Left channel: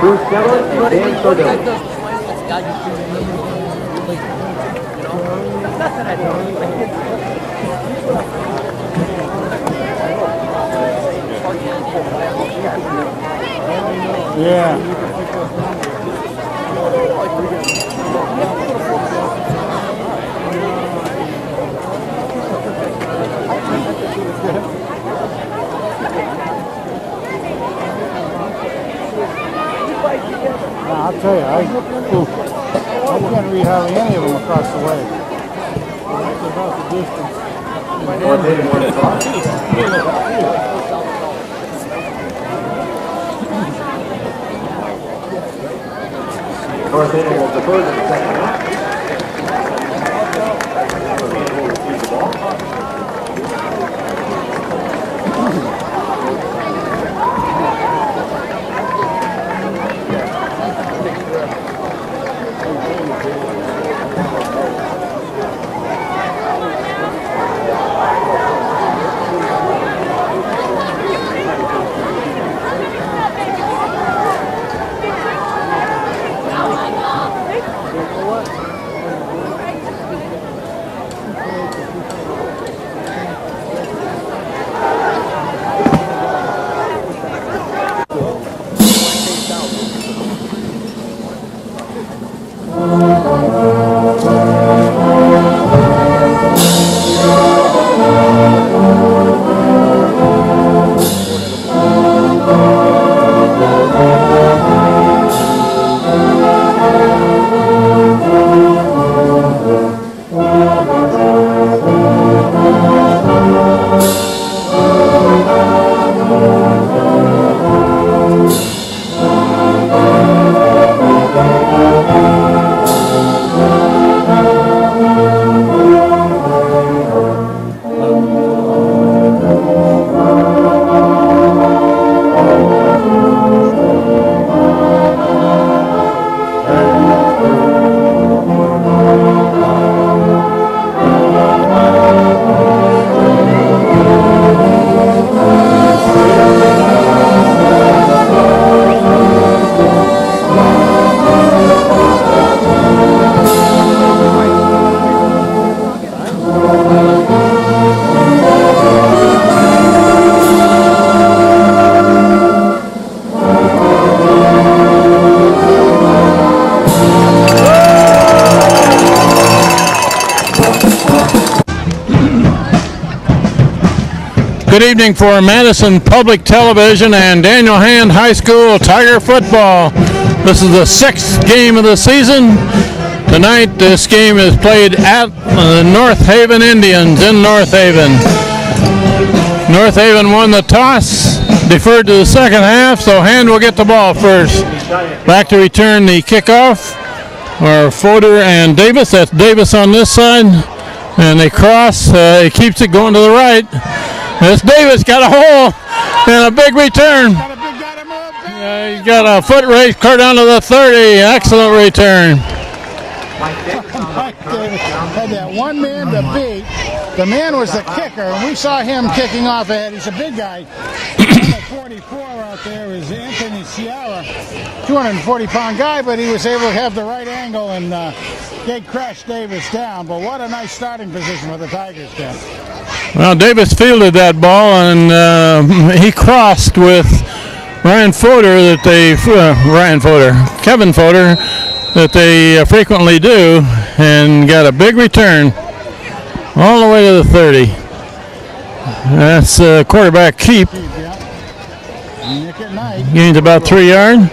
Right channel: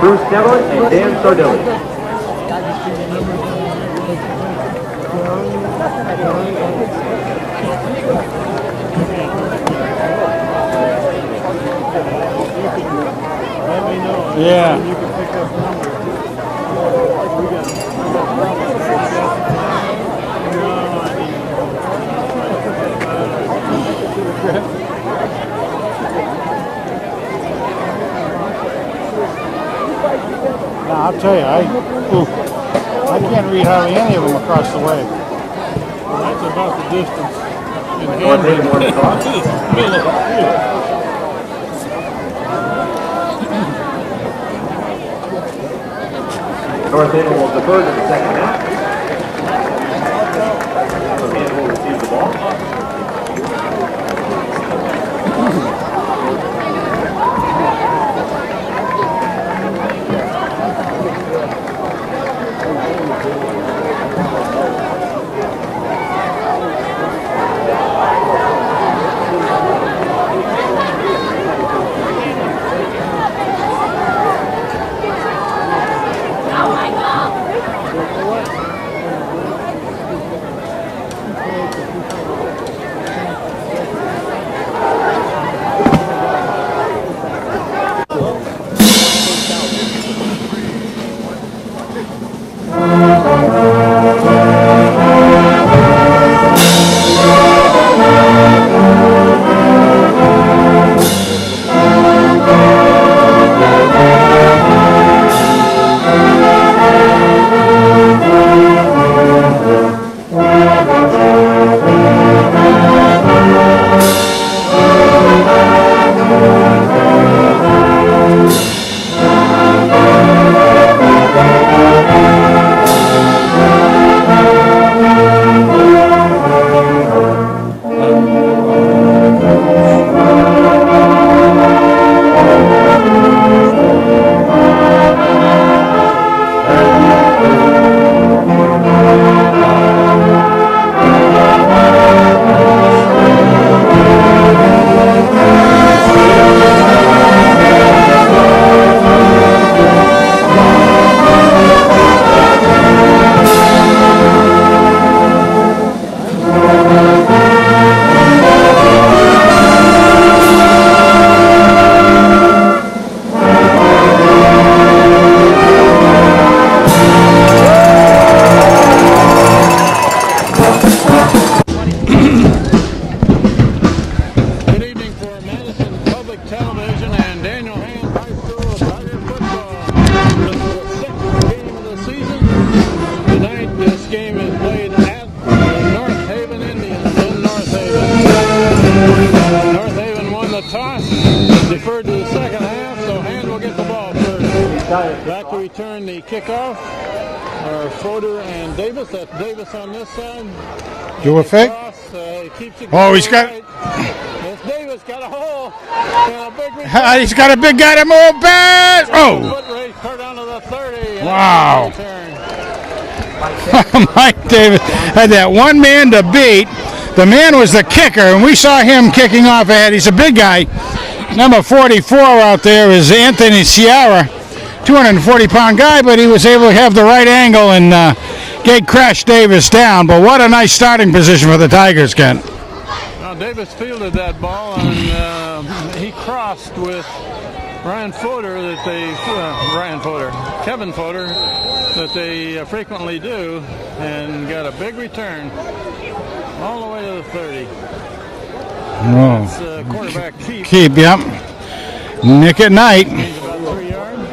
Bruce Kellett and Dan Sardone. Yeah. I'll tell you, I can't read hardly any of them across the way. That's about the distance. North Haven will defer to the second half. So Haven will receive the ball. Good evening for Madison Public Television and Daniel Hand High School Tiger football. This is the sixth game of the season. Tonight this game is played at the North Haven Indians in North Haven. North Haven won the toss, deferred to the second half, so Hand will get the ball first. Back to return the kickoff are Fodor and Davis. That's Davis on this side. And they cross. He keeps it going to the right. This Davis got a hole and a big return. He's got a big guy to move back. Got a foot race clear down to the 30. Wow. Excellent return. Mike Davis had that one man to beat. The man was the kicker, and we saw him kicking off ahead. He's a big guy. Number 44 out there is Anthony Sierra, 240-pound guy, but he was able to have the right angle and get Crash Davis down. But what a nice starting position for the Tigers, Ken. Well, Davis fielded that ball, and he crossed with Kevin Fodor, that they frequently do, and got a big return all the way to the 30. That's quarterback keep. Yep. Nick at Night. Gains about 3 yards.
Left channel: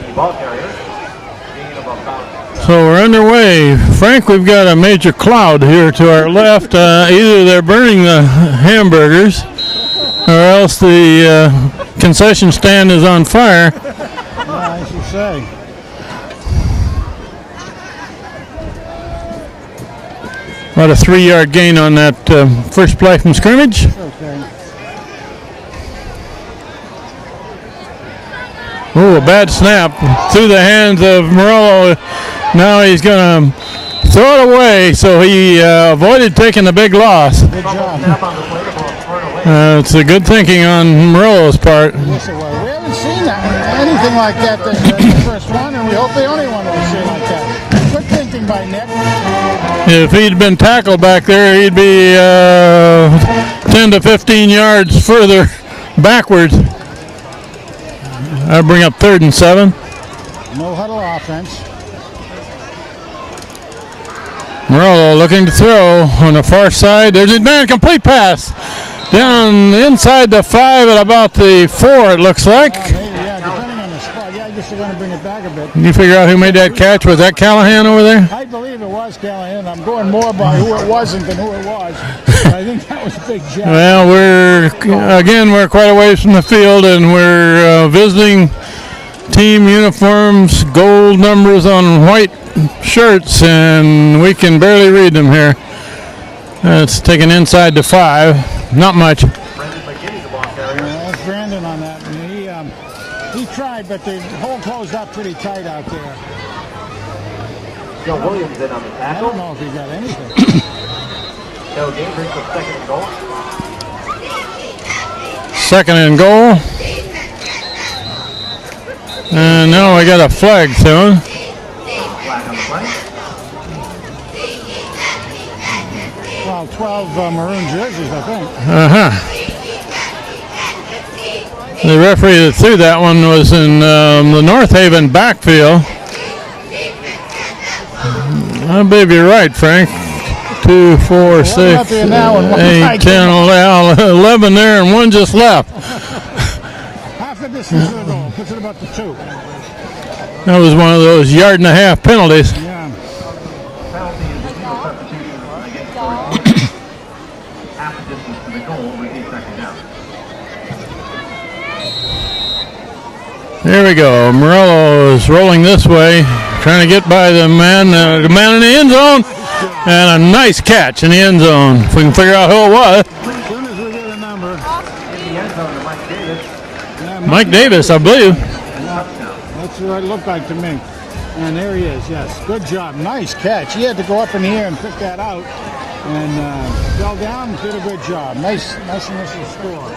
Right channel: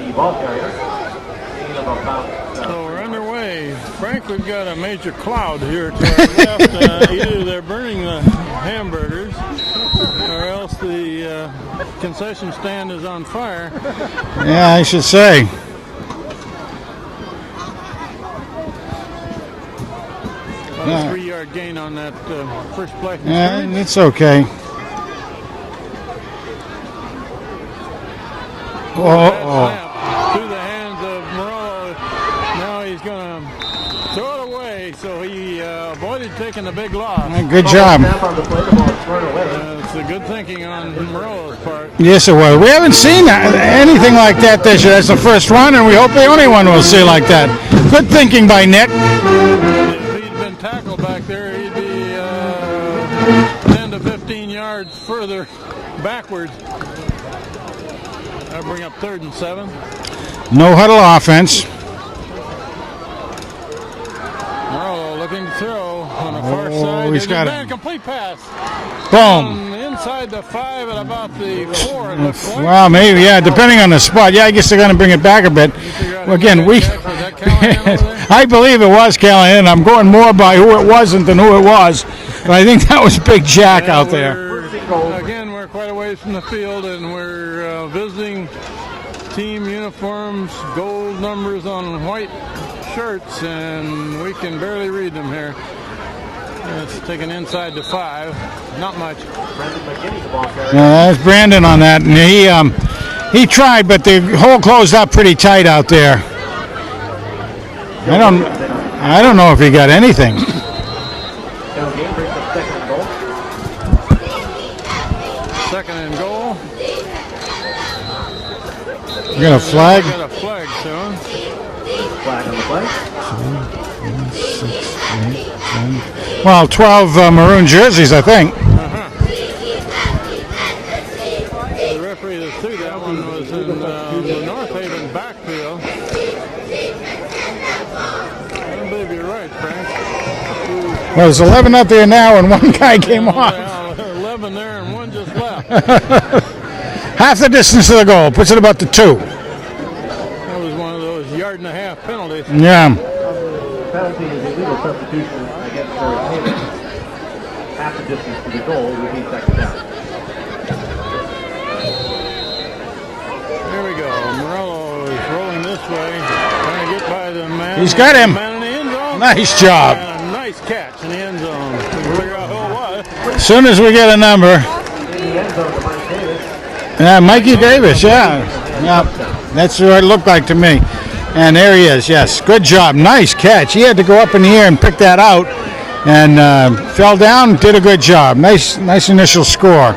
So we're underway. Frank, we've got a major cloud here to our left. Either they're burning the hamburgers or else the concession stand is on fire. Yeah, I should say. About a 3-yard gain on that first play from scrimmage. It's okay. Oh, a bad snap through the hands of Morello. Now he's going to throw it away, so he avoided taking the big loss. Good job. It's a good thinking on Murillo's part. Yes, it was. We haven't seen anything like that this year. That's the first one, and we hope the only one we'll see like that. Good thinking by Nick. If he'd been tackled back there, he'd be 10 to 15 yards further backwards. That'll bring up 3rd and 7. No huddle offense. Murillo looking to throw on the far side. There's a man, complete pass. Down inside the 5 at about the 4, it looks like. Well, maybe, yeah, depending on the spot. Yeah, I guess they're going to bring it back a bit. You figure out who made that catch? Was that Callahan over there? I believe it was Callahan. I'm going more by who it wasn't than who it was. But I think that was Big Jack out there. We're quite a ways from the field, and we're visiting team uniforms, gold numbers on white shirts, and we can barely read them here. It's taken inside the 5. Not much. That's Brandon on that, and he tried, but the hole closed up pretty tight out there. I don't know if he got anything. Second and goal. And now we got a flag thrown. Well, 12 maroon jerseys, I think. The referee that threw that one was in the North Haven backfield. I believe you're right, Frank. 2, 4, There's 11 6, up there now, and one 8, guy 10, came off. 11 there, and one just left. Half the distance to the goal, puts it about the 2. That was one of those 1.5-yard penalties. Yeah. Penalty is illegal substitution against half the distance to the goal would be second down. Here we go. Murillo is rolling this way, trying to get by the man. The man in the end zone. Nice job. And a nice catch in the end zone. If we can figure out who it was. As soon as we get a number. Mikey Davis, I believe. Yeah, that's what it looked like to me. And there he is, yes. Good job. Nice catch. He had to go up in the air and pick that out. And fell down, did a good job. Nice initial score.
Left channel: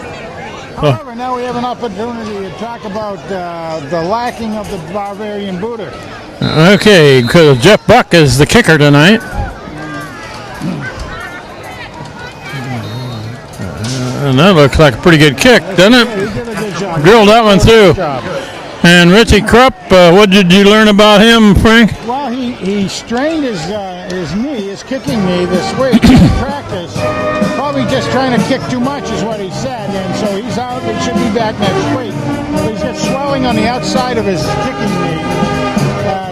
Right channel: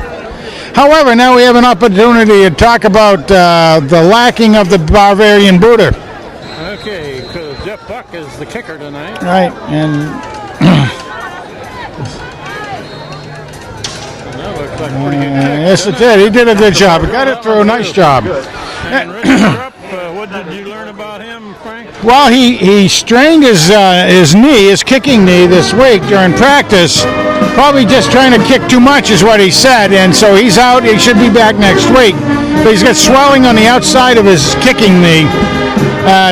However, now we have an opportunity to talk about the lacking of the Bavarian booter. Okay, because Jeff Buck is the kicker tonight. Right, and that looks like a pretty good kick, yes, doesn't it? He did a good job. Drilled that one through. Nice job. And Richie Krupp, what did you learn about him, Frank? Well, he strained his knee, his kicking knee this week during practice. Probably just trying to kick too much is what he said, and so he's out. He should be back next week. But he's got swelling on the outside of his kicking knee.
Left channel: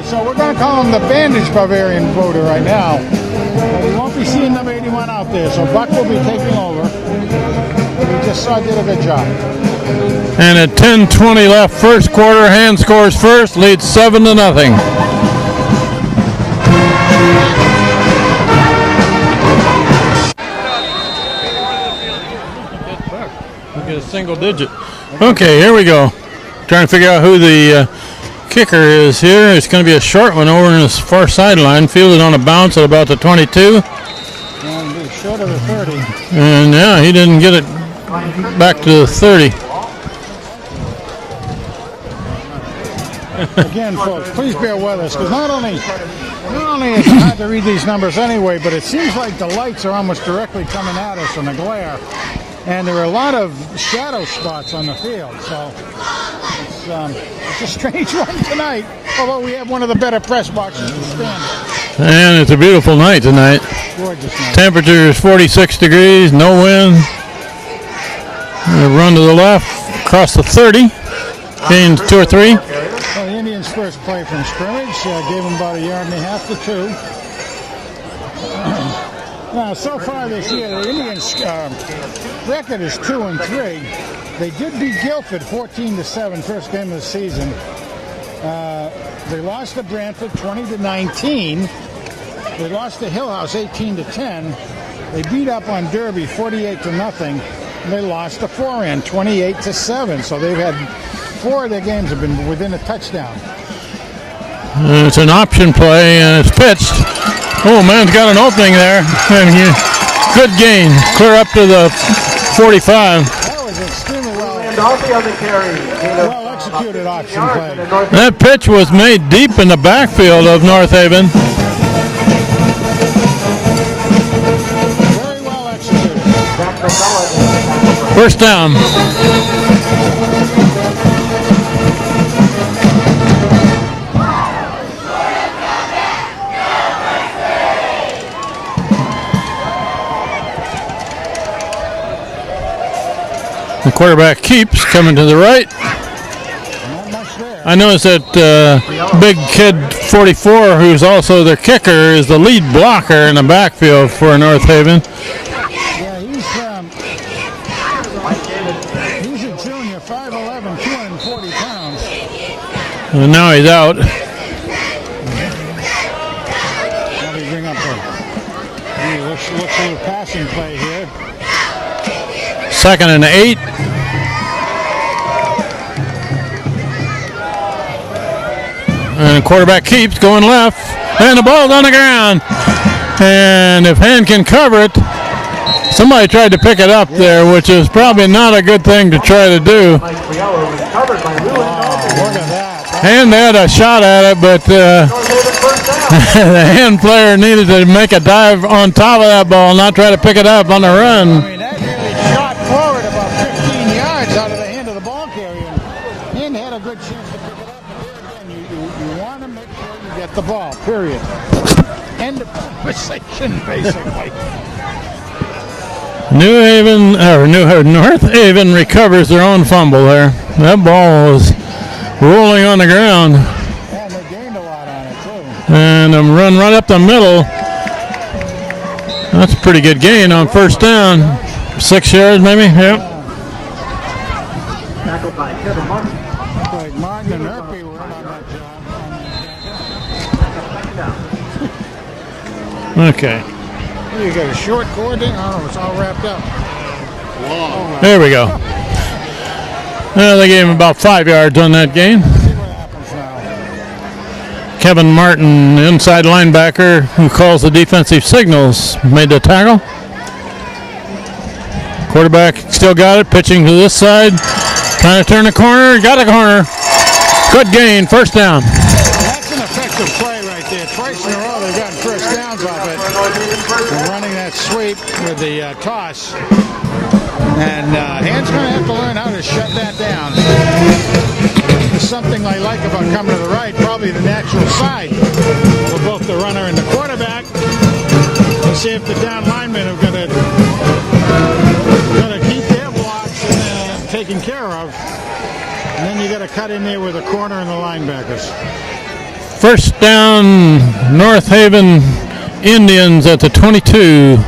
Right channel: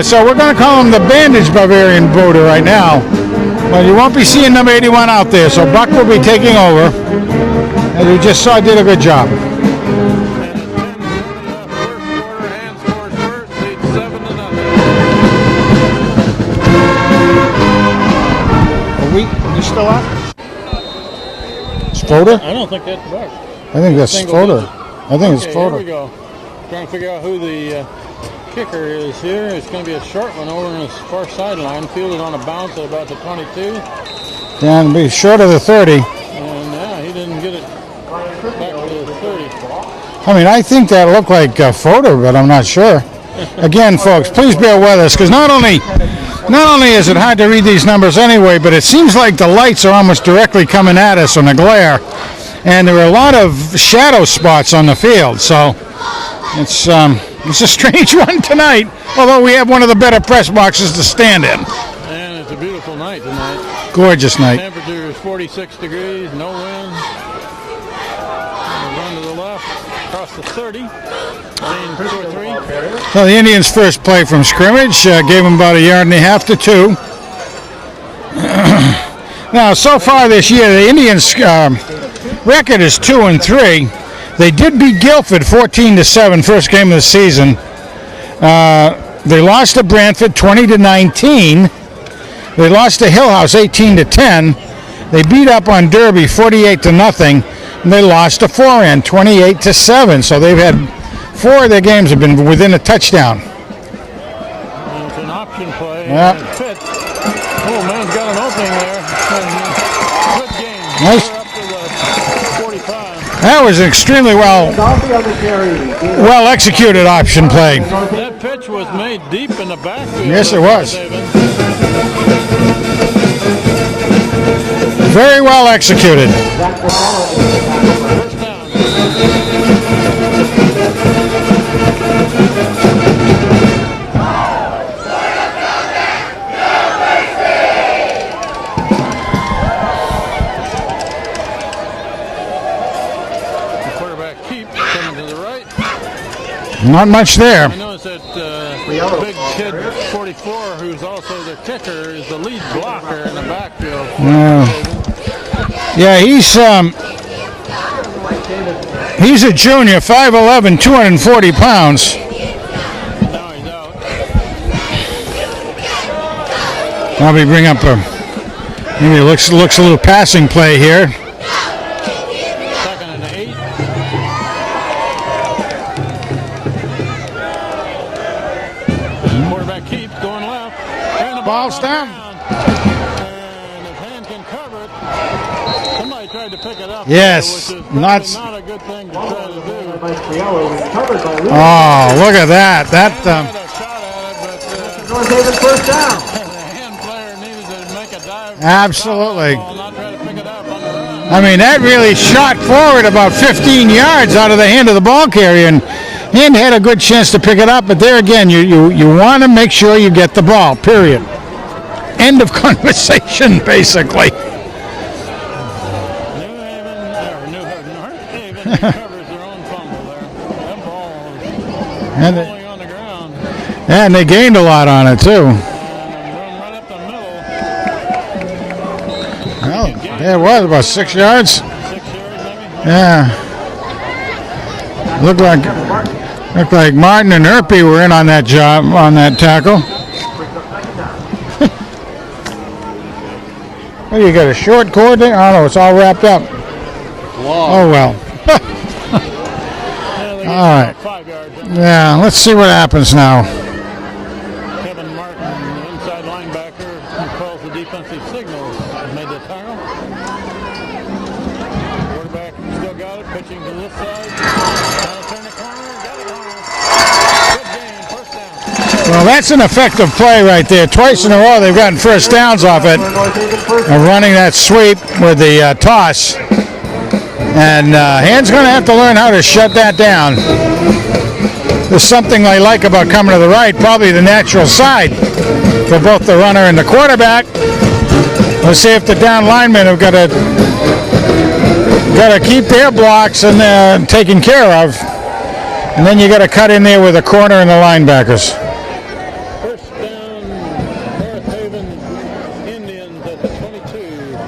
So we're going to call him the bandage Bavarian booter right now. But you won't be seeing number 81 out there, so Buck will be taking over. As we just saw, did a good job. And at 10:20 left, first quarter, Hand scores first, leads 7-0. Stoda? I don't think that's right. I think that's Stoda. Okay, here we go. Trying to figure out who the kicker is here. It's going to be a short one over in the far sideline, fielded on a bounce at about the 22. And be short of the 30. And yeah, he didn't get it back to the 30. I mean, I think that looked like a photo, but I'm not sure. Again, folks, please bear with us, because not only is it hard to read these numbers anyway, but it seems like the lights are almost directly coming at us on the glare, and there are a lot of shadow spots on the field. So it's a strange one tonight. Although we have one of the better press boxes to stand in. And it's a beautiful night tonight. Gorgeous night. Temperature is 46 degrees, no wind. We'll run to the left, across the 30, gains 2 or 3. Well, the Indians' first play from scrimmage gave them about 1.5 to 2. Now, so far this year, the Indians' record is 2-3. They did beat Guilford 14-7, first game of the season. They lost to Brantford 20-19. They lost to Hillhouse 18-10. They beat up on Derby 48-0. And they lost to Foran 28-7. So they've had 4 of their games have been within a touchdown. It's an option play, and it's pitched. Oh, man's got an opening there. And good gain. Clear up to the 45. That was an extremely well executed option play. That pitch was made deep in the backfield Yes, of it was. North Haven. Very well executed. First down. The quarterback keeps coming to the right. Not much there. I noticed that big kid 44, who's also their kicker, is the lead blocker in the backfield for North Haven. Yeah, he's a junior, 5'11", 240 pounds. And now he's out. Probably bring up maybe looks a little passing play here. 2nd and 8. And the quarterback keeps going left. And the ball's on the ground. And if Hand can cover it, somebody tried to pick it up there, which is probably not a good thing to try to do. Oh, look at that. Hand had a shot at it, but the Hand player needed to make a dive on top of that ball, not try to pick it up on the run. I mean, that really shot forward about 15 yards out of the hand of the ball carrier, and Hand had a good chance to pick it up, but there again, you want to make sure you get the ball, period. End of conversation, basically. North Haven recovers their own fumble there. That ball was rolling on the ground. And they gained a lot on it, too. And a run right up the middle. That's a pretty good gain on first down. 6 yards? 6 yards, maybe? Yeah. Looked like Martin and Erpy were in on that job, on that tackle. Okay. Oh, you got a short cord there? Oh, no, it's all wrapped up. Oh, well. There we go. Yeah, they gave him about 5 yards on that game. Let's see what happens now. Kevin Martin, inside linebacker, who calls the defensive signals, made the tackle. Quarterback still got it, pitching to this side. Trying to turn the corner, got a corner. Good gain, first down. Well, that's an effective play right there. Twice in a row they've gotten first downs off it. And running that sweep with the toss. And Hand's going to have to learn how to shut that down. There's something I like about coming to the right, probably the natural side for both the runner and the quarterback. Let's see if the down linemen have got to keep their blocks and taken care of. And then you got to cut in there with the corner and the linebackers. First down, North Haven Indians at the 22.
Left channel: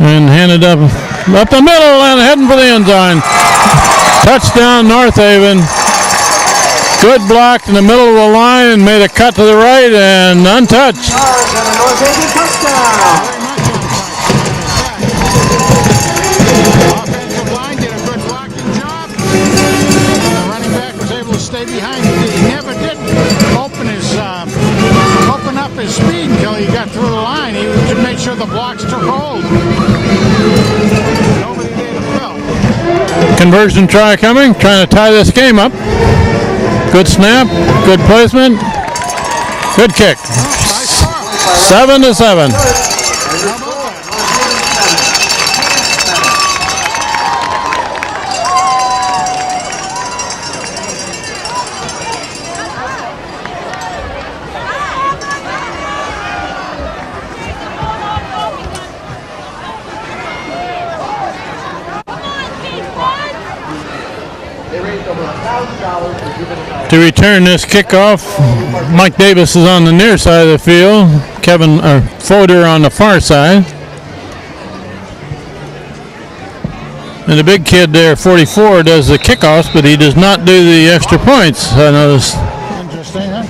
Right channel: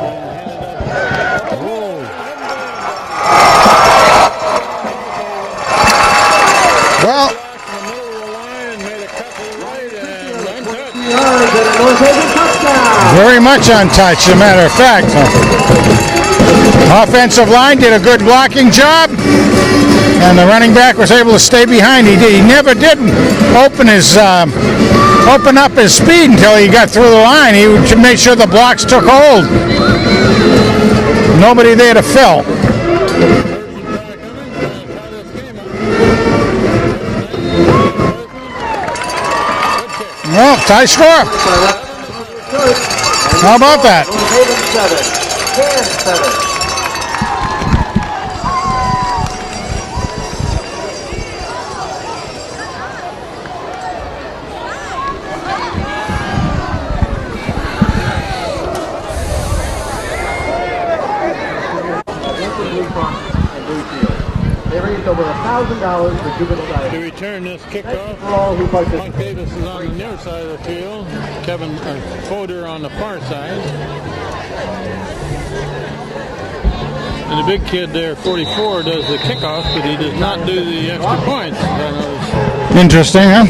And handed up the middle and heading for the end zone. Touchdown, North Haven. Good block in the middle of the line, made a cut to the right and untouched. Very much untouched, as a matter of fact. Offensive line did a good blocking job, and the running back was able to stay behind. He never did open up his speed until he got through the line. He made sure the blocks took hold. Nobody there to fill. Conversion try coming, trying to tie this game up. Good snap, good placement, good kick. Well, high score. 7-7. How about that? To return this kickoff, Mike Davis is on the near side of the field. Kevin Foder on the far side. And the big kid there, 44, does the kickoffs, but he does not do the extra points. I noticed. Interesting, huh?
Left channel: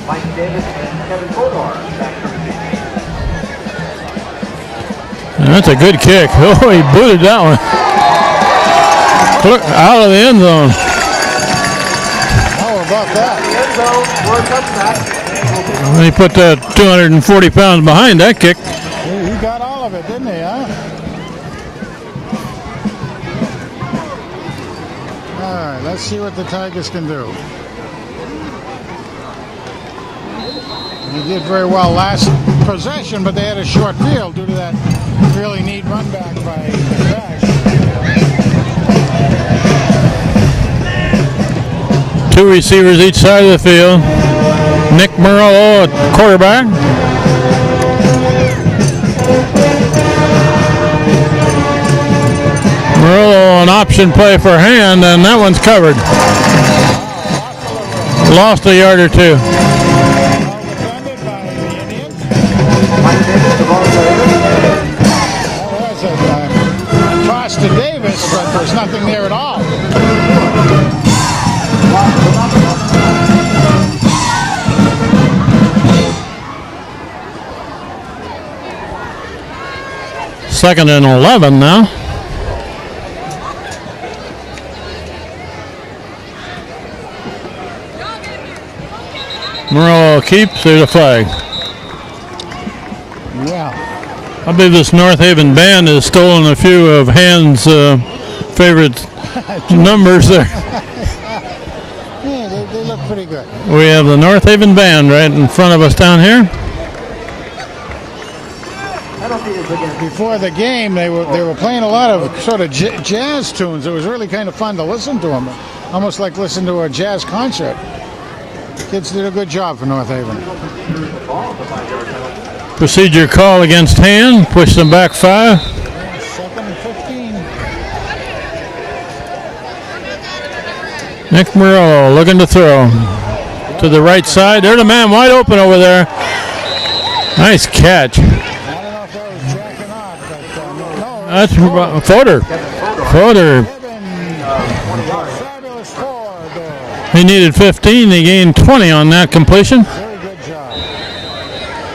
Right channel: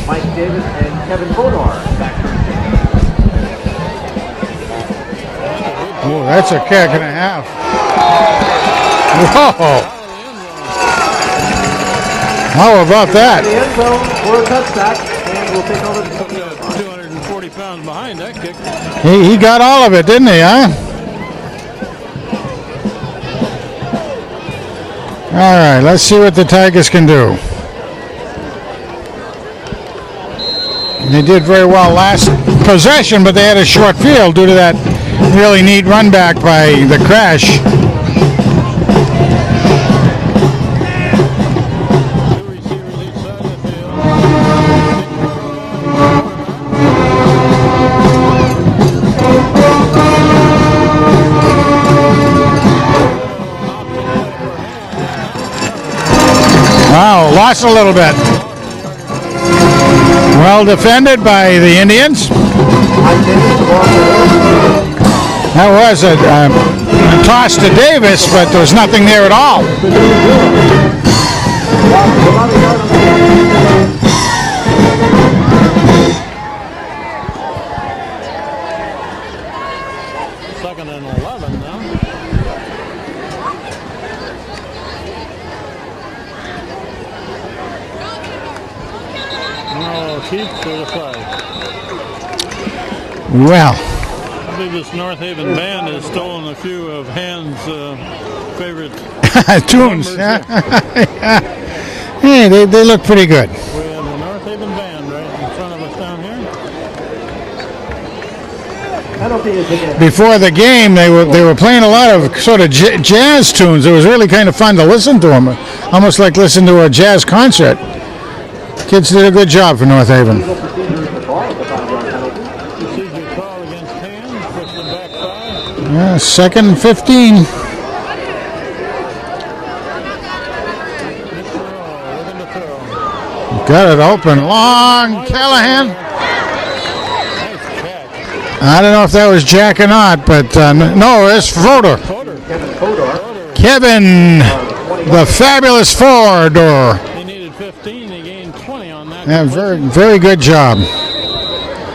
That's a good kick. That's a He kick. booted that one. Out of the end zone. How about that? He put that 240 pounds behind that kick. He got all of it, didn't he, huh? All right, let's see what the Tigers can do. They did very well last possession, but they had a short field due to that really neat run back by the Crash. Two receivers each side of the field. Nick Murillo at quarterback. Murillo, an option play for Hand, and that one's covered. Wow, lost a little bit. Lost a yard or two. Well defended by the Indians. That was a toss to Davis, but there was nothing there at all. Second and 11 now. Murillo keeps. There's a flag. Well, I believe this North Haven band has stolen a few of Hand's favorite numbers there. hey, they look pretty good. We have the North Haven band right in front of us down here. Before the game, they were playing a lot of sort of jazz tunes. It was really kind of fun to listen to them, almost like listening to a jazz concert. Kids did a good job for North Haven. Procedure call against Hand. Push them back 5. Yeah, 2nd and 15. Nick Murillo looking to throw. Got to it the right open. side. There's a man wide open Callahan. over there. Nice catch. I don't know if that was Jack or not, but no, it's Fodor. Fodor. Kevin, the fabulous Fodor. He needed 15. He gained 20 on that completion. Very good job.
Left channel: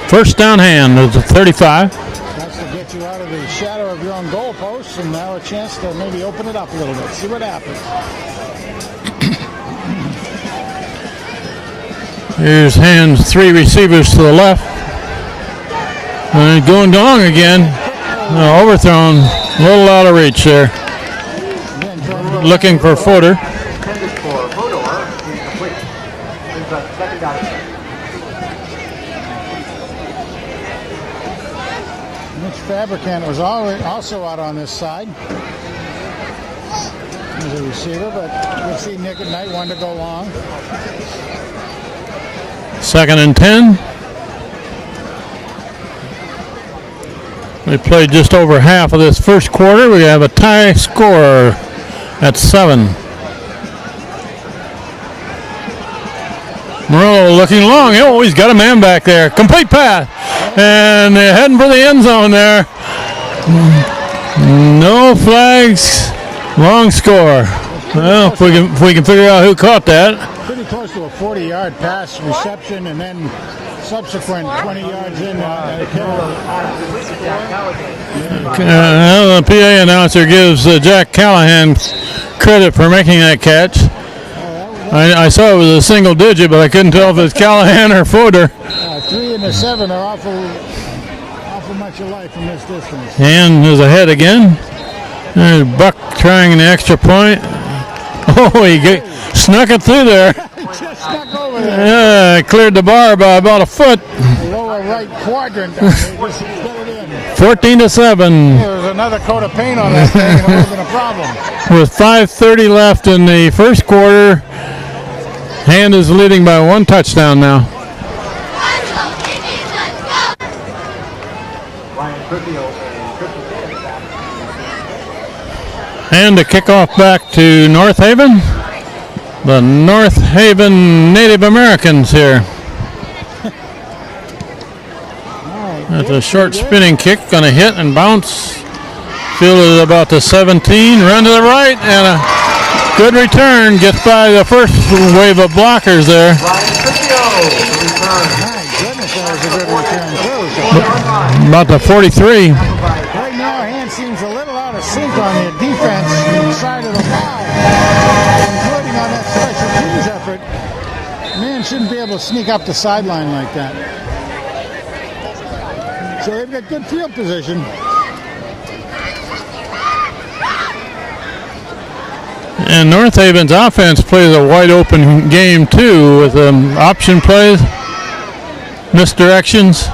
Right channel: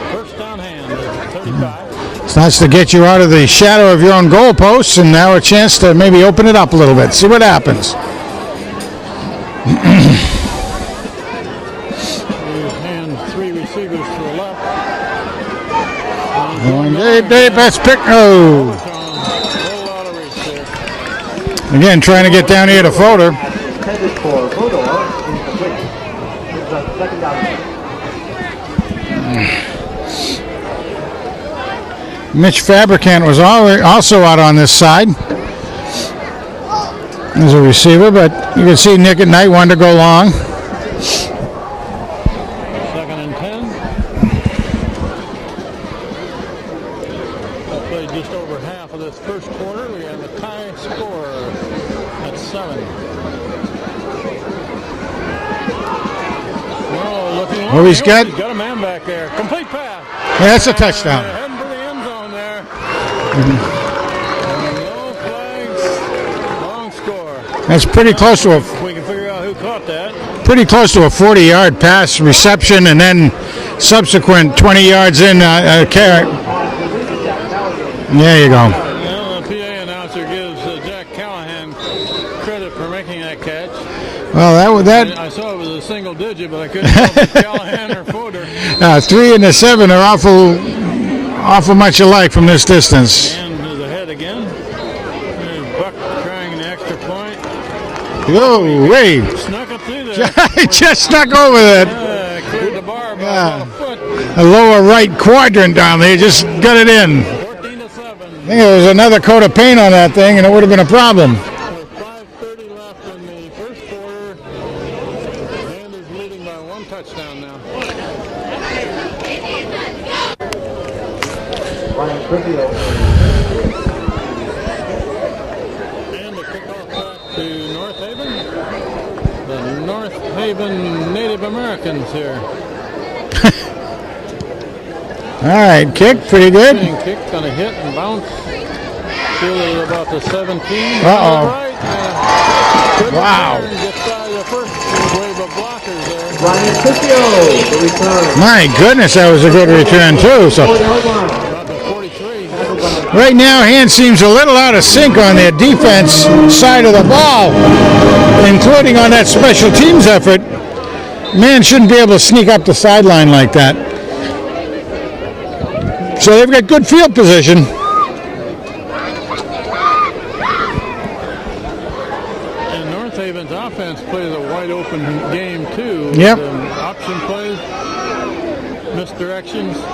First down Hand. It's a 35. It's nice to get you out of the shadow of your own goalposts, and now a chance to maybe open it up a little bit. See what happens. Here's Hand's 3 receivers to the left. Going again. That's overthrown. A little out of reach there. Again, trying to get down here to Fodor. Mitch Fabricant was also out on this side as a receiver, but you can see Nick at Night wanted to go long. 2nd and 10. They played just over half of this first quarter. We have a tie score at 7. Murillo looking long. He's got a man back there. Complete pass. That's a touchdown. And they're heading for the end zone there. No flags. Long score. That's pretty close to if we can figure out who caught that. Pretty close to a 40-yard pass reception, and then subsequent 20 yards in carry. There you go. The PA announcer gives Jack Callahan credit for making that catch. Well, I saw it was a single digit, but I couldn't tell if it's Callahan or Fodor. 3 and the 7 are awful much alike from this distance. And is ahead again. There's Buck trying an extra point. He snuck it through there. He just snuck over there. Yeah, cleared the bar by about a foot. The lower right quadrant down there, just got it in. 14-7. There was another coat of paint on that thing, and it would have been a problem. With 5:30 left in the first quarter, Hand is leading by 1 touchdown now. And a kickoff back to North Haven. The North Haven Native Americans here. All right, kick. A short spinning kick, going to hit and bounce. Fielded about the 17. Run to the right, and a good return. Gets by the first wave of blockers there. My goodness, that was a good return, too. So about the 43. Right now, Hand seems a little out of sync on their defense side of the ball, including on that special teams effort. Man shouldn't be able to sneak up the sideline like that. So they've got good field position. And North Haven's offense plays a wide open game too, Yep. with option plays, misdirections.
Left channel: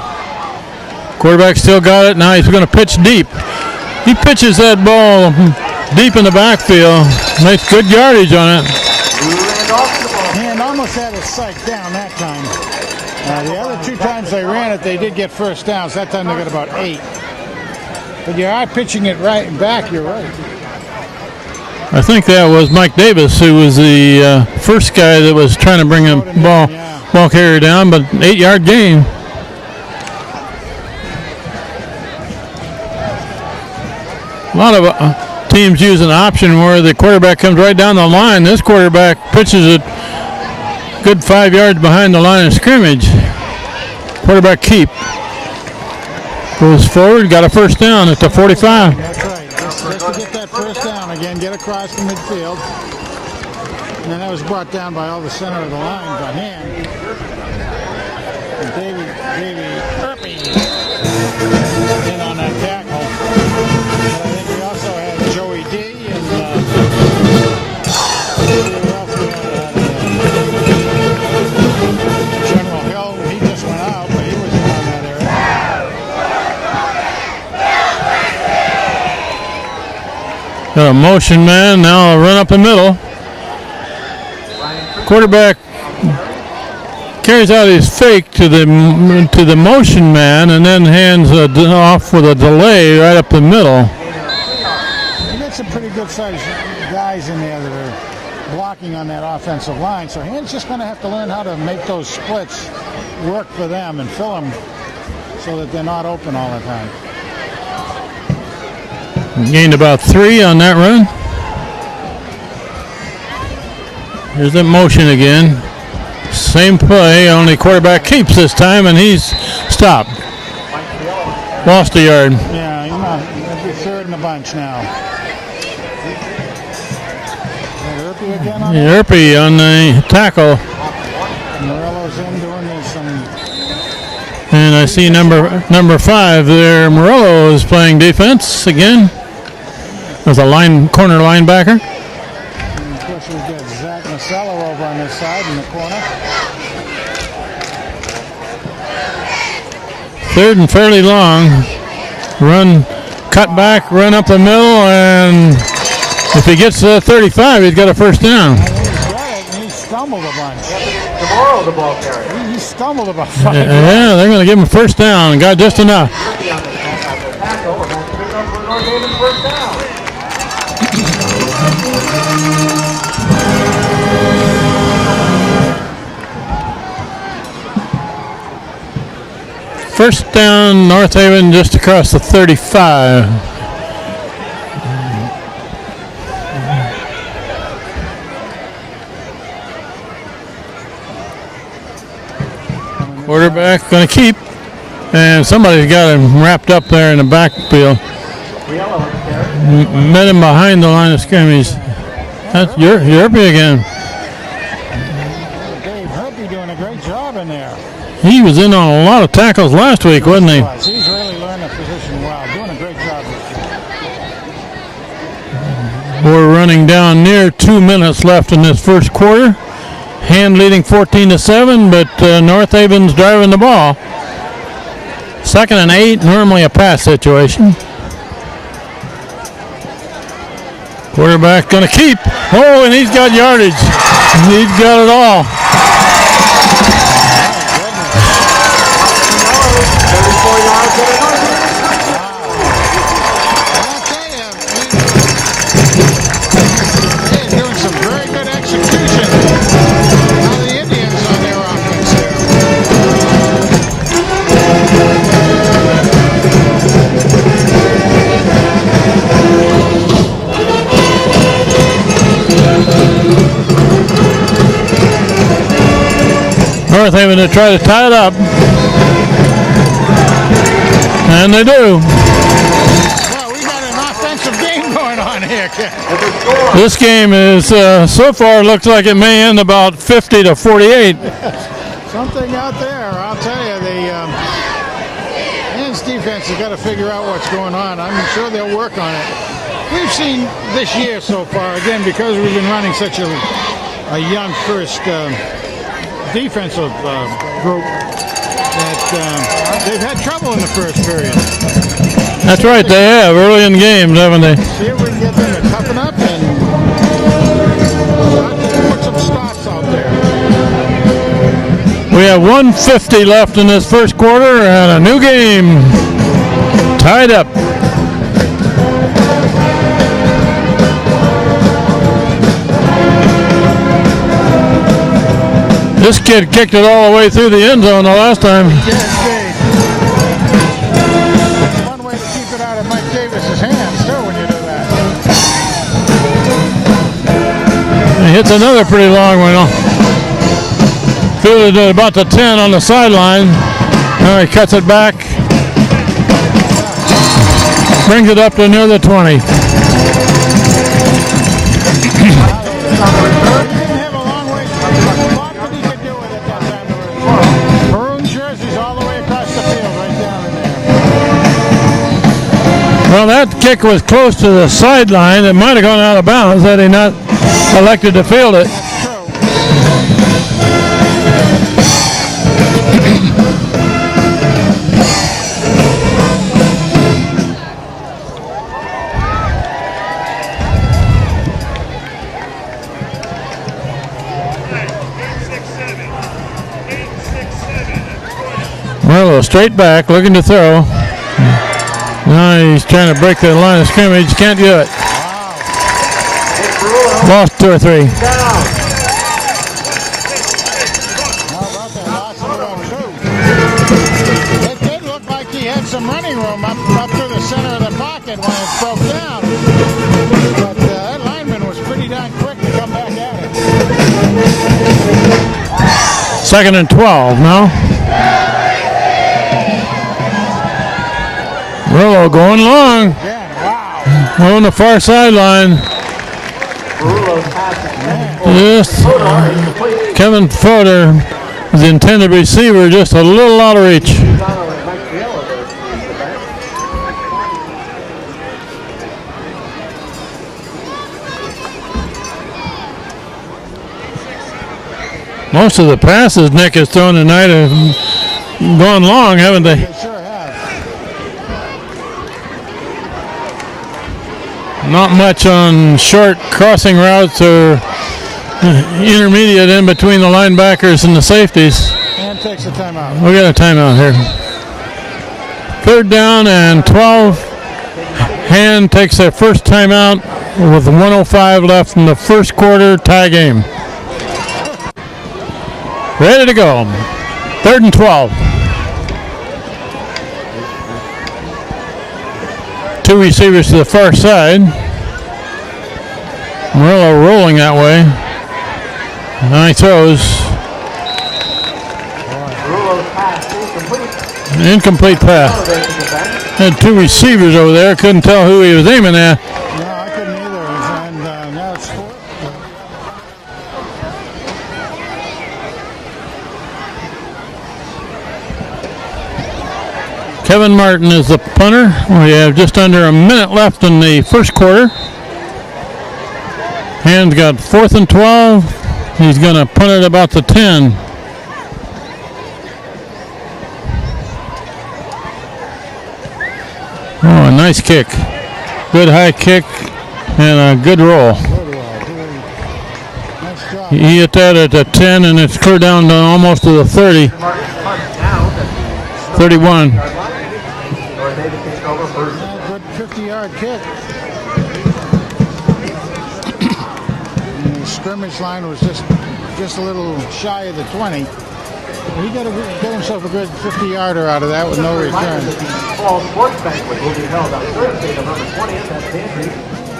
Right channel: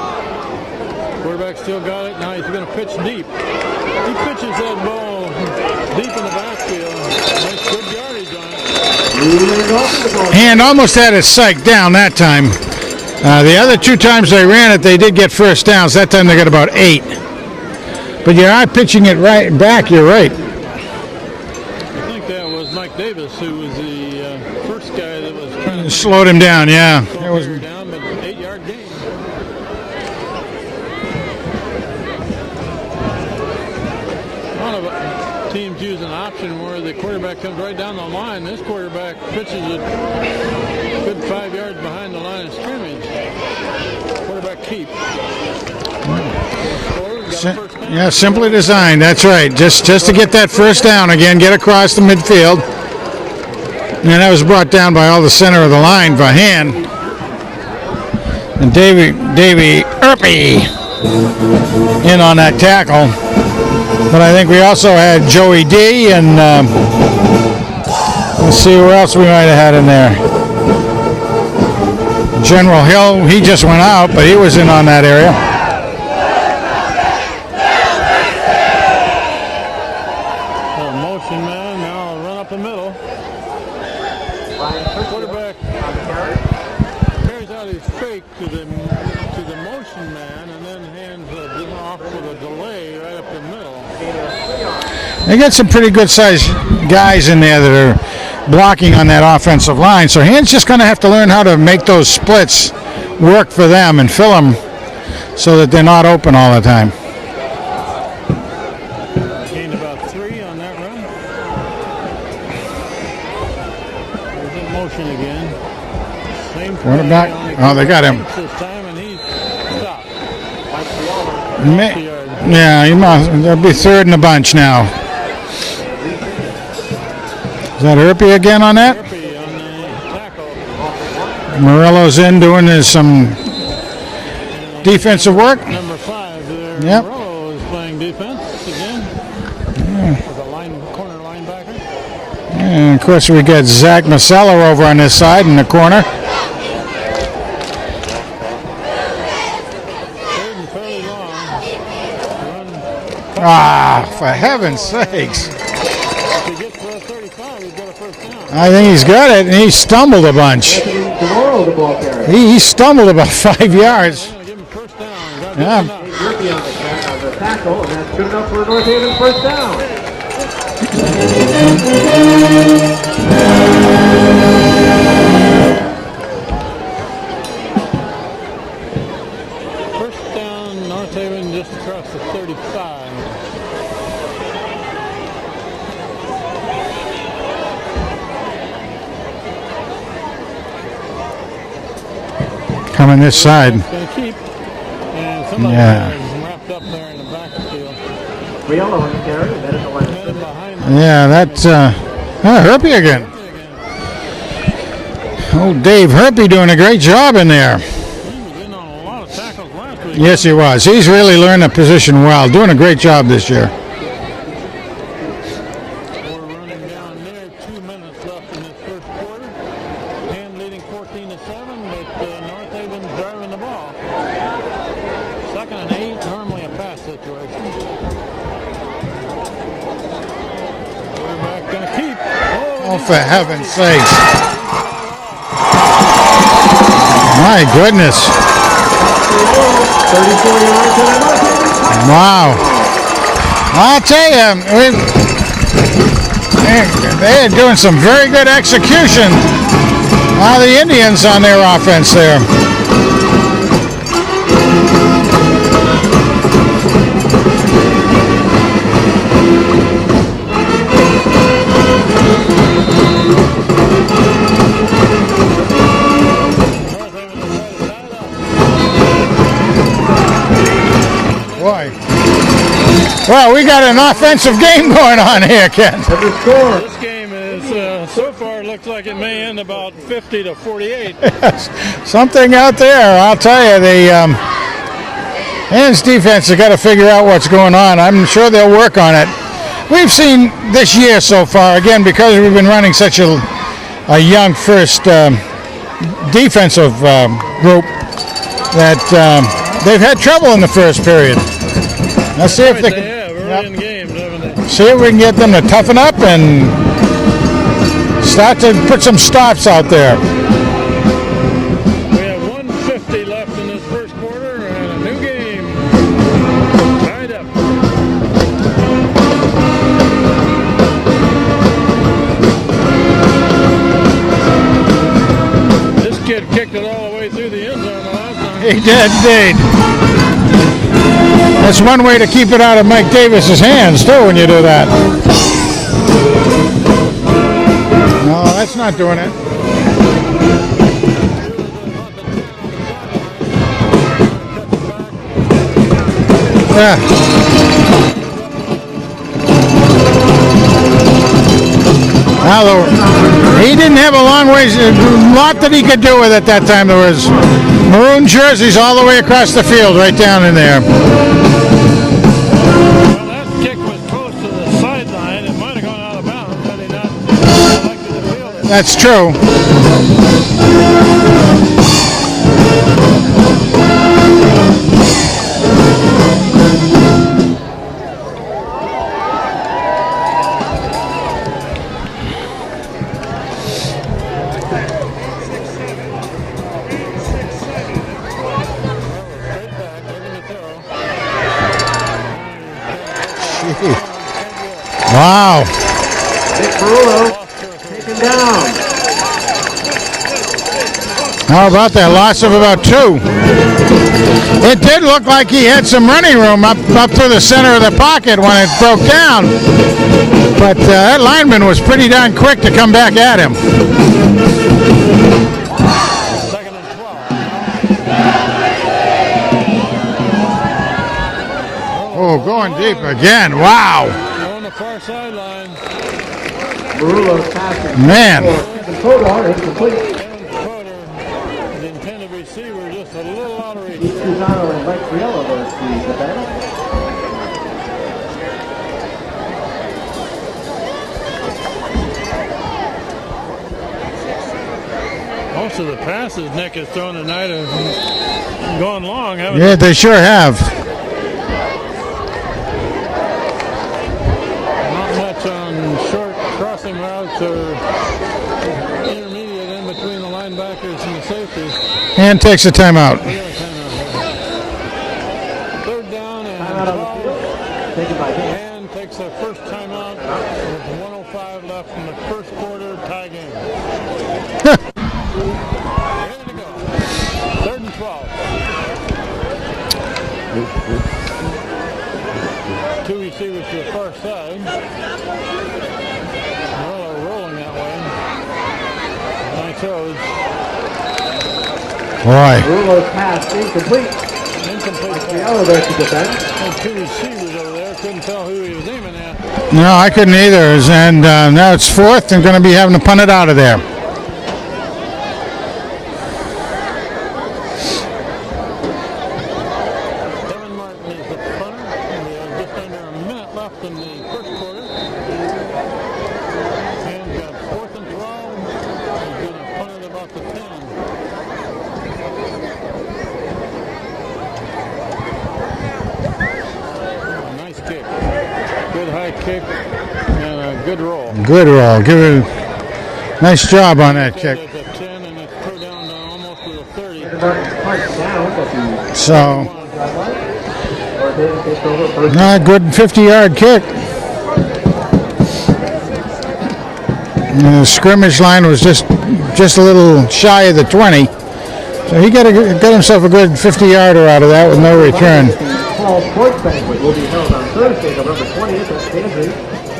Quarterback still got it. Now he's going to pitch deep. He pitches that ball deep in the backfield. Makes good yardage on it. Hand almost had it psyched down that time. The other 2 times they ran it, they did get first downs. That time they got about 8. But you are pitching it right back. You're right. I think that was Mike Davis, who was the first guy that was trying to bring Slowed him down, yeah. ball carrier down, but 8-yard gain. A lot of teams use an option where the quarterback comes right down the line. This quarterback pitches it good 5 yards behind the line of scrimmage. Quarterback keep. Goes forward, got a first down. It's a Simple 45. design, that's right. Just to get that first down again, get across the midfield. And that was brought down by all the center of the line by hand. And Davey Erpy in on that tackle. But I think we also had Joey D, and let's see where else we might have had in there. General Hill, he just went out, but he was in on that area. Got a motion man, now a run up the middle. Quarterback carries out his fake to the motion man and then hands off with a delay right up the middle. They got some pretty good sized guys in there that are blocking on that offensive line. So Hand's just going to have to learn how to make those splits work for them and fill them so that they're not open all the time. Gained about 3 on that run. Here's that motion again. Same play, only quarterback keeps this time, and he's stopped. Lost a yard. Yeah, he'll be third in the bunch now. Is that Erpy again on that? Erpy on the tackle. Morello's in doing some and I see number 5 there. Yep. Morello is playing defense again. As a corner linebacker. And of course we got Zach Maseller over on this side in the corner. Third and fairly long. Run, cut back, run up the middle, and if he gets to the 35, he's got a first down. I think he's got it, and he stumbled a bunch. He stumbled about 5 yards. Yeah, they're going to give him a first down, and got just enough. First down, North Haven just across the 35. Coming this side. Going to keep, and somebody's got him wrapped up there in the backfield. Met him behind the line of scrimmage. Herpy again. Oh, Dave Herpy doing a great job in there. He was in on a lot of tackles last week, wasn't he? Yes, he was. He's really learned the position well. Doing a great job this year. We're running down near 2 minutes left in this first quarter. Hand leading 14-7, but North Haven's driving the ball. 2nd and 8, normally a pass situation. Quarterback going to keep. Oh, and he's got yardage. He's got it all. My goodness. Wow. I'll tell you, they are doing some very good execution. A lot of the Indians on their offense there. North Haven to try to tie it up. And they do. Well, we got an offensive game going on here, Ken. This game is, so far, looks like it may end about 50-48. Something out there, I'll tell you. The Hand's defense has got to figure out what's going on. I'm sure they'll work on it. we've seen this year so far, again, because we've been running such a young first defensive group, that they've had trouble in the first period. That's right, they have early in games, haven't they? See if we can get them to toughen up and start to put some stops out there. We have 1:50 left in this first quarter and a new game tied up. This kid kicked it all the way through the end zone the last time. He did, indeed. That's one way to keep it out of Mike Davis's hands, too, when you do that. He hits another pretty long one. Fielded at about the 10 on the sideline. Now he cuts it back. Yeah. Brings it up to near the 20. Now, he didn't have a long ways, a lot that he could do with it that time. There was maroon jerseys all the way across the field, right down in there. Well, that kick was close to the sideline. It might have gone out of bounds had he not elected to field it. That's true. Well, straight back, looking to throw. Now he's trying to break the line of scrimmage. Can't do it. Wow. Lost 2 or 3. How about that? Loss of about 2. It did look like he had some running room up through the center of the pocket when it broke down. But that lineman was pretty darn quick to come back at him. 2nd and 12, no? Murillo going long. Again, wow. On the far sideline. Man. Just Kevin Fodor, the intended receiver, just a little out of reach. Most of the passes Nick has thrown tonight have gone long, haven't they? They sure have. Not much on short crossing routes or intermediate in between the linebackers and the safeties. And takes a timeout. We got a timeout here. 3rd down and 12. Hand takes their first timeout with 1:05 left in the first quarter, tie game. Ready to go. 3rd and 12. 2 receivers to the far side. Murillo rolling that way. Now he throws. Boy. Incomplete pass. Had 2 receivers over there. Couldn't tell who he was aiming at. No, I couldn't either. And now it's 4th and going to be having to punt it out of there. Kevin Martin is the punter. We have just under a minute left in the first quarter. Hand's got 4th and 12. He's going to punt it about the 10. Oh, a nice kick. Good high kick and a good roll. Good roll. Give it a nice job on it. He hit that at the 10 and it's clear down to almost to the 30. So, 31. A good 50-yard kick. The scrimmage line was just a little shy of the 20. So he got himself a good 50-yarder out of that with no return. Sports banquet will be held on Thursday, November 20th at Daisy.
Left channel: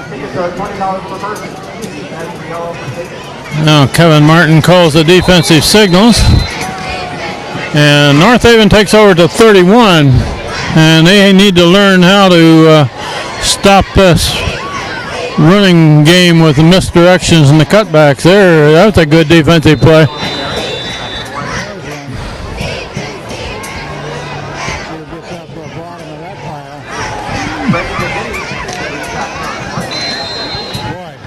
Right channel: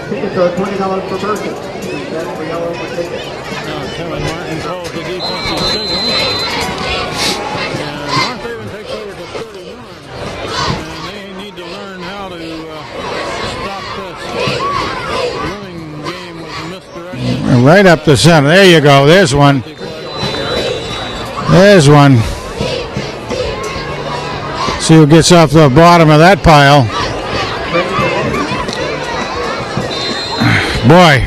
Tickets are $20 per person. $10 per ticket. Now Kevin Martin calls the defensive signals. And North Haven takes over to 31. And they need to learn how to stop this running game with the misdirections and the Right up the cutbacks. center. There you That's go. a good There's defensive play. There's one. See who gets off the bottom of that pile. Boy,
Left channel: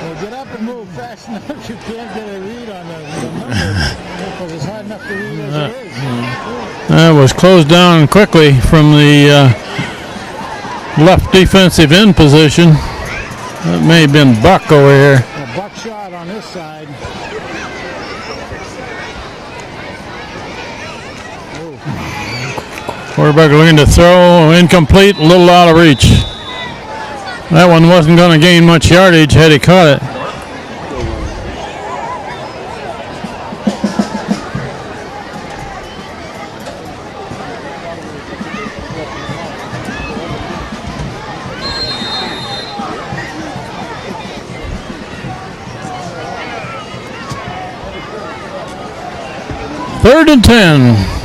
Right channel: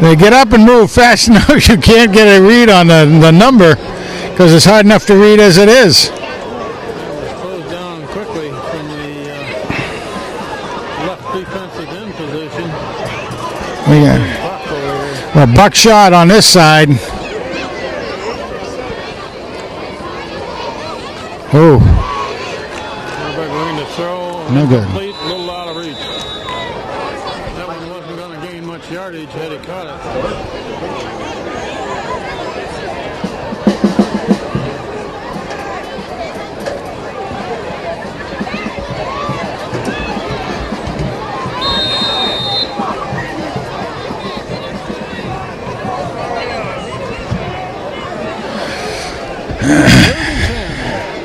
they get up and move fast enough you can't get a read on the number because it's hard enough to read as it is. That was closed down quickly from the left defensive end position. That may have been Buck over here. A buckshot on this side. Oh. Quarterback looking to throw, incomplete, a little out of reach. That one wasn't going to gain much yardage had he caught it. Third and 10.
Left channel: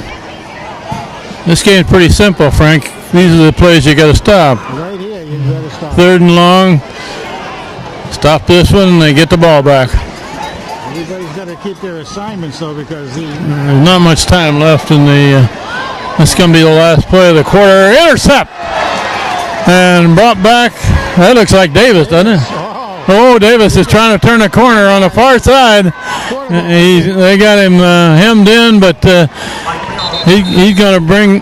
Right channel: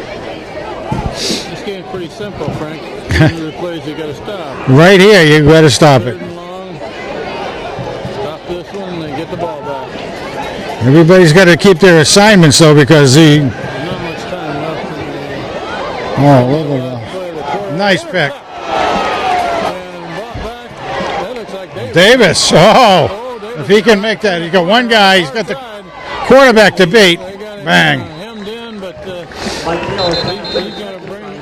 This game's pretty simple, Frank. These are the plays you got to stop. Right here, you got to stop. Third and long. Stop this one, and they get the ball back. Everybody's got to keep their assignments, though, because there's not much time left in the. This is going to be the last play of the quarter. Nice Intercept! And brought back. That looks like Davis. Oh, Davis is trying to turn the corner on the far side. Quarterback to beat. They got him hemmed in, but he's going to bring.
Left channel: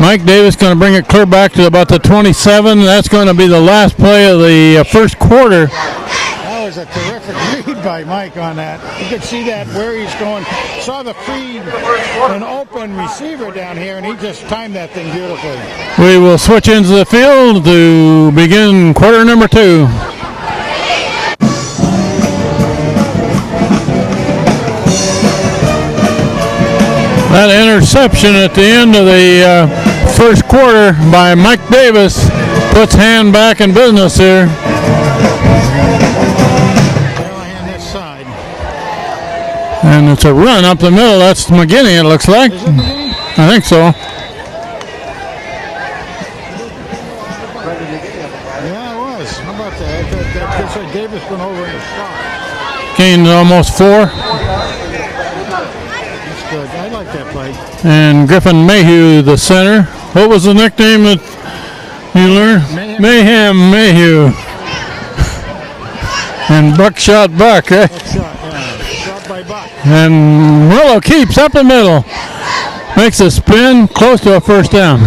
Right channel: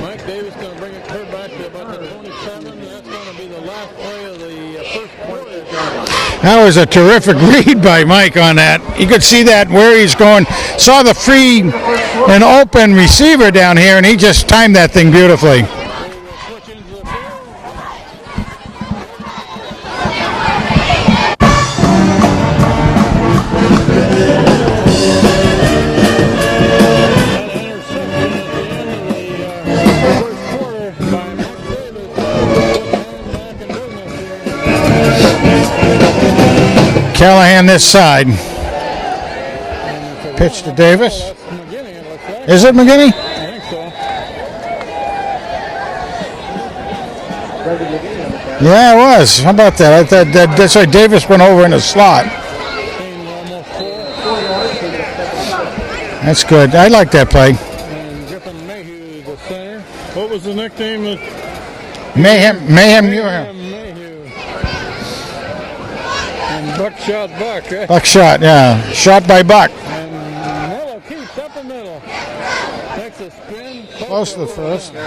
Mike Davis going to bring it clear back to about the 27. That's going to be the last play of the first quarter. That was a terrific read by Mike on that. You could see that where he's going. Saw the free and open receiver down here, and he just timed that thing beautifully. We will switch into the field to begin quarter number 2. That interception at the end of the first quarter by Mike Davis puts Hand back in business here. Callahan this side. And it's a run up the middle. That's McGinney, it looks like. Is it McGinney? I think so. Yeah, it was. How about that? I thought that's why Davis went over in the slot. Gained almost 4. That's good. I like that play. And Griffin Mayhew, the center. What was the nickname that Mayhem Mayhew. And Buckshot Buck, right? Buckshot, yeah. Shot by Buck. And Murillo keeps up the middle. Makes a spin, close to a first down.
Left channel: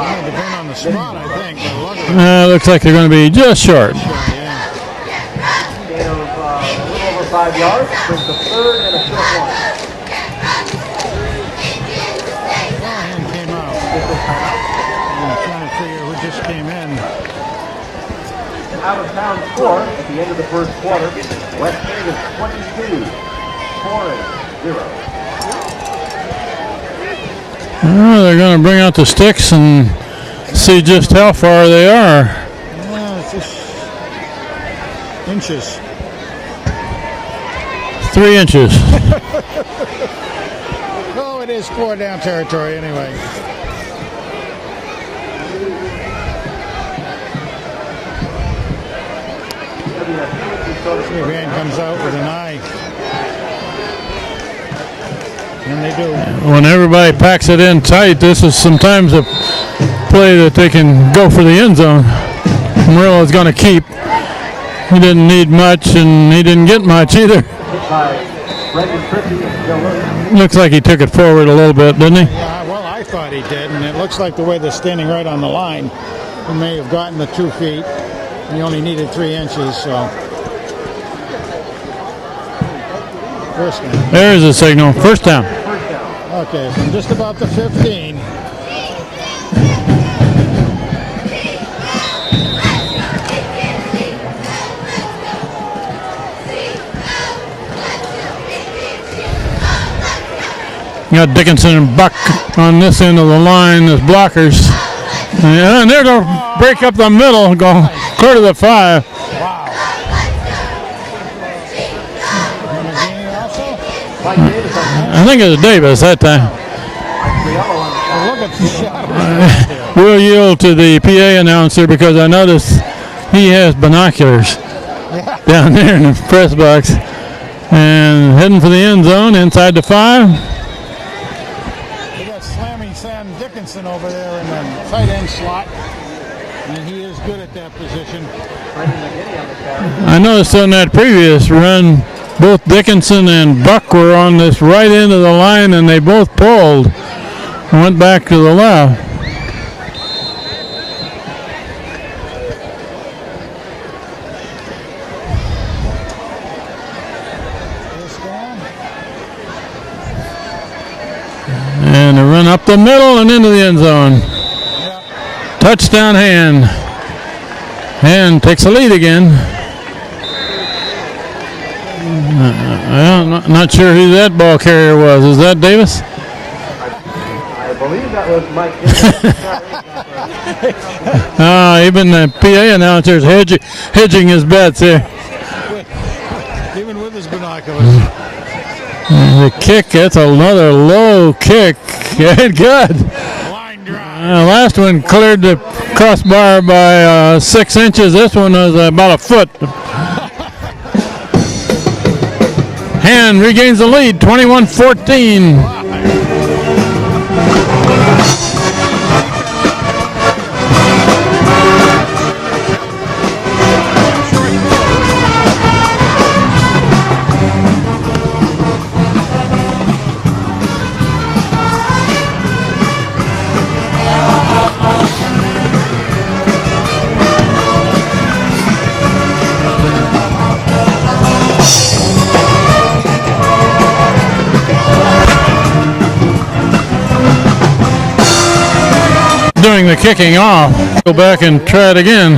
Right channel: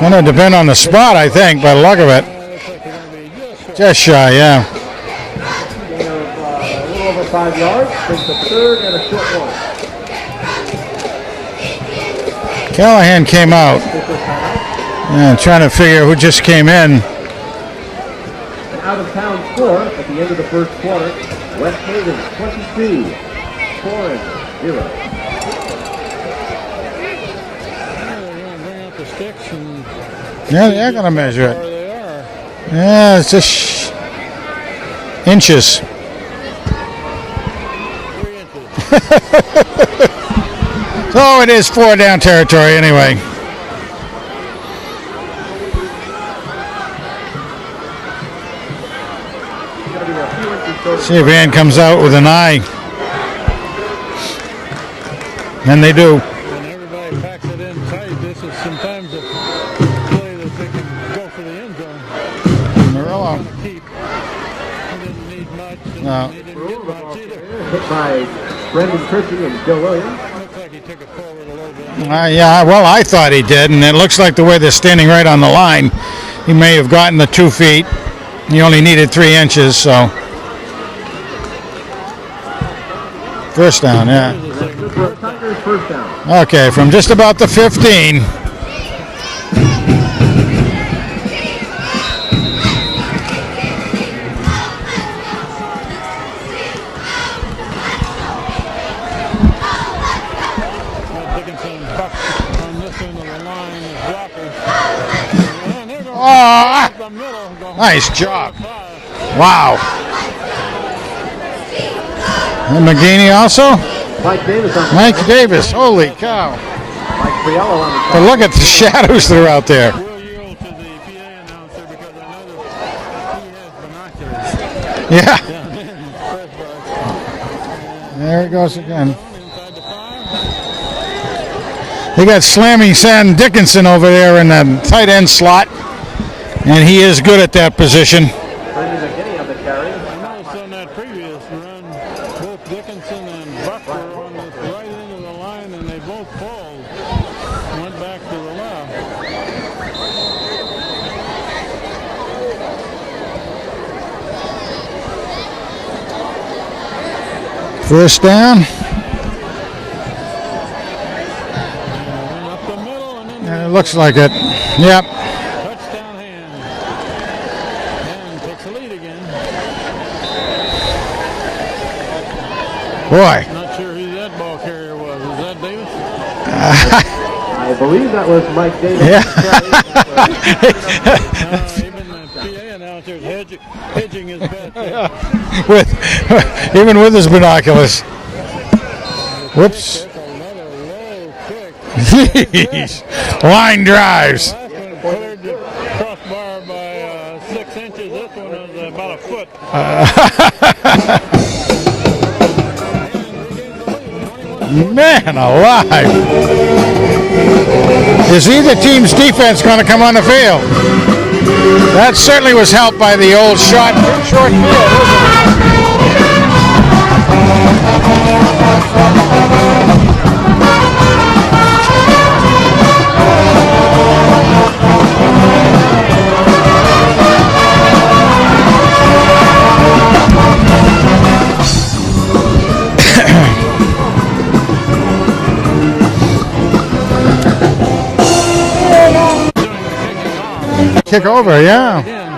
Going to depend on the spot, I think, by the look of it. Looks like they're going to be just short. Just shy, yeah. A little over 5 yards. Just a third and a short one. Callahan came out. Yeah, trying to figure who just came in. Out of town score at the end of the first quarter. West Haven 22, Torrance 0. They're going to bring out the sticks and see just how far they are. Yeah, it's just inches. 3 inches. So it is 4 down territory anyway. See if Ann comes out with an eye. And they do. When everybody packs it in tight, this is sometimes a play that they can go for the end zone. Murillo's going to keep. He didn't need much, and he didn't get much either. Looks like he took it forward a little bit, didn't he? Yeah, well, I thought he did, and it looks like the way they're standing right on the line, he may have gotten the 2 feet. He only needed 3 inches, so. First down, yeah. There's a signal. First down. Okay, from just about the 15. You got Dickinson and Buck on this end of the line as blockers. Yeah, and they're going to break up the middle, go clear to the 5. Wow. And McGinney also? Mike Davis. I think it was Davis that time. Well, look at the shadows that are out there. We'll yield to the PA announcer because I noticed he has binoculars down there in the press box. And heading for the end zone inside the 5. They got Slamming Sam Dickinson over there in the tight end slot. and he is good at that position. I noticed on that previous run, both Dickinson and Buck were on this right end of the line, and they both pulled and went back to the left. First down. And a run up the middle and into the end Looks zone. like it. Yep. Touchdown Hand. Hand takes the lead again. Well, Boy. not sure who that ball carrier was. Is that Davis? I believe that was Mike Davis. Even the PA announcer's hedging his bets here. Even with his binoculars. The kick, that's another low kick. Yeah, good. Line drives. The last one cleared the crossbar by 6 inches. This one was about a foot. Hand regains the lead, 21-14. Man alive. Is either team's defense going to come on the field? That certainly was helped by the old short field. Doing the kicking off. Go back over, and yeah. try it again.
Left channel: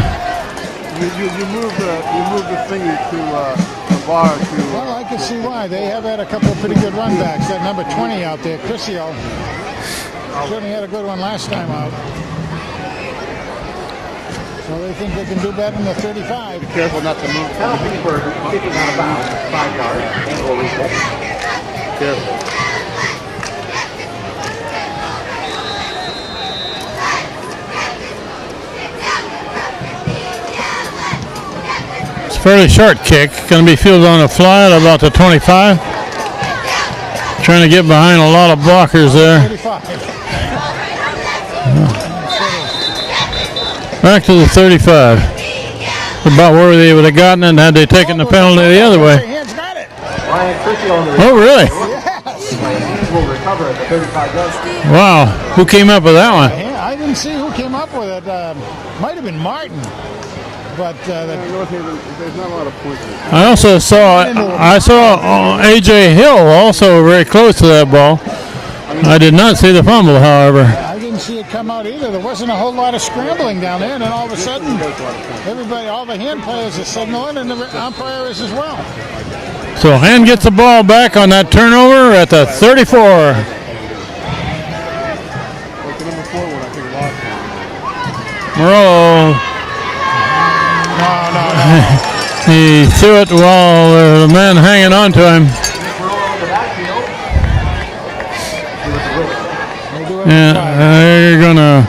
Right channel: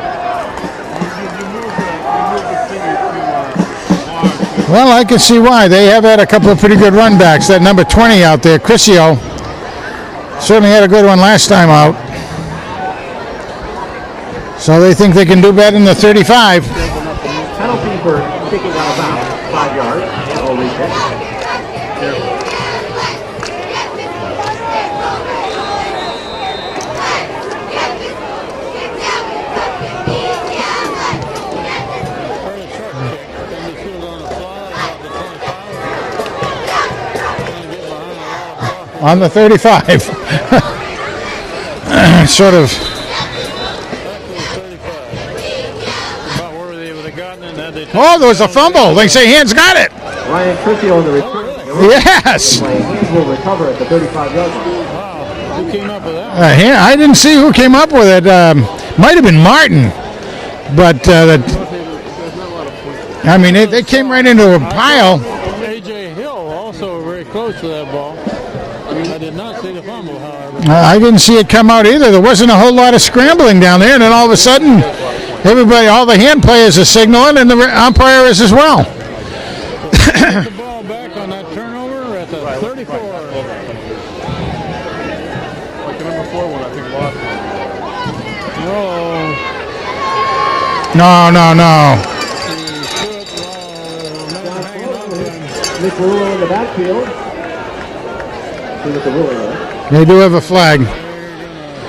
Well, I can see why. They have had a couple of pretty good run backs. That number 20 out there, Crisio, certainly had a good one last time out. So they think they can do better than the 35. Penalty for kicking out of bounds, 5 yards. And will reset. Fairly short kick. Going to be fielded on the fly at about the 25. Trying to get behind a lot of blockers On there. the 35. Sort of. Back to the 35. About where they would have gotten it had they taken Oh, the there was a penalty the fumble. other They way. say Hands got it. Ryan Crisio on the Oh, really? Yes. Hands will recover at the 35-yard line. Wow. Who came up with that one? I didn't see who came up with it. Might have been Martin. But they came right into a I pile. saw A.J. Hill also very close to that ball. I did not see the fumble, however. I didn't see it come out either. There wasn't a whole lot of scrambling down there, and then all of a sudden, all the hand players are signaling, and the umpire is as well. So Hand gets the ball back on that turnover at the 34. Morello, No. he threw it while the man hanging on to him. Nick Rulo in the backfield. He was the ruling there. They do have a And flag. they're going to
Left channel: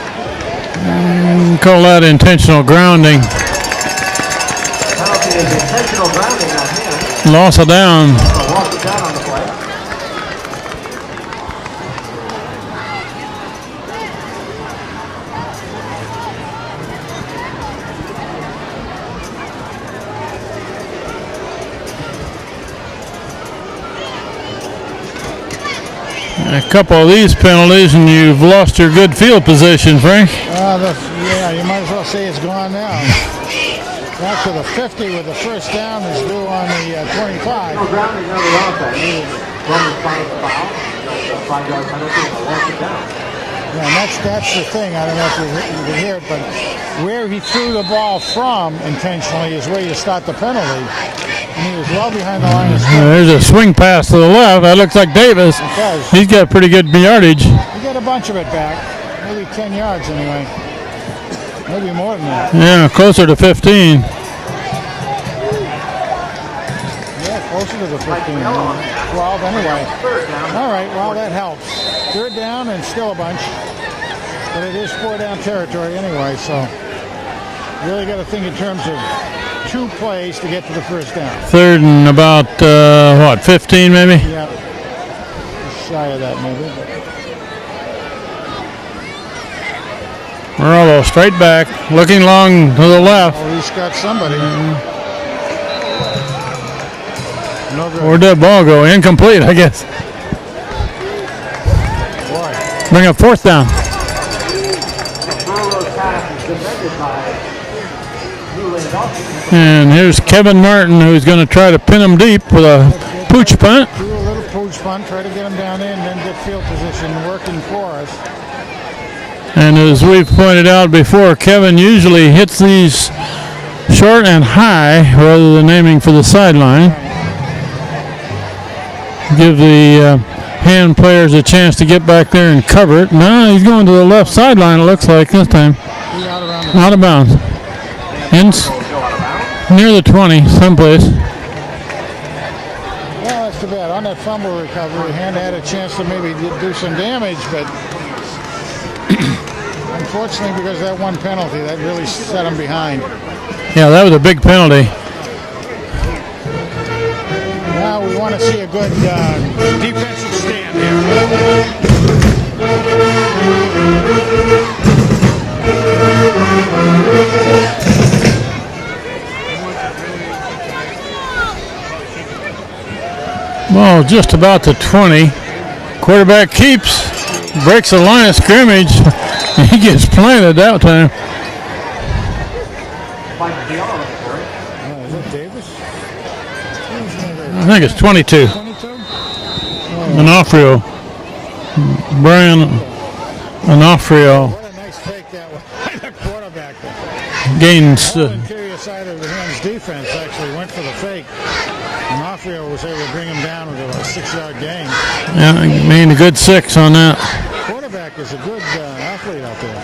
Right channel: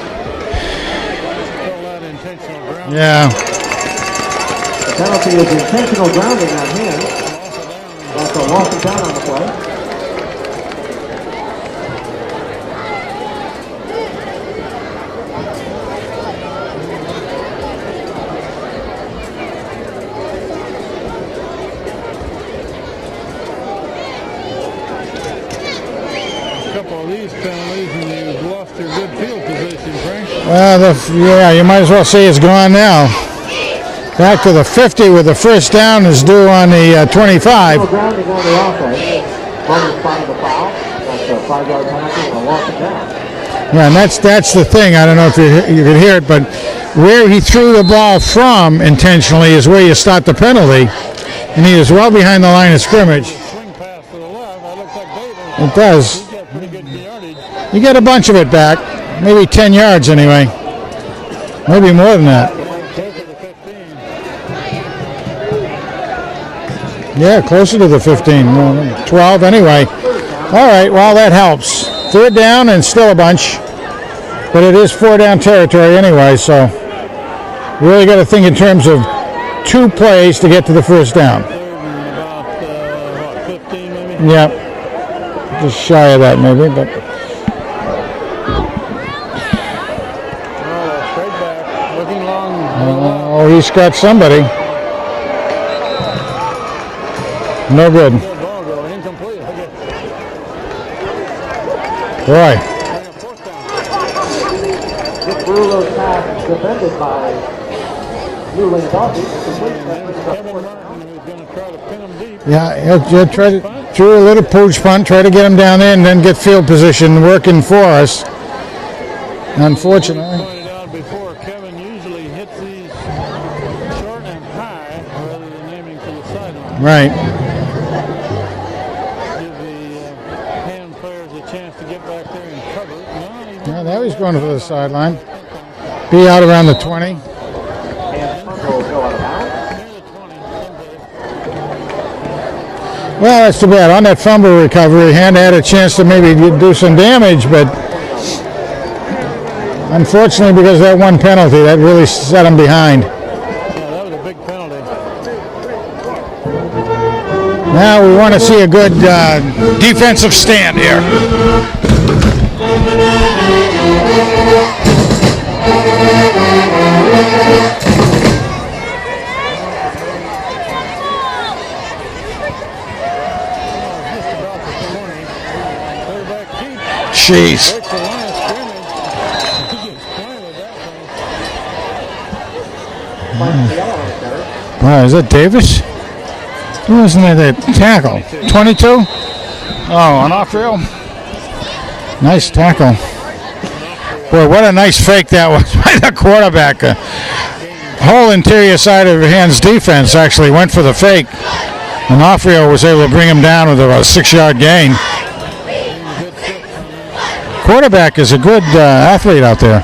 call that intentional grounding. Yeah. The penalty is intentional grounding on him. Loss of down. So lost it down on the play. A couple of these penalties and you've lost your good field position, Frank. You might as well say it's gone now. Back to the 50 with the first down is due on the 25. No grounding on the offense. Runners find the foul. That's a 5-yard penalty and a loss of down. Yeah, and that's the thing. I don't know if you could hear it, but where he threw the ball from intentionally is where you start the penalty. And he was well behind the line of scrimmage. There's a swing pass to the left. That looks like Davis. It does. He's got pretty good yardage. You get a bunch of it back. Maybe 10 yards anyway. Maybe more than that. Yeah, closer to 15. Yeah, closer to the 15. 12 anyway. All right, well, that helps. Third down and still a bunch. But it is 4-down territory anyway, so you really got to think in terms of 2 plays to get to the first down. Third and about, 15 maybe? Yeah. Just shy of that maybe, but Morello straight back, looking long to the left. Oh, he's got somebody. No good. Where'd that ball go? Incomplete, I guess. Boy. Bring up fourth down. And here's Kevin Martin, who's going to try to pin him deep with a pooch punt. Threw a little pooch punt, try to get him down there and then get field position working for us. And as we've pointed out before, Kevin usually hits these short and high rather than aiming for the sideline. Right. Give the hand players a chance to get back there and cover it. No, he's going to the left sideline, it looks like this time. He out around the Out of bounds. Near the 20, someplace. Well, that's too bad. On that fumble recovery, Hand had a chance to maybe do some damage, but unfortunately, because of that one penalty, that really set him behind. Yeah, that was a big penalty. Now we want to see a good defensive stand here. Well, just about the 20. Quarterback keeps. Jeez. Breaks the line of scrimmage. He gets planted that time. Wow, is that Davis? Who isn't that? I think it's 22. 22? Oh, Onofrio. Nice tackle. Onofrio. Boy, what a nice fake that was by the quarterback. Gains. Whole interior side of Hand's defense actually went for the fake. Onofrio was able to bring him down with about a 6-yard gain. Yeah, made a good 6 on that. Quarterback is a good athlete out there.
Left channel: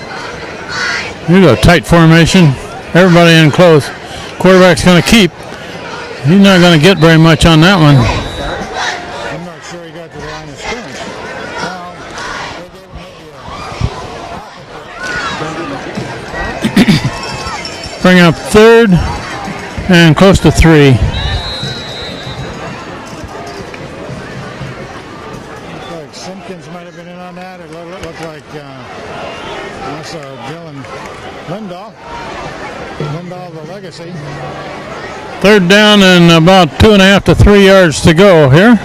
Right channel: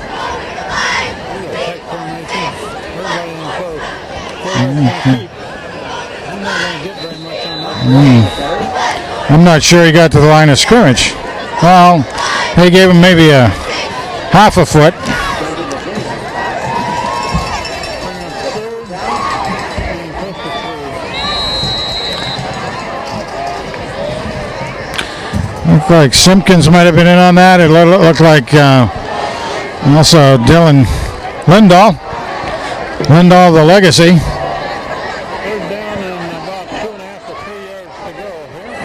Here's a tight formation. Everybody in close. Quarterback's going to keep. He's not going to get very much on that one. I'm not sure he got to the line of scrimmage. Well, they gave him maybe a half a foot. Bring up third and close to 3. Looked like Simpkins might have been in on that. It looked like also Dylan Lindahl. Lindahl, the legacy. Third down and about 2.5 to 3 yards to go here.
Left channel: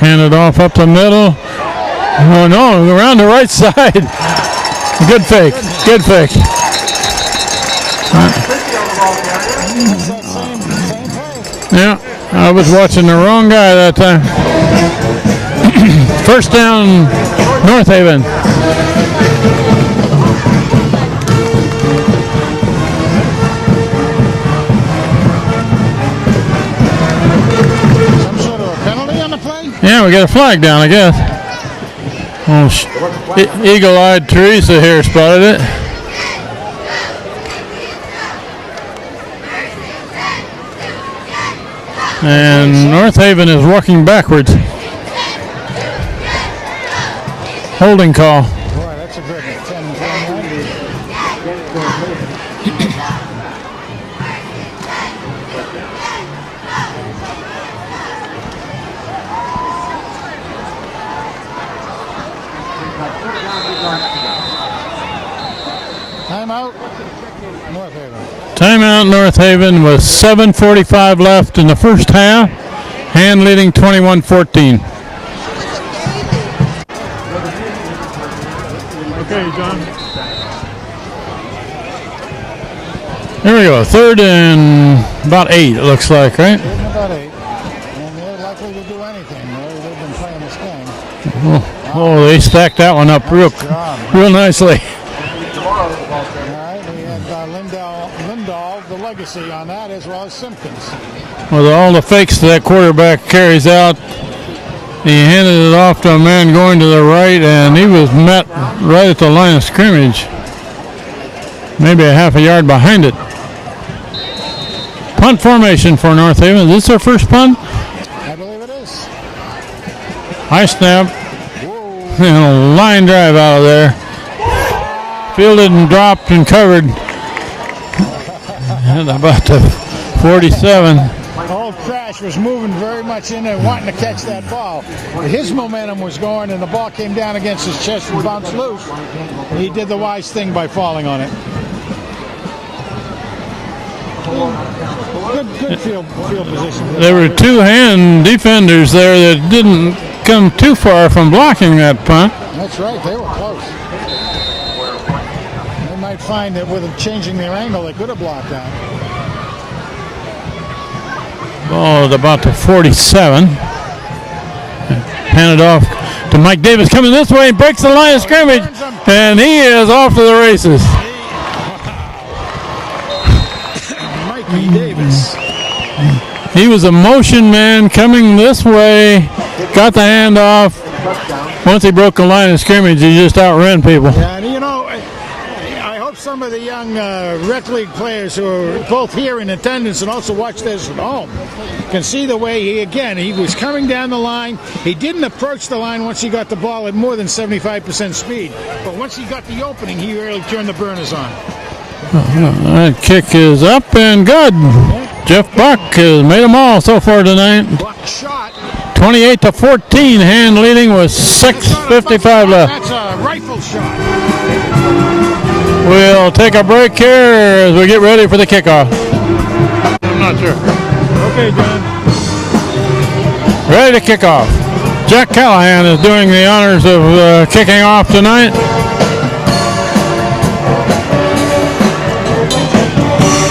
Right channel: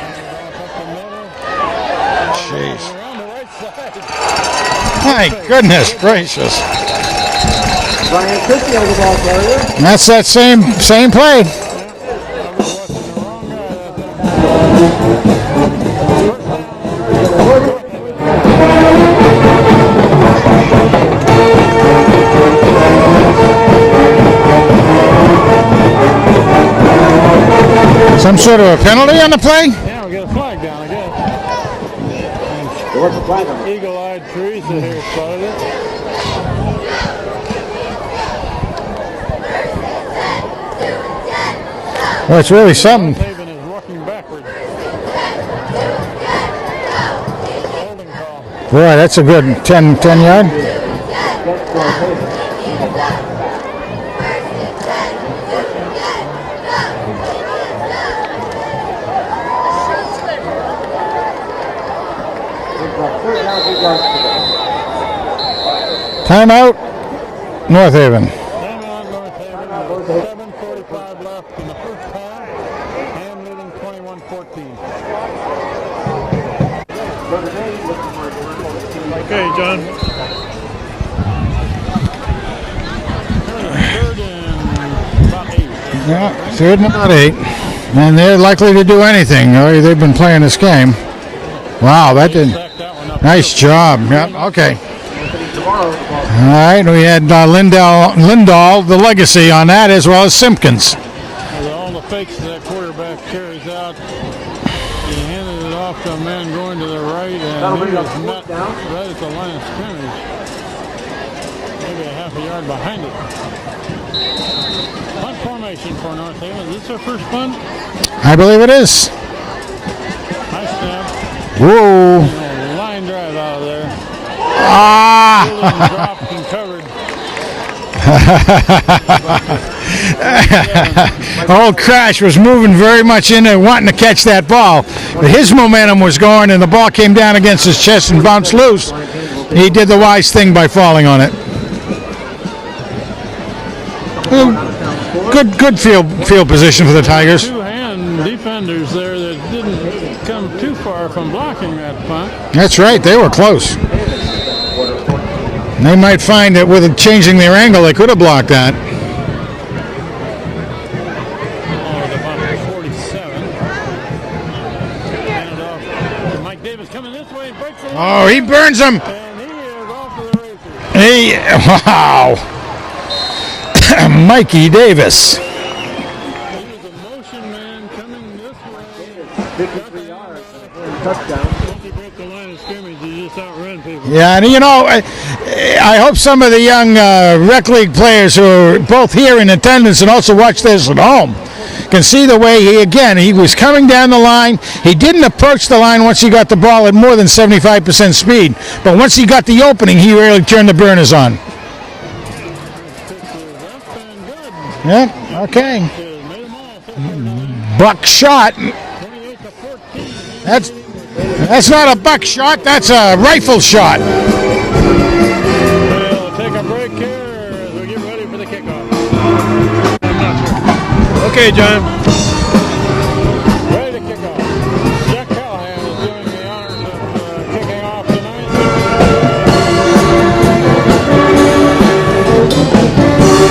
Hand it off up the middle. Oh no, around the right side. Good fake. Goodness Good gracious. fake. That's that same play. Yeah, I was watching the wrong guy that time. First down, North Haven. Some sort of a penalty on the play? Yeah, we got a flag down, I guess. Eagle-eyed Teresa here spotted it. That's really something. North Haven is walking backwards. Holding call. Boy, that's a good 10 yard. Timeout, North Haven. Timeout, North Haven with 7:45 left in the first half. Hand leading 21-14. Okay, John. Here we go. Third and about 8, it looks like, right? Third and about 8. And they're likely to do anything. They've been playing this game. Wow, they stacked that one up. Nice job. Real nicely. Okay. All right, we had Lindahl, the legacy on that, as well as Simpkins. With all the fakes that quarterback carries out, he handed it off to a man going to the right, and he was met right at the line of scrimmage. Maybe a half a yard behind it. Punt formation for North Haven. Is this their first punt? I believe it is. High snap. Whoa. And a line drive out of there. Fielded and dropped and covered. And about to 47. Old Crash was moving very much in there, wanting to catch that ball. But his momentum was going, and the ball came down against his chest and bounced loose. He did the wise thing by falling on it. Good field position for the There were Tigers. two-hand defenders there that didn't come too far from blocking that punt. That's right, they were close. They might find that with changing their angle, they could have blocked that. Oh, at about the 47. Hand it off to Mike Davis, coming this way, breaks the line of Oh, he scrimmage. burns him. And he is off to the races. Wow. Mikey Davis. He was a motion man coming this way, got the hand off. Once he broke the line of scrimmage, he just outran people. Yeah, and you know, I hope some of the young rec league players who are both here in attendance and also watch this at home can see the way he was coming down the line. He didn't approach the line once he got the ball at more than 75% speed. But once he got the opening, he really turned the burners on. That kick is up and good. Yeah, Jeff okay. Buck has made them all so far tonight. Buck shot. 28-14, hand leading with That's not a buck 6:55 shot, left. that's a rifle shot. We'll take a break here as we get ready for the kickoff. I'm not sure. Okay, John. Ready to kick off. Jack Callahan is doing the honors of kicking off tonight.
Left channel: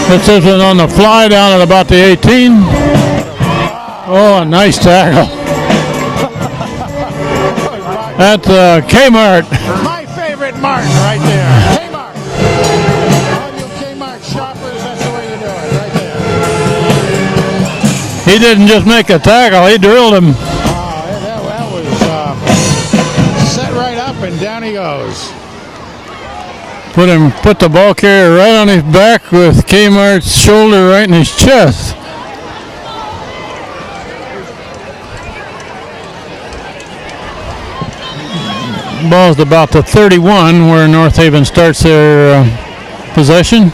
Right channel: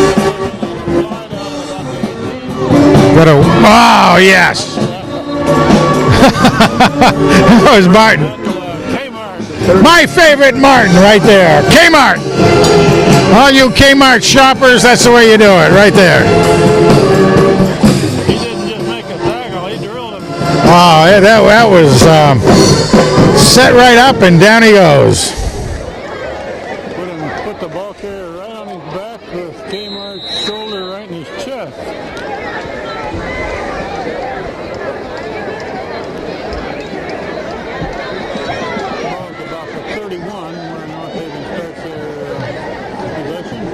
Puts this one on the fly down at about the 18. Wow, yeah. Nice tackle. That was Martin. That's Kmart. My favorite Martin right there. Kmart. All you Kmart shoppers, that's the way you do it, right there. He didn't just make a tackle, he drilled him. Oh, yeah, that was set right up and down he goes. Put the ball carrier right on his back with Kmart's shoulder right in his chest. Ball's about the 31 where North Haven starts their possession.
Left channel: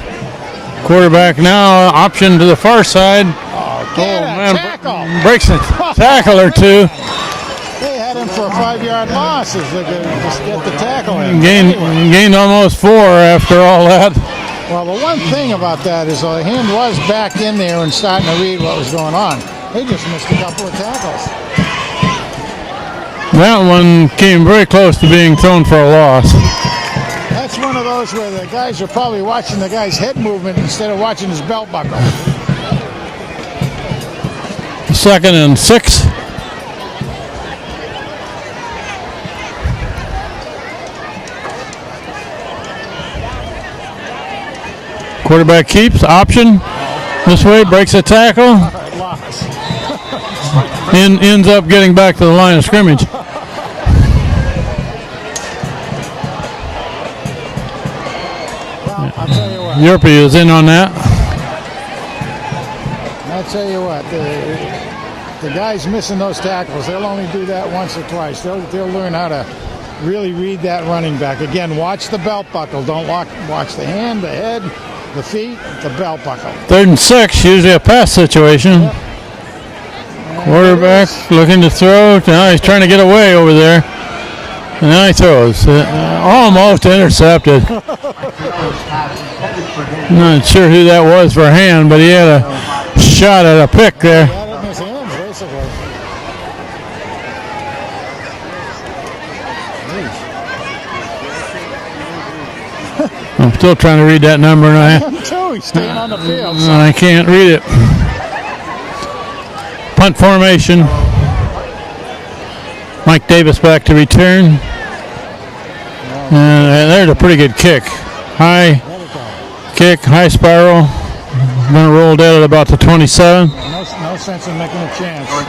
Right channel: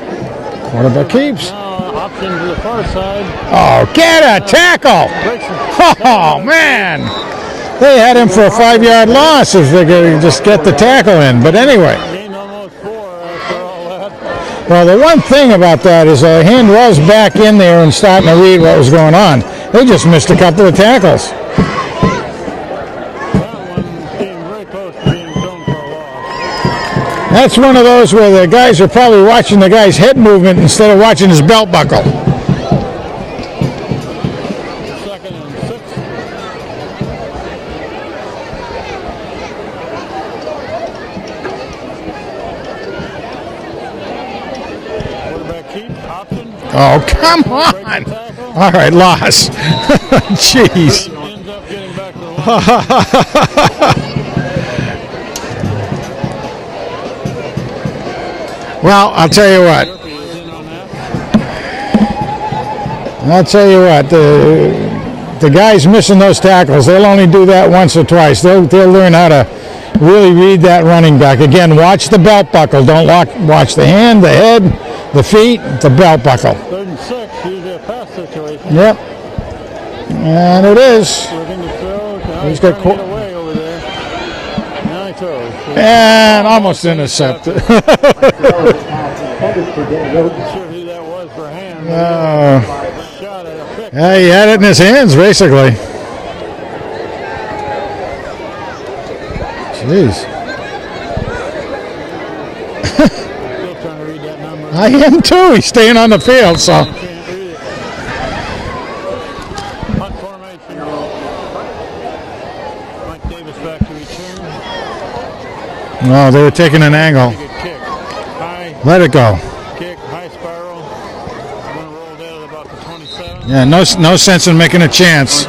Quarterback now option to the far side. Oh, get a tackle. Breaks a tackle or man. two. They had him for a 5-yard loss if they could just get the tackle in. But anyway. Gained almost 4 after all that. Well, the one thing about that is the hand was back in there and starting to read what was going on. They just missed a couple of tackles. That one came very close to being thrown for a loss. That's one of those where the guys are probably watching the guy's head movement instead of watching his belt buckle. 2nd and 6. Quarterback keeps, option. Oh, come This way, on. breaks a tackle. All right, loss. Jeez. And ends up getting back to the line of scrimmage. Well, I'll tell you what. Yerpy is in on that. I'll tell you what. The guys missing those tackles, they'll only do that once or twice. They'll learn how to really read that running back. Again, watch the belt buckle. Don't watch the hand, the head, the feet, the belt buckle. 3rd and 6, usually a pass situation. Yep. And it Quarterback is. looking to throw. Now he's trying to get away over there. And now he throws. Almost intercepted. Not sure who that was for a hand, but he had a shot at a pick there. He had it in his hands, basically. Jeez. I'm still trying to read that number. And I am too. He's staying on the field, so. I can't read it. Punt formation. Mike Davis back to return. No, they were taking an That's angle. a pretty good kick. High Let it go. kick, high spiral. Going to roll down at about the 27. Yeah, no sense in making a chance.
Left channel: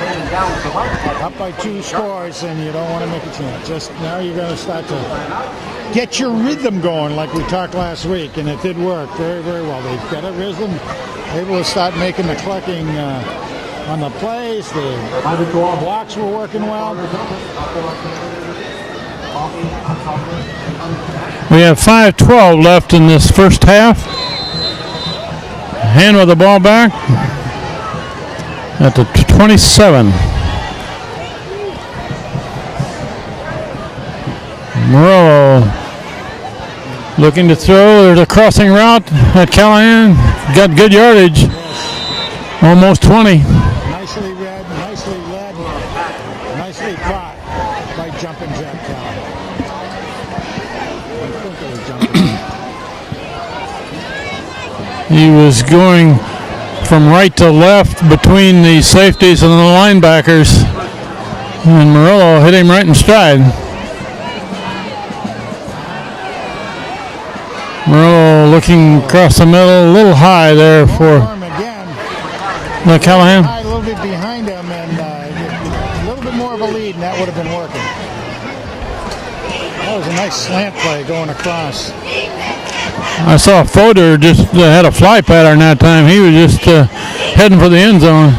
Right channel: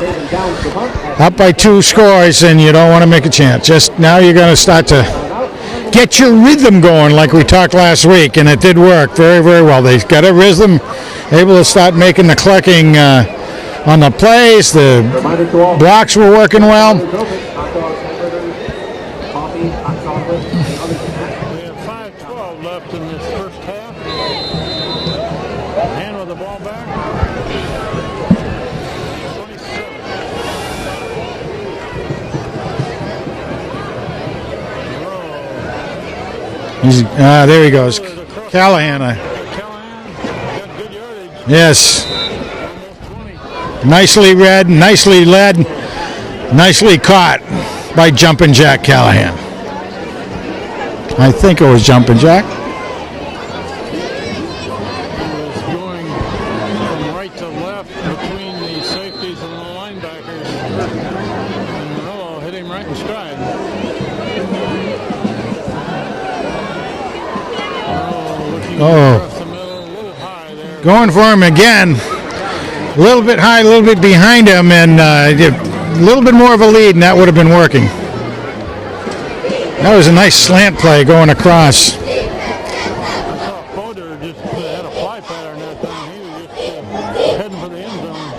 Up by 2 scores, and you don't want to make a chance. Just now you're going to start to get your rhythm going like we talked last week, and it did work very, very well. They got a rhythm, able to start making the clicking on the plays. The blocks were working well. We have 5:12 left in this first half. Hand with the ball back. at the 27. Morello. He's Looking there to he throw. goes. There's a crossing Callahan. route at Callahan. Got good yardage. Yes. Almost 20. Nicely read, nicely led, nicely caught by Jumpin' Jack Callahan. I think it was Jumpin' Jack. He was going from right to left between the safeties and the linebackers. And Morello hit him right in stride. Morello looking across the middle, a little high there. Going for him again. A little bit high, a little bit behind him, and a little bit more of a lead, and that would have been working. That was a nice slant play going across. I saw Fodor just had a fly pattern that time. He was just heading for the end zone.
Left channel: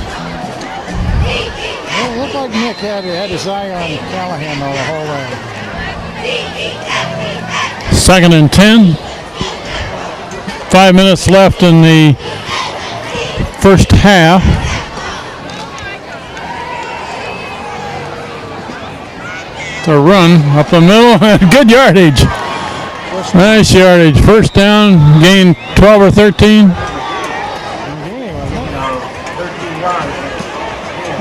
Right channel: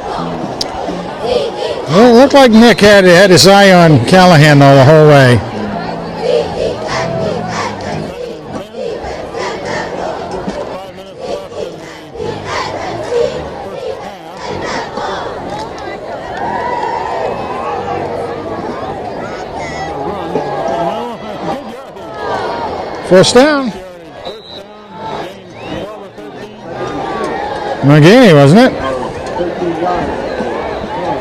Well, it looked like Nick had his eye on Callahan though the whole way. 2nd and 10. 5 minutes left in the first half. A run up the middle, good yardage. First down. Nice yardage. First down, gain 12 or 13. McGinney, wasn't it?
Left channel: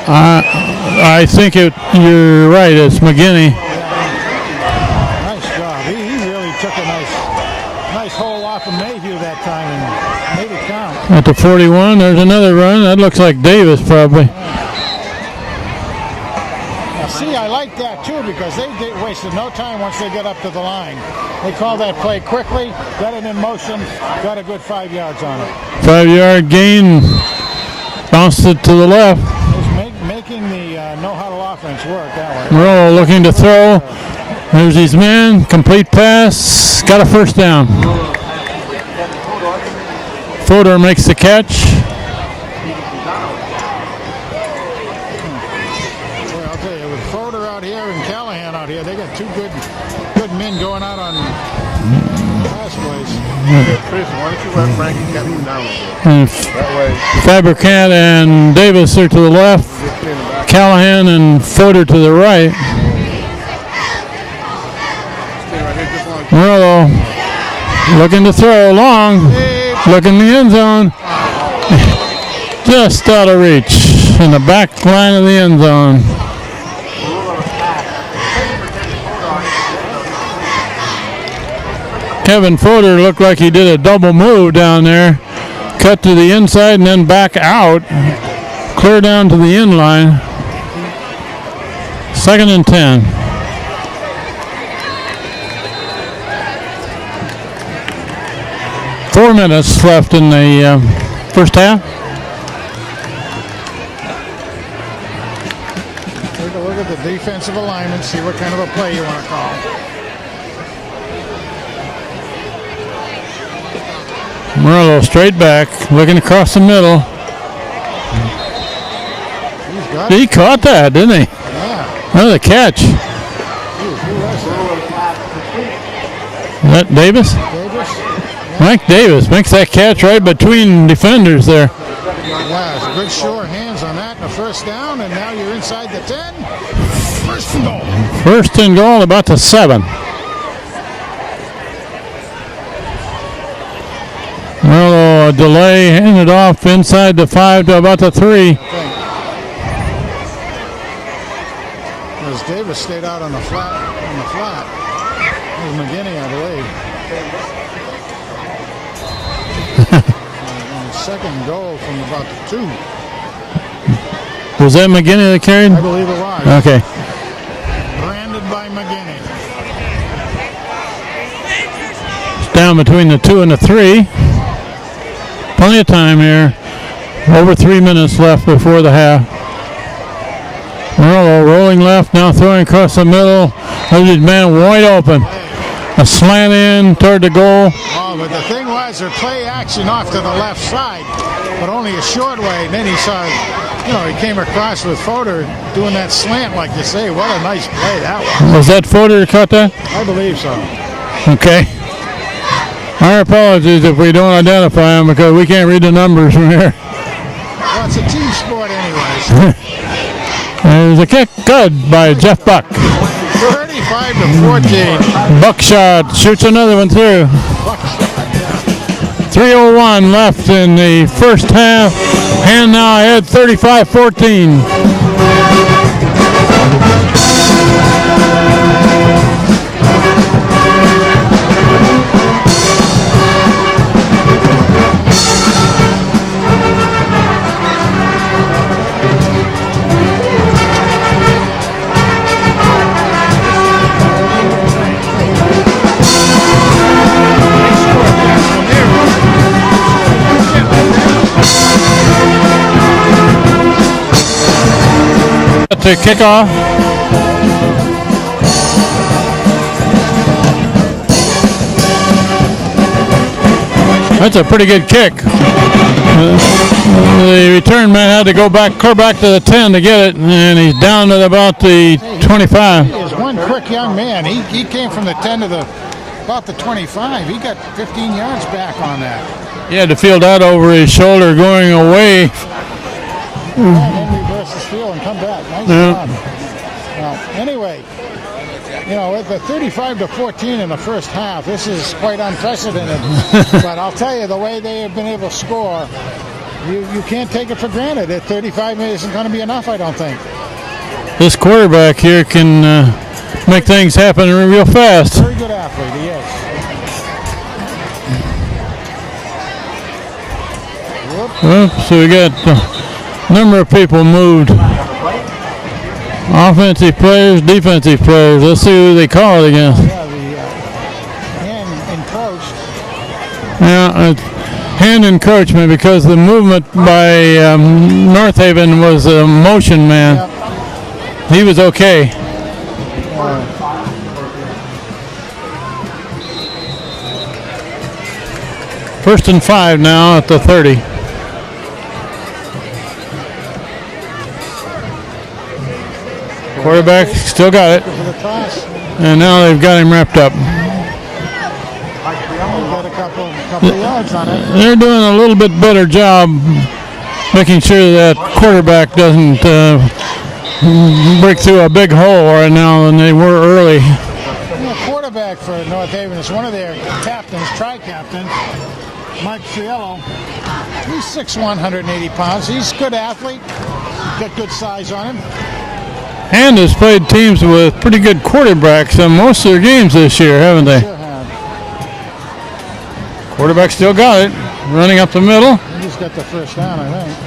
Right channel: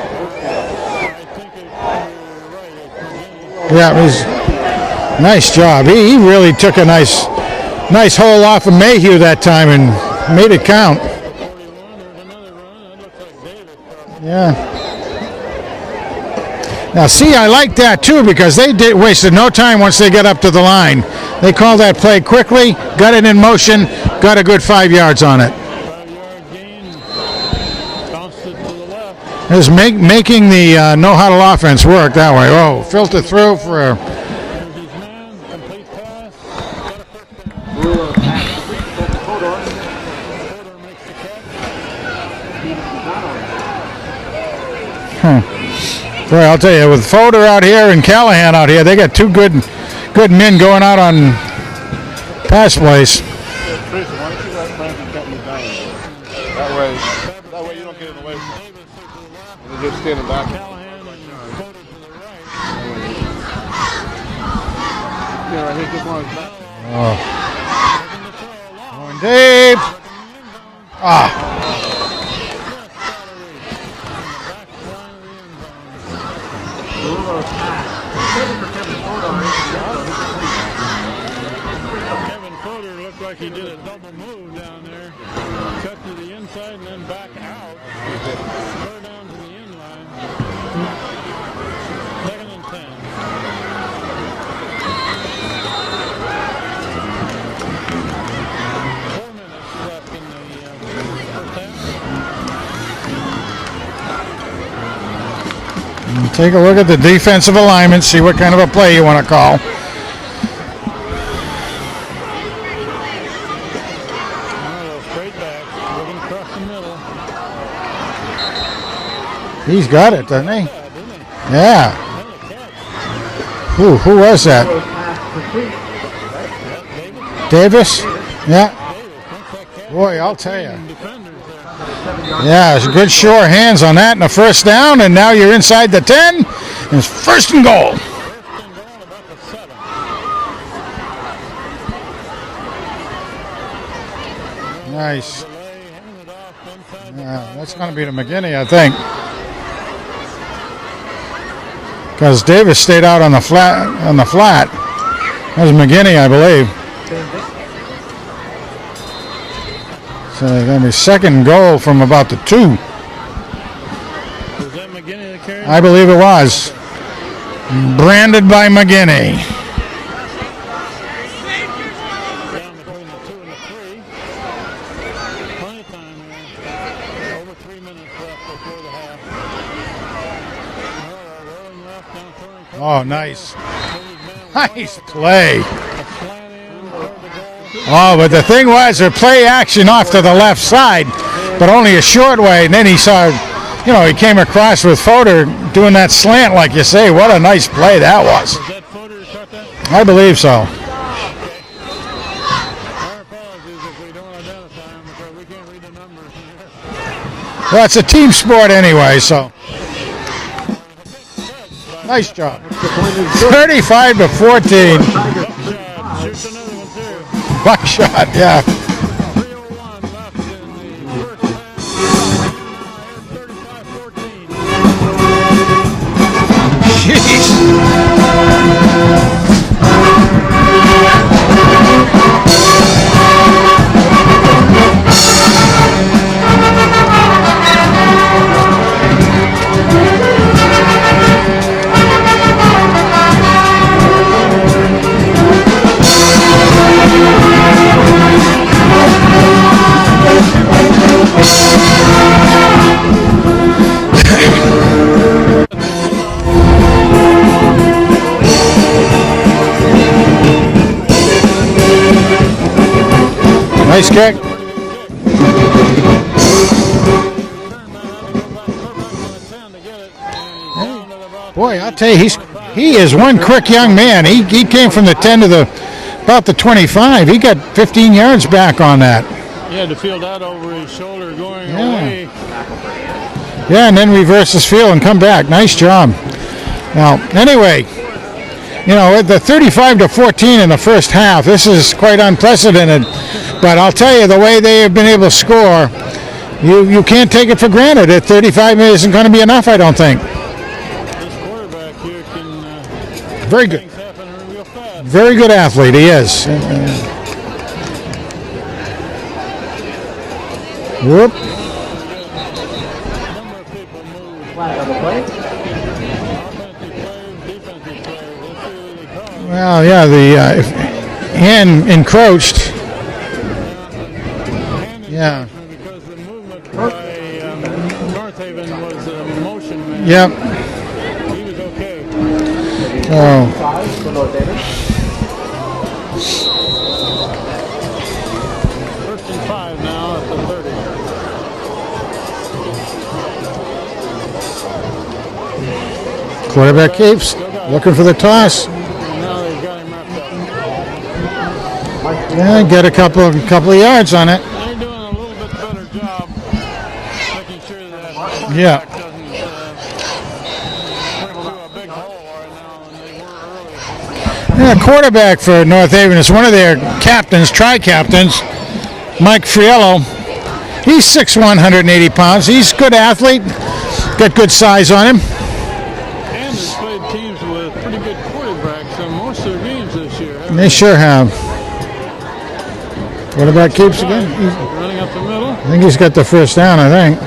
I think you're right. It's McGinney. Yeah, it was nice job. He really took a nice hole off of Mayhew that time and made it count. At the 41, there's another run. That looks like Davis probably. Yeah. Now, see, I like that too because they wasted no time once they got up to the line. They called that play quickly, got it in motion, got a good 5 yards on it. 5-yard gain, bounced it to the left. It was making the no-huddle offense work that way. Oh, looking to throw. There's his man, complete pass, got a first down. Fodor makes the catch. Boy, I'll tell you, with Fodor out here and Callahan out here, they got two good men going out on pass plays. Fabricant and Davis are to the left. Callahan and Fodor to the right. Morello looking to throw long. Looking in the end zone. Just out of reach in the back line of the end zone. Kevin Fodor looked like he did a double move down there. Cut to the inside and then back out. Clear down to the end line. 2nd and 10. Four minutes left in the first half. Take a look at the defensive alignment, see what kind of a play you want to call. Morello straight back, looking across the middle. He's got it. He caught that, didn't he? Yeah. Another catch. Who was that? That Davis? Davis? Yeah. Mike Davis makes that catch right between defenders there. Yeah, it's a good sure hands on that and a first down, and now you're inside the 10. It's first and goal. First and goal, about the 7. Well, a delay, handed off inside the 5 to about the 3. I think. Because Davis stayed out on the flat. That was McGinney, I believe. So then his second goal from about the 2. Was that McGinney that carried? I believe it was. Okay. Branded by McGinney. It's down between the 2 and the 3. Plenty of time here. Over 3 minutes left before the half. Morello rolling left, now throwing across the middle. There's his man wide open. Play. A slant in toward the goal. Oh, but the thing was, their play action off to the left side, but only a short way. And then he saw, he came across with Fodor doing that slant, like you say. What a nice play that was. Was that Fodor that caught that? I believe so. Okay. Our apologies if we don't identify him because we can't read the numbers from here. Well, it's a team sport anyway, so. There's a kick, good by Nice Jeff job. Buck. 35-14. Buckshot shoots another one through. Buckshot, yeah. 3:01 left in the first half. And now ahead 35-14. To kick off. Nice kick. That's a pretty good kick. The return man had to go back, clear back to the 10 to get it, and he's down to about Boy, I'll tell you, the 25. He is one quick young man. He came from the 10 to about the 25. He got 15 yards back on that. He had to feel that over his shoulder going away. Yeah, and then reverse his field and come back. Nice job. Now, anyway, you know, at the 35-14 in the first half, this is quite unprecedented. But I'll tell you, the way they have been able to score, you can't take it for granted. At 35 isn't going to be enough, I don't think. This quarterback here can make things happen real fast. Very good athlete, he is. Whoop. So we got a number of people moved. Offensive players, defensive players. Let's see who they call it again. Oh, yeah, the hand encroached. Yeah, hand encroachment because the movement by North Haven was a motion man. Yep. He was okay. First and 5 now at the 30. Quarterback still got it. Looking for the toss. And now they've got him wrapped up. Yeah, get a couple of yards on it. They're doing a little bit better job making sure that quarterback doesn't break through a big hole right now than they were early. Yeah, quarterback for North Haven is one of their captains, tri-captains, Mike Friello. He's 6'1", 180 pounds. He's a good athlete. Got good size on him. And has played teams with pretty good quarterbacks in most of their games this year, haven't they? They sure have. Quarterback still got it. Running up the middle. I think he's got the first down, I think.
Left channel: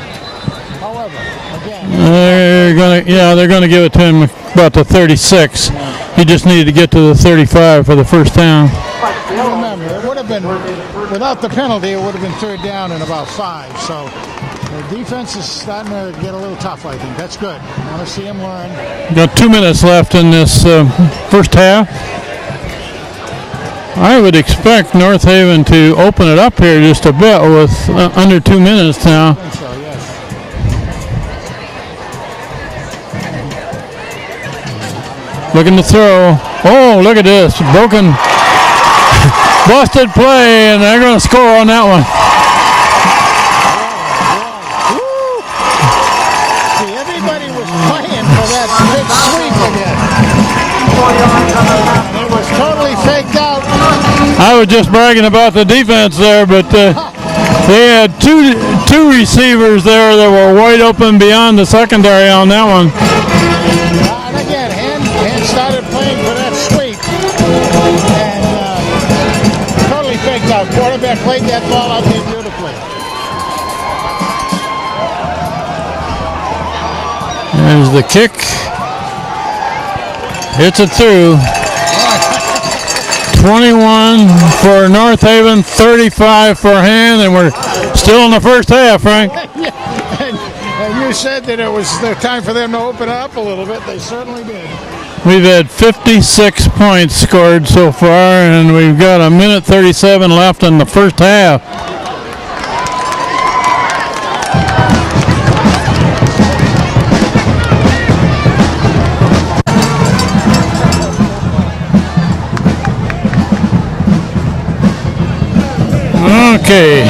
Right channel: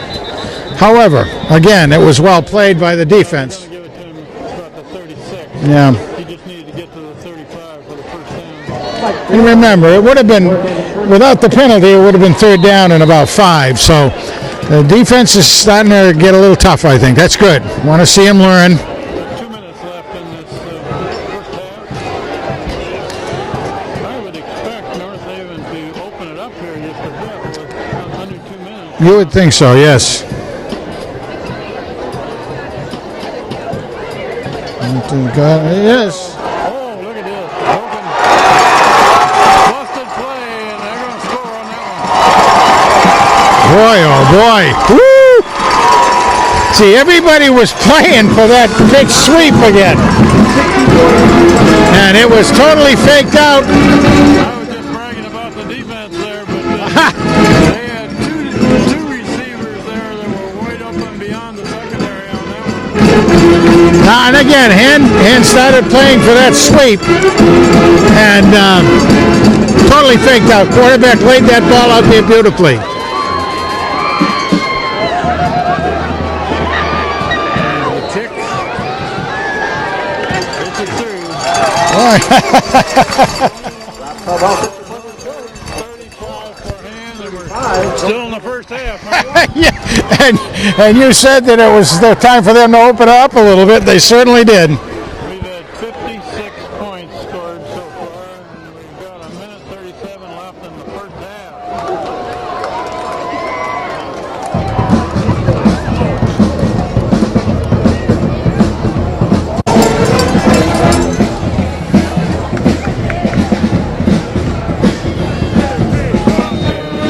However, again, it was well played by the defense. Yeah, they're going to give it to him about the 36. Yeah. He just needed to get to the 35 for the first down. And remember, it would have been, without the penalty, it would have been third down and about 5. So the defense is starting to get a little tough, I think. That's good. Want to see him learn. Got 2 minutes left in this first half. I would expect North Haven to open it up here just a bit with under 2 minutes You now. would think so, yes. Looking to throw. Oh, look at this. Broken. Busted play, and they're going to score on that one. Boy, oh boy. Woo! See, everybody was playing for that big sweep again. And it was totally faked out. I was just bragging about the defense there, but they had two receivers there that were wide open beyond the secondary on that one. And again, Hand started playing for that sweep. And totally faked out. Quarterback laid that ball out there beautifully. There's the kick. Hits it through. 21 for North Haven, 35 for Hand, and we're still in the first half, Frank. Yeah, and you said that it was the time for them to open up a little bit. They certainly did. We've had 56 points scored so far, and we've got a minute 37 left in the first half. Okay.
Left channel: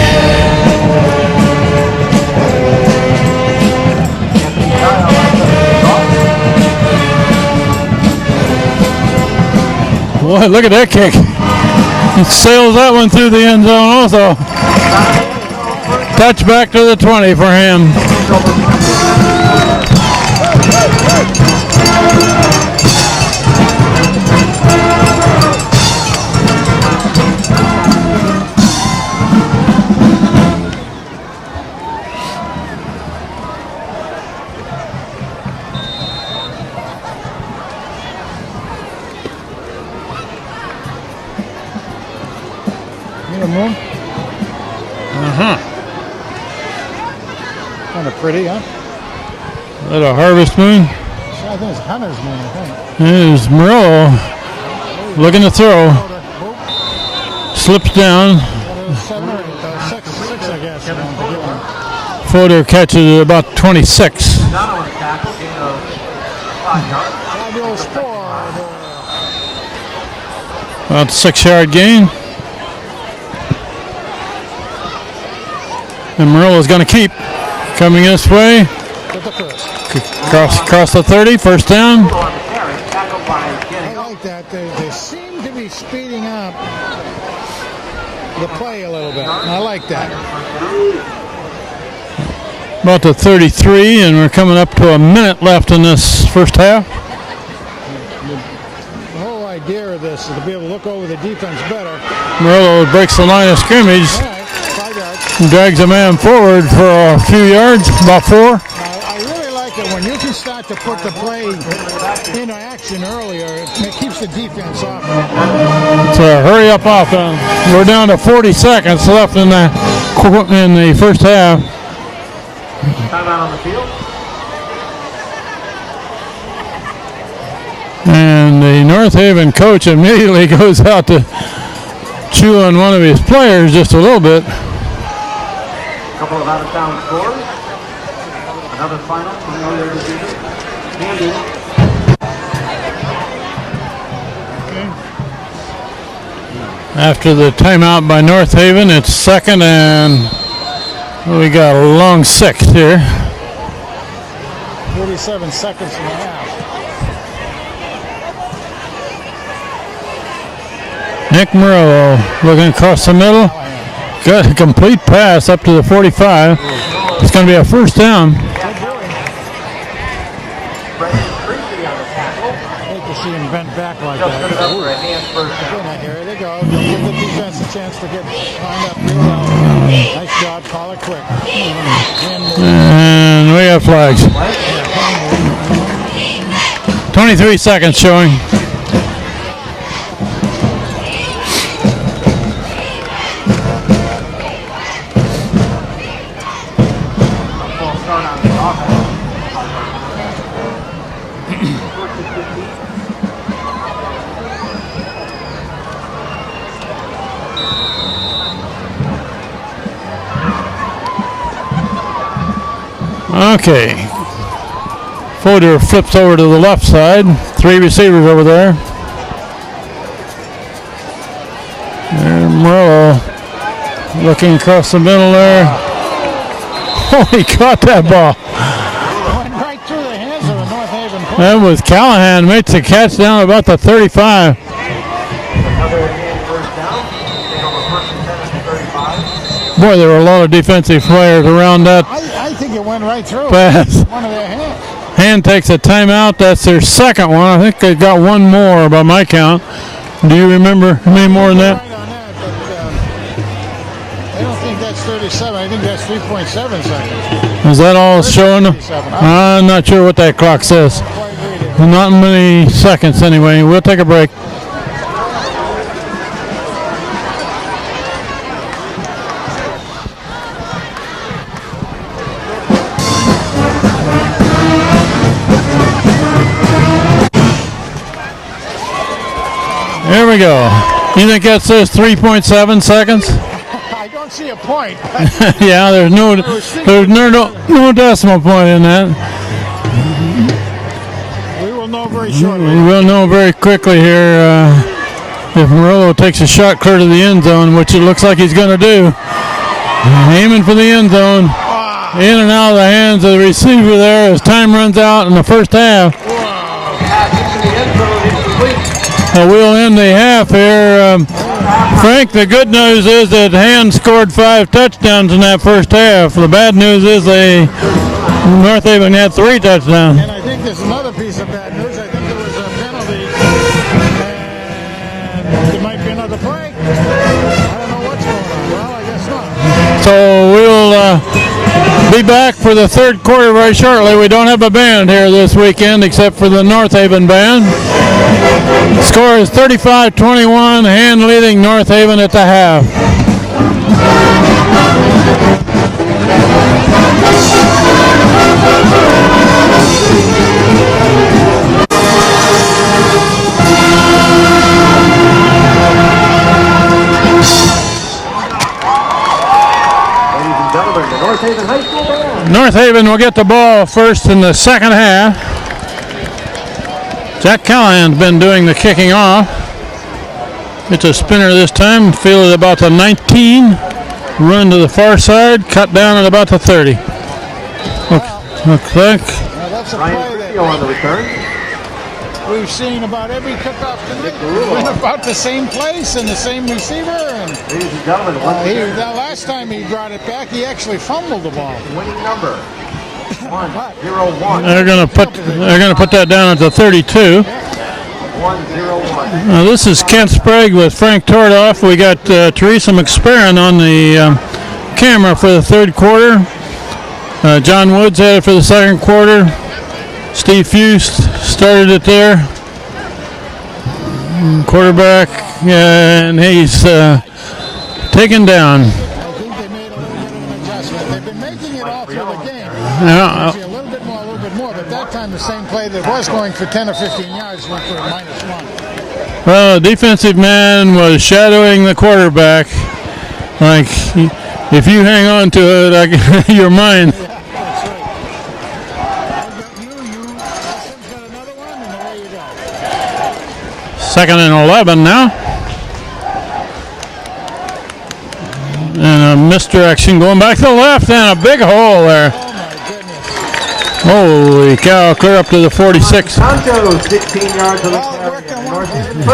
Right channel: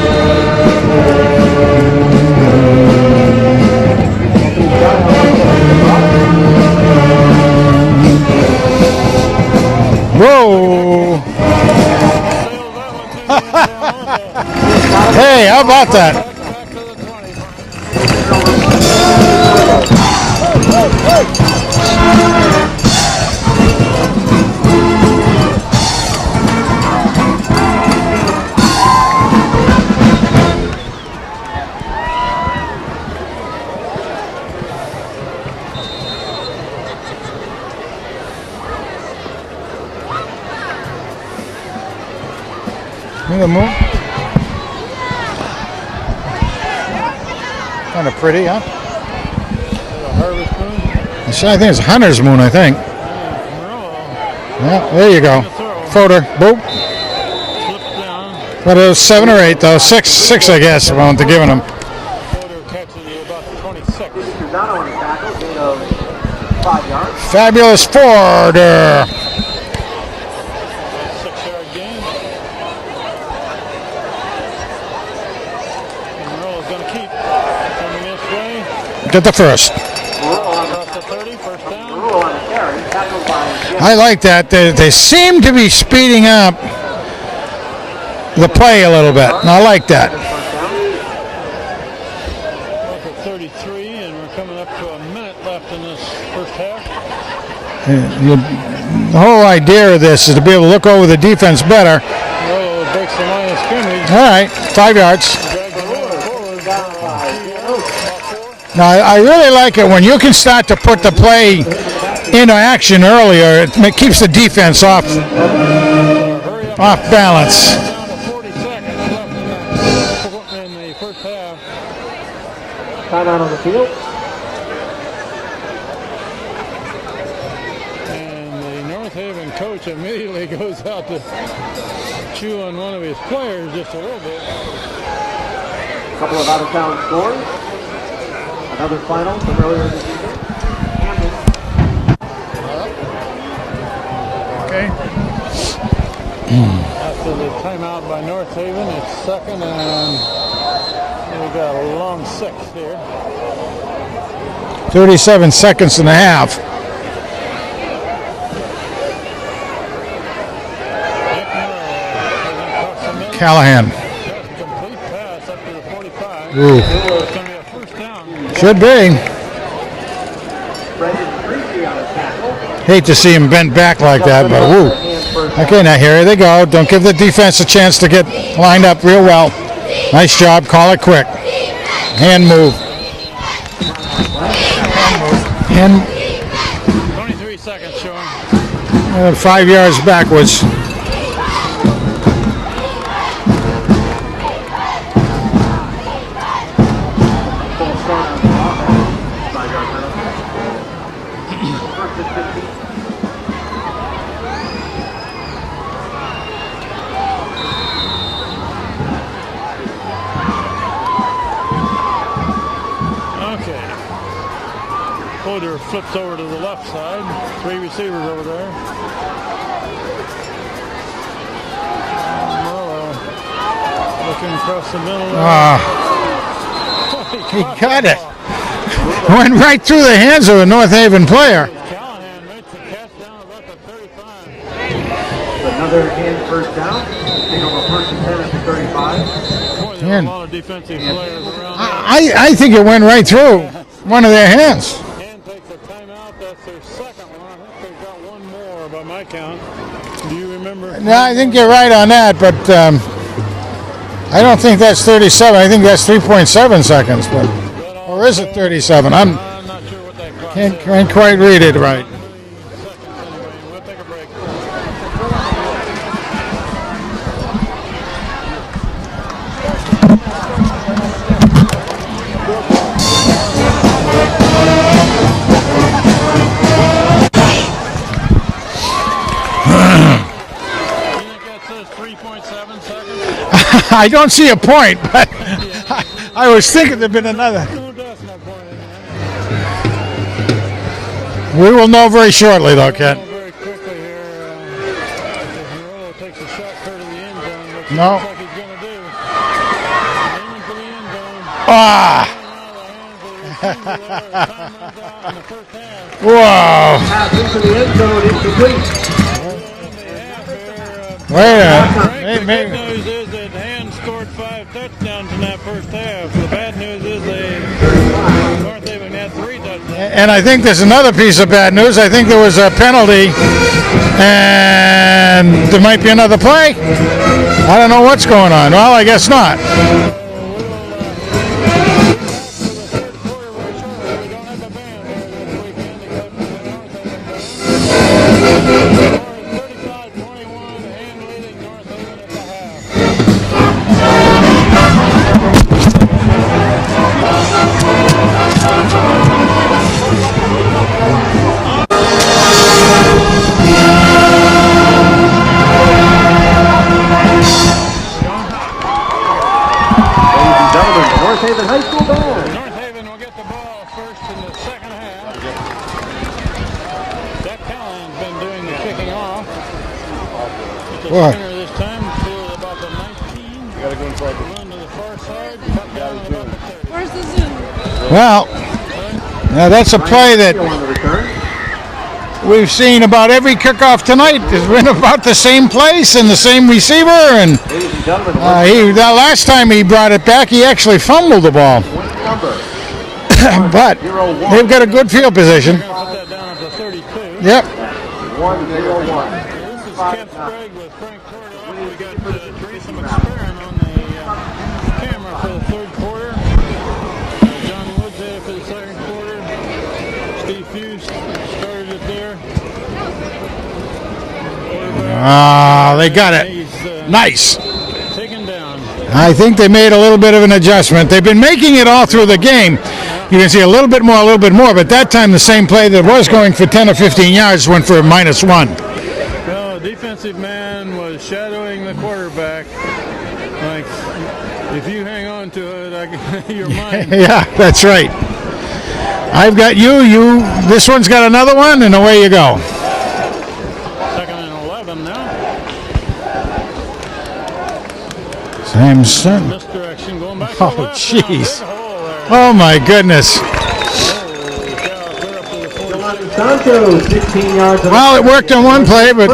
That kick. He sails that one through the end zone also. Hey, how about that? Touchback to the 20 for him. The moon? Kind of pretty, huh? Little harvest moon. I think it's Hunter's moon, I think. There's Murillo Yeah, there you looking go. to throw. Photo. Boop. Slips down. But it was 7 or 8, though. Six, I guess, if I want to give him. Fodor catches it about 26. Down on the tackle, gain of 5 yards. Fabulous Forder. About 6-yard gain. And Murillo's going to keep coming this way. Get the first. Cross the 30, first down. On the carry, tackled by Jim. I like that. They seem to be speeding up the play a little bit, and I like that. About the 33, and we're coming up to a minute left in this first half. The whole idea of this is to be able to look over the defense better. Murillo breaks the line of scrimmage. All right, 5 yards. And drags a man forward for a few yards, about 4. Now, I really like it when you can start to put the play into action earlier. It keeps the defense off. So hurry up Off offense. balance. We're down to 40 seconds left in the first half. Timeout on the field. And the North Haven coach immediately goes out to chew on one of his players just a little bit. A couple of out-of-town scores. Another final for those. Okay. After the timeout by North Haven, it's second and we got a long 6 here. 37 seconds and a half. Nick Murillo looking across the middle. Callahan. Good, a complete pass up to the 45. It's going to be a first down. Should be. Brendan Freaky on the tackle. Hate to see him bent back like that, but woo. Okay, now here they go. Don't give the defense a chance to get lined up real well. Nice job. Call it quick. Hand move. And we have flags. And 23 seconds showing. 5 yards backwards. False start on the offense. 5-yard penalty. Okay. Fodor flips over to the left side. 3 receivers over there. And Murillo looking across the middle there. Oh, he caught that ball. Went right through the hands of a North Haven player. That was Callahan. Makes the catch down about the 35. Another again first down. Take over first and 10 at the 35. Boy, there were a lot of defensive players around that. I think it went right through Pass. one of their hands. Hand takes a timeout. That's their second one. I think they got one more by my count. Do you remember Well, I any more think than you're that? right on that, but I don't think that's 37. I think that's 3.7 seconds. But Is that all Or is it showing? 37? I'm not sure what that clock says. Can't quite read it right. Not many seconds anyway. We'll take a break. Here we go. You think that says 3.7 seconds? I don't see a point. Yeah, there's no. I was thinking there's that no, there's no decimal point in that. We will know very shortly, We'll though. know very quickly here if Murillo takes a shot clear to the end zone, which it looks like he's going to do. Aiming for the end zone. In and out of the hands of the receiver there as time runs out in the first half. Whoa. Pass into the end zone, incomplete. We'll end the half here. Frank, the good news is that Hand scored 5 touchdowns in that first half. The bad news is North Haven had 3 touchdowns. And I think there's another piece of bad news. I think there was a penalty, and there might be another play. I don't know what's going on. Well, I guess not. So we'll be back for the third quarter very shortly. We don't have a band here this weekend except for the North Haven band. Score is 35-21, Hand leading North Haven at the half. North Haven will get the ball first in the second half. Jack Callahan's been doing the kicking off. It's a spinner this time. Field at about the 19. Run to the far side. Cut down at about the 30. Well, looks like. Now that's a play that we've seen about every kickoff tonight. It's been about the same place and the same receiver. And the last time he brought it back, he actually fumbled the ball. But they've got a good field position. They're going to put that down at the 32. Yep. Now this is Kent Sprague with Frank Tordoff. We got Teresa McSparron on the camera for the third quarter. John Woods had it for the second quarter. Steve Fust started it there. Quarterback. They got it. He's nice. Taken down. I think they made a little bit of an adjustment. They've been making it all through the game. You can see a little bit more, but that time the same play that was going for 10 or 15 yards went for -1. Well, the defensive man was shadowing the quarterback. Like, if you hang on to it, you're mine. Yeah, that's right. I've got you. This one's got another one, and away you go. 2nd and 11 now. And misdirection going back to the left, and a big hole there. Oh my goodness. Holy cow, clear up to the 46. Well, it worked on one play, but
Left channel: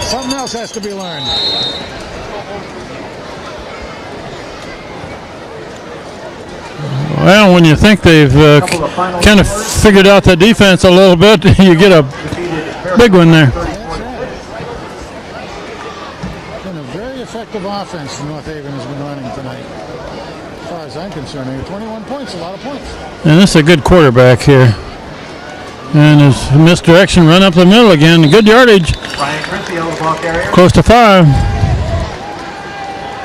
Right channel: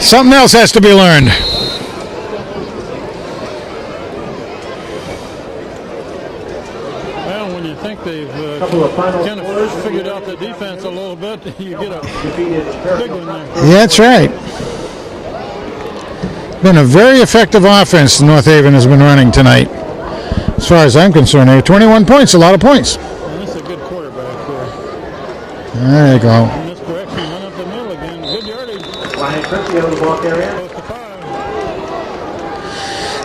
something else has to be learned. Well, when you think they've kind of figured out the defense a little bit, you get a big one there. Yeah, that's right. Been a very effective offense North Haven has been running tonight. As far as I'm concerned, here 21 points, a lot of points. And this is a good quarterback here. And his misdirection, run up the middle again. Good yardage. Close to 5.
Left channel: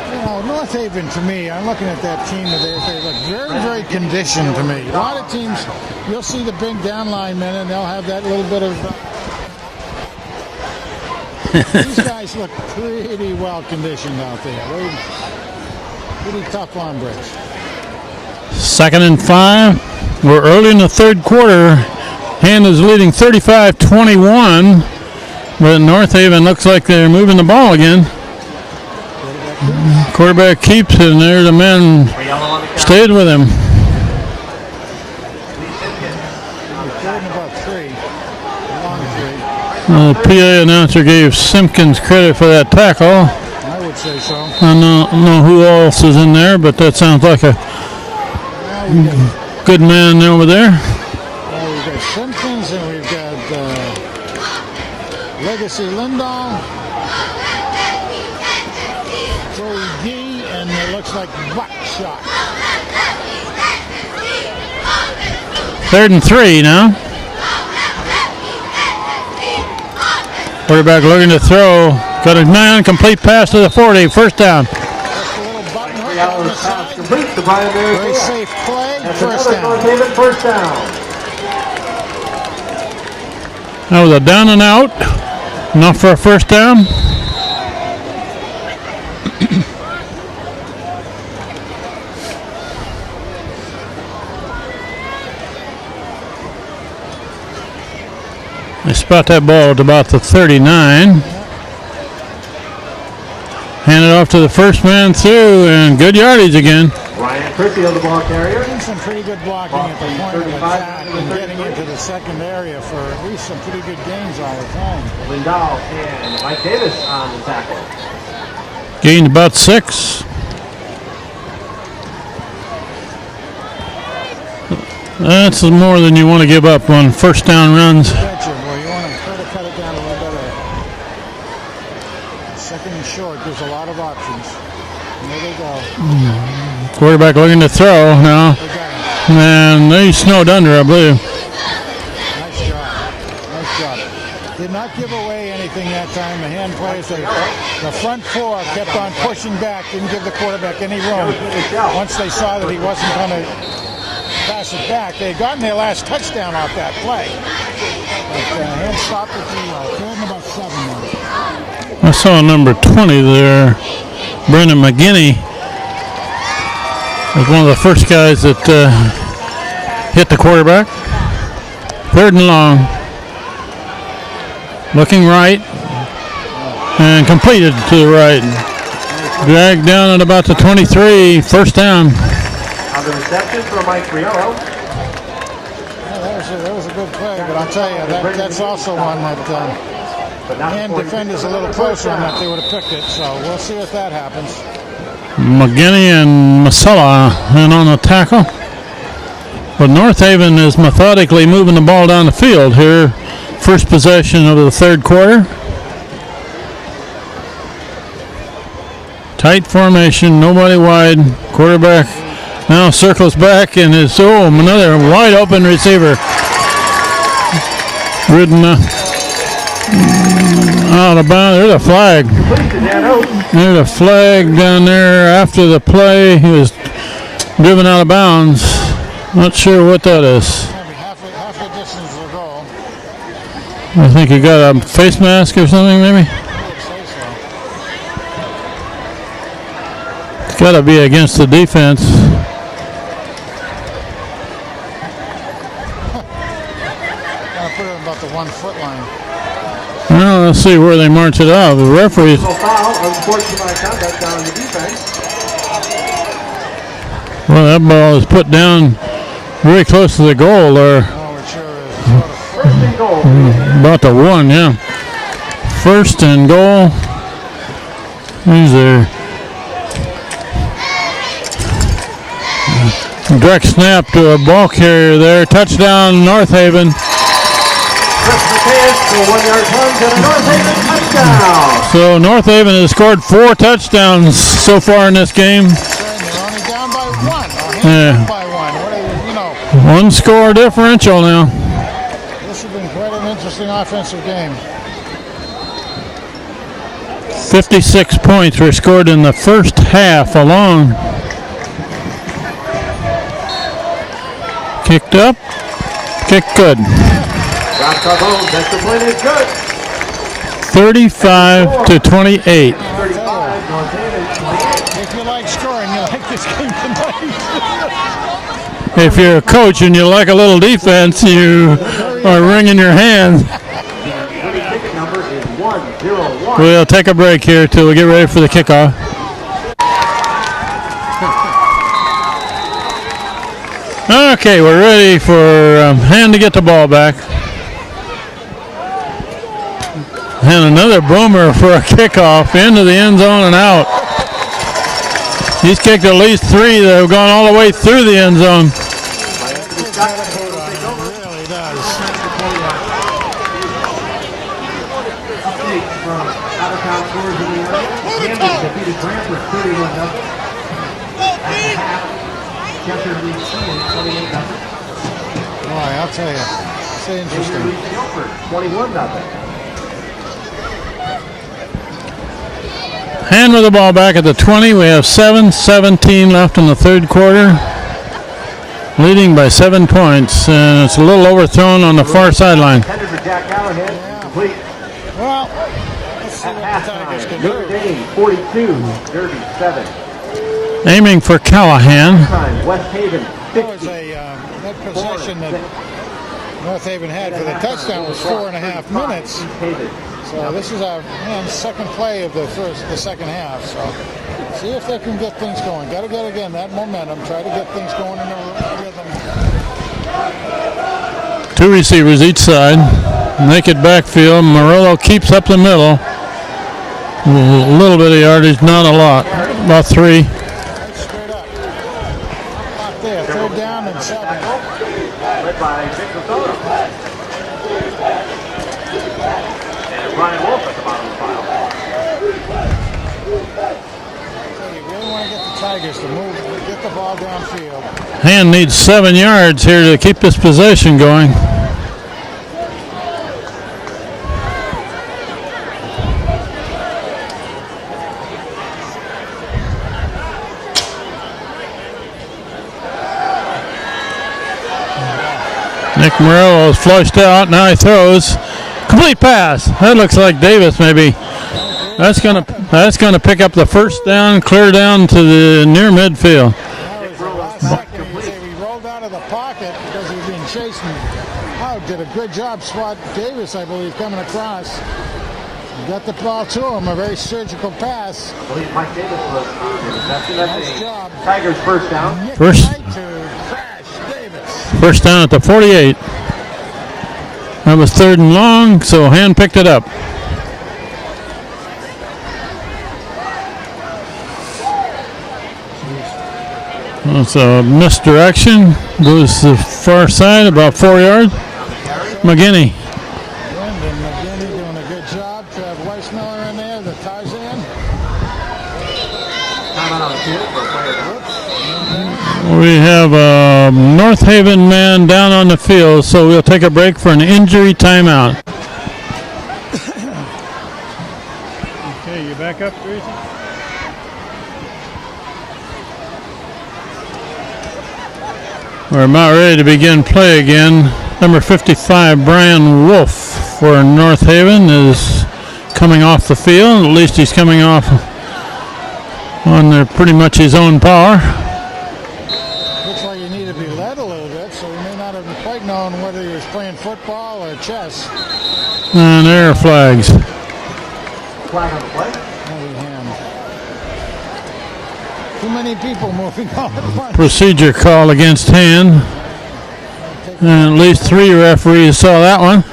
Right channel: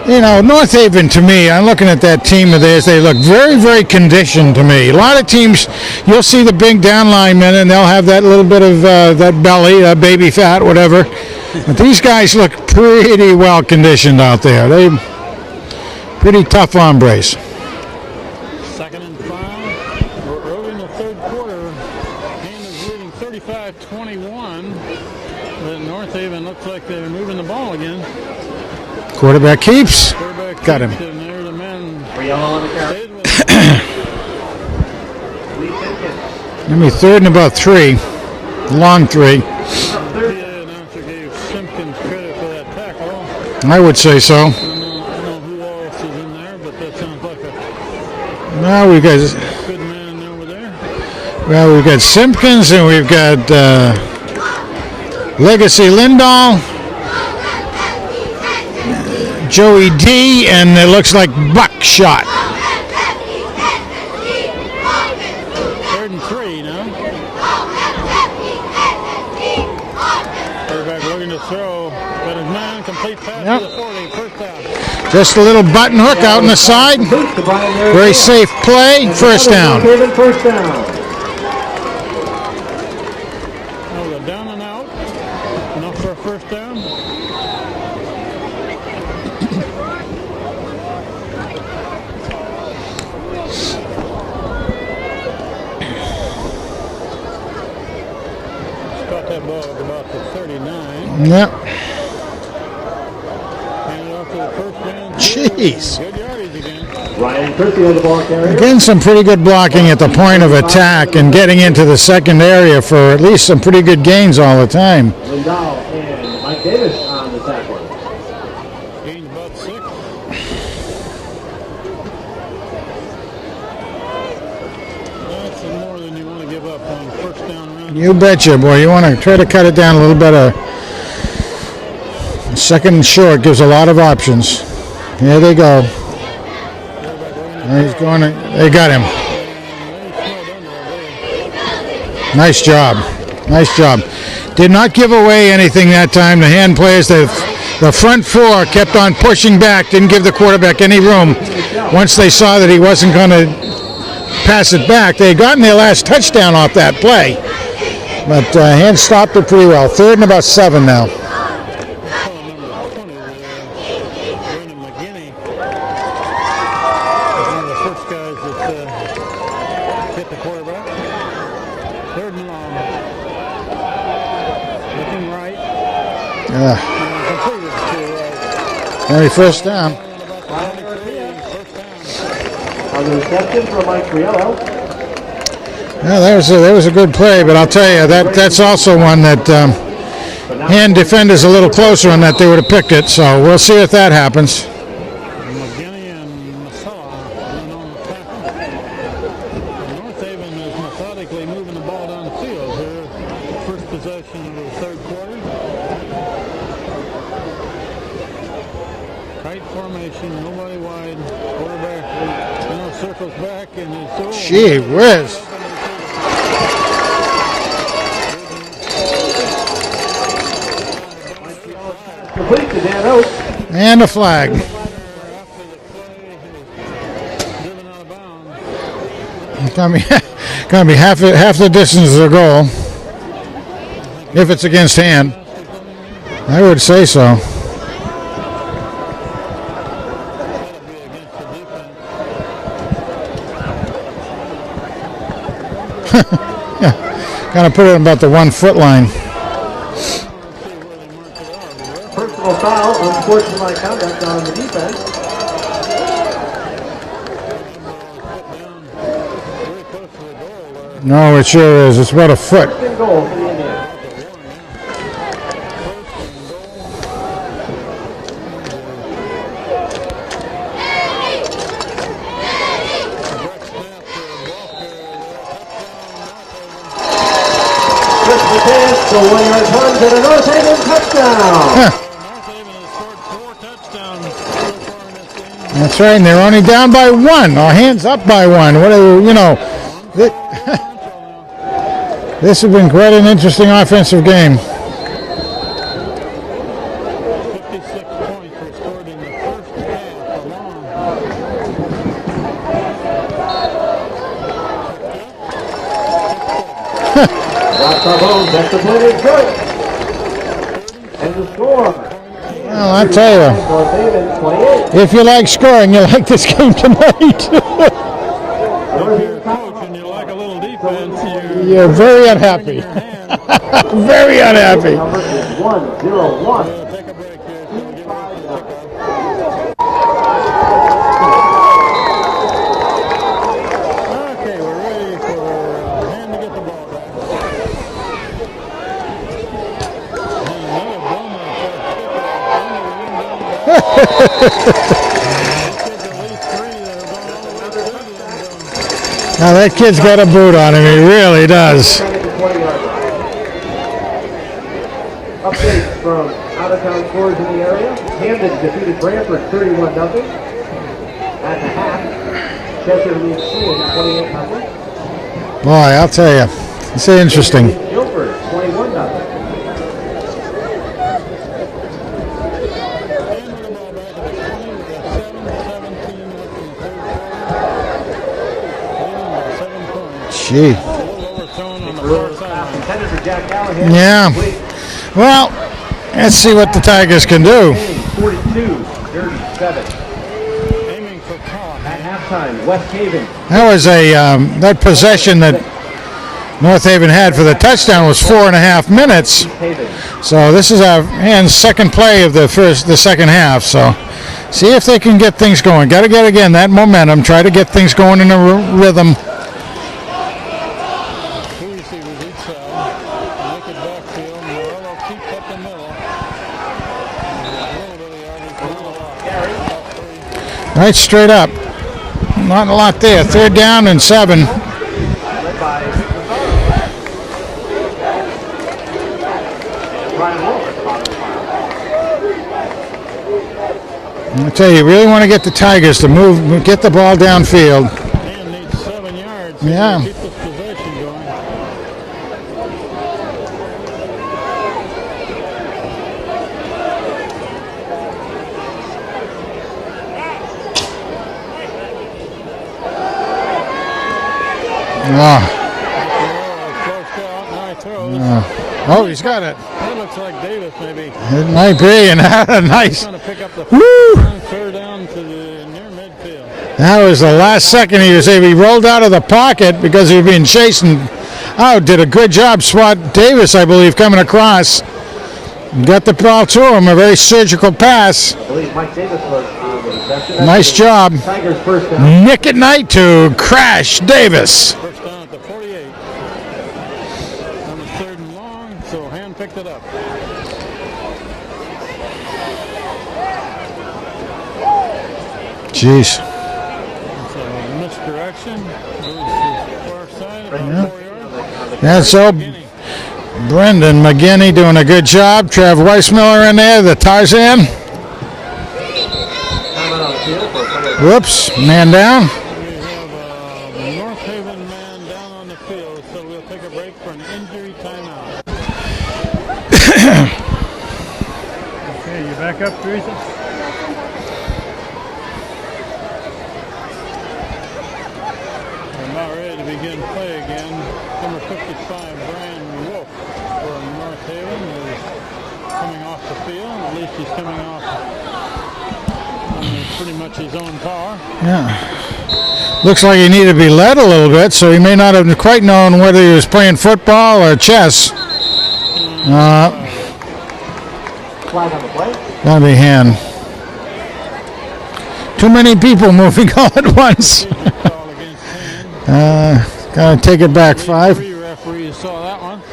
You know, North Haven, to me, I'm looking at that team of theirs, they look very, very conditioned to me. A lot of teams, you'll see the big down linemen, and they'll have that little bit of that belly, baby fat, whatever. But these guys look pretty well conditioned out there. They pretty tough hombres. 2nd and 5. We're early in the third quarter. Hand is leading 35-21, but North Haven looks like they're moving the ball again. Quarterback keeps. And there the man stayed with him. Give me 3rd and about 3. Long 3. The PA announcer gave Simpkins credit for that tackle. I would say so. I don't know who else is in there, but that sounds like a we've got good man over there. Well, we've got Simpkins and we've got Legacy Lindahl, Joey D, and it looks like Buckshot. 3rd and 3 now. Quarterback looking to throw. Got a man, complete pass to the 40. First down. Just a little button hook out on the side. Very safe play. First down. That was a down and out. Enough for a first down. They spot that ball at about the 39. Yep. Hand it off to the first man through, and good yardage again. Ryan Christie on the ball carrier. Getting some pretty good blocking at the point of attack and getting into the second area for at least some pretty good gains all the time. Lindell and Mike Davis on the tackle. Gained about 6. That's more than you want to give up on first down runs. You betcha, boy. You want to try to cut it down a little better. Second and short gives a lot of options. There they go. Quarterback looking to throw now. They got him. And they snowed under, I believe. Nice job. Nice job. Did not give away anything that time. The hand players, the front four kept on pushing back, didn't give the quarterback any room. Once they saw that he wasn't going to pass it back, they had gotten their last touchdown off that play. But hand stopped it pretty well. 3rd and about 7 now. I saw number 20 there, Brendan McGinney, was one of the first guys that hit the quarterback. 3rd and long. Looking right. And completed to the right. Dragged down at about the 23, first down. On the reception from Mike Friello. Yeah, that was a good play, but I'll tell you, that's also one that hand defenders a little closer on that, they would have picked it, so we'll see if that happens. McGinney and Masella in on the tackle. But North Haven is methodically moving the ball down the field here. First possession of the 3rd quarter. Tight formation, nobody wide. Quarterback now circles back and is another wide open receiver. Ridden out of bounds. There's a flag. There's a flag down there after the play. He was driven out of bounds. Not sure what that is. Gonna be half the distance of the goal. I think he got a face mask or something, maybe. I would say so. It's got to be against the defense. Yeah, gotta put it about the 1 foot line. Well, let's see where they march it out. The referees. Well, that ball is put down very close to the goal there. No, it sure is. It's about a foot. About the 1, yeah. 1st and goal. Who's there? Direct snap to a ball carrier there. Touchdown, North Haven. So North Haven has scored 4 touchdowns so far in this game. That's right, and they're only down by 1, or hands up by 1. What are, 1 score differential now. This has been quite an interesting offensive game. 56 points were scored in the first half alone. Kicked up, kicked good. 35-28. Well, I'll tell you, if you like scoring, you like this game tonight. If you're a coach and you like a little defense, you are wringing your hands. Very unhappy. We'll take a break here till we get ready for the kickoff. Okay, we're ready for Hand to get the ball back. And another boomer for a kickoff into the end zone and out. He's kicked at least 3 that have gone all the way through the end zone. Now that kid's got a boot on him. He really does. Update from out-of-town scores in the area. Camden defeated Brantford 31-0. At the half, Chester leads Keene 28-0. Boy, I'll tell you, it's interesting. Guilford 21-0. Hand with the ball back at the 20. We have 7:17 left in the 3rd quarter. Leading by 7 points. And it's a little overthrown on the far sideline. Yeah. Well, let's see what the Tigers can do. 42-37. Aiming for Callahan. That was that possession that North Haven had for the touchdown was 4.5 minutes. So this is our Hand's second play of the second half. So See if they can get things going. Got to get, again, that momentum. Try to get things going in a rhythm. 2 receivers each side. Naked backfield. Murillo keeps up the middle. A little bit of yardage, not a lot. About 3. Right straight up. Not a lot there. 3rd down and 7. I tell you, you really want to get the Tigers to move, get the ball downfield. Hand needs 7 yards here to keep this possession going. Nick Murillo is flushed out. Now he throws. Complete pass. That looks like Davis, maybe. It might be. That's going to pick up the first down, clear down to the near midfield. That was the last second he rolled out of the pocket because he was being chased and did a good job. Swat Davis, I believe, coming across. Got the ball to him. A very surgical pass. Nice job. Nick at night to Crash Davis. First down at the 48. That was 3rd and long, so Hand picked it up. Jeez. That's a misdirection. Goes to the far side, about 4 yards. That's so. McGinney. Brendan McGinney doing a good job. Trav Weissmiller in there, the Tarzan. Whoops, man down. We have a North Haven man down on the field, so we'll take a break for an injury timeout. Okay, you back up, Teresa? We're about ready to begin play again. Number 55, Brian Wolf for North Haven is coming off the field. At least he's coming off on pretty much his own power. Yeah. Looks like he needed to be led a little bit, so he may not have quite known whether he was playing football or chess. And there are flags. Flag on the play. That'll be Hand. Too many people moving all at once. Procedure call against Hand. Gotta take it back. At least 5. 3 referees saw that one.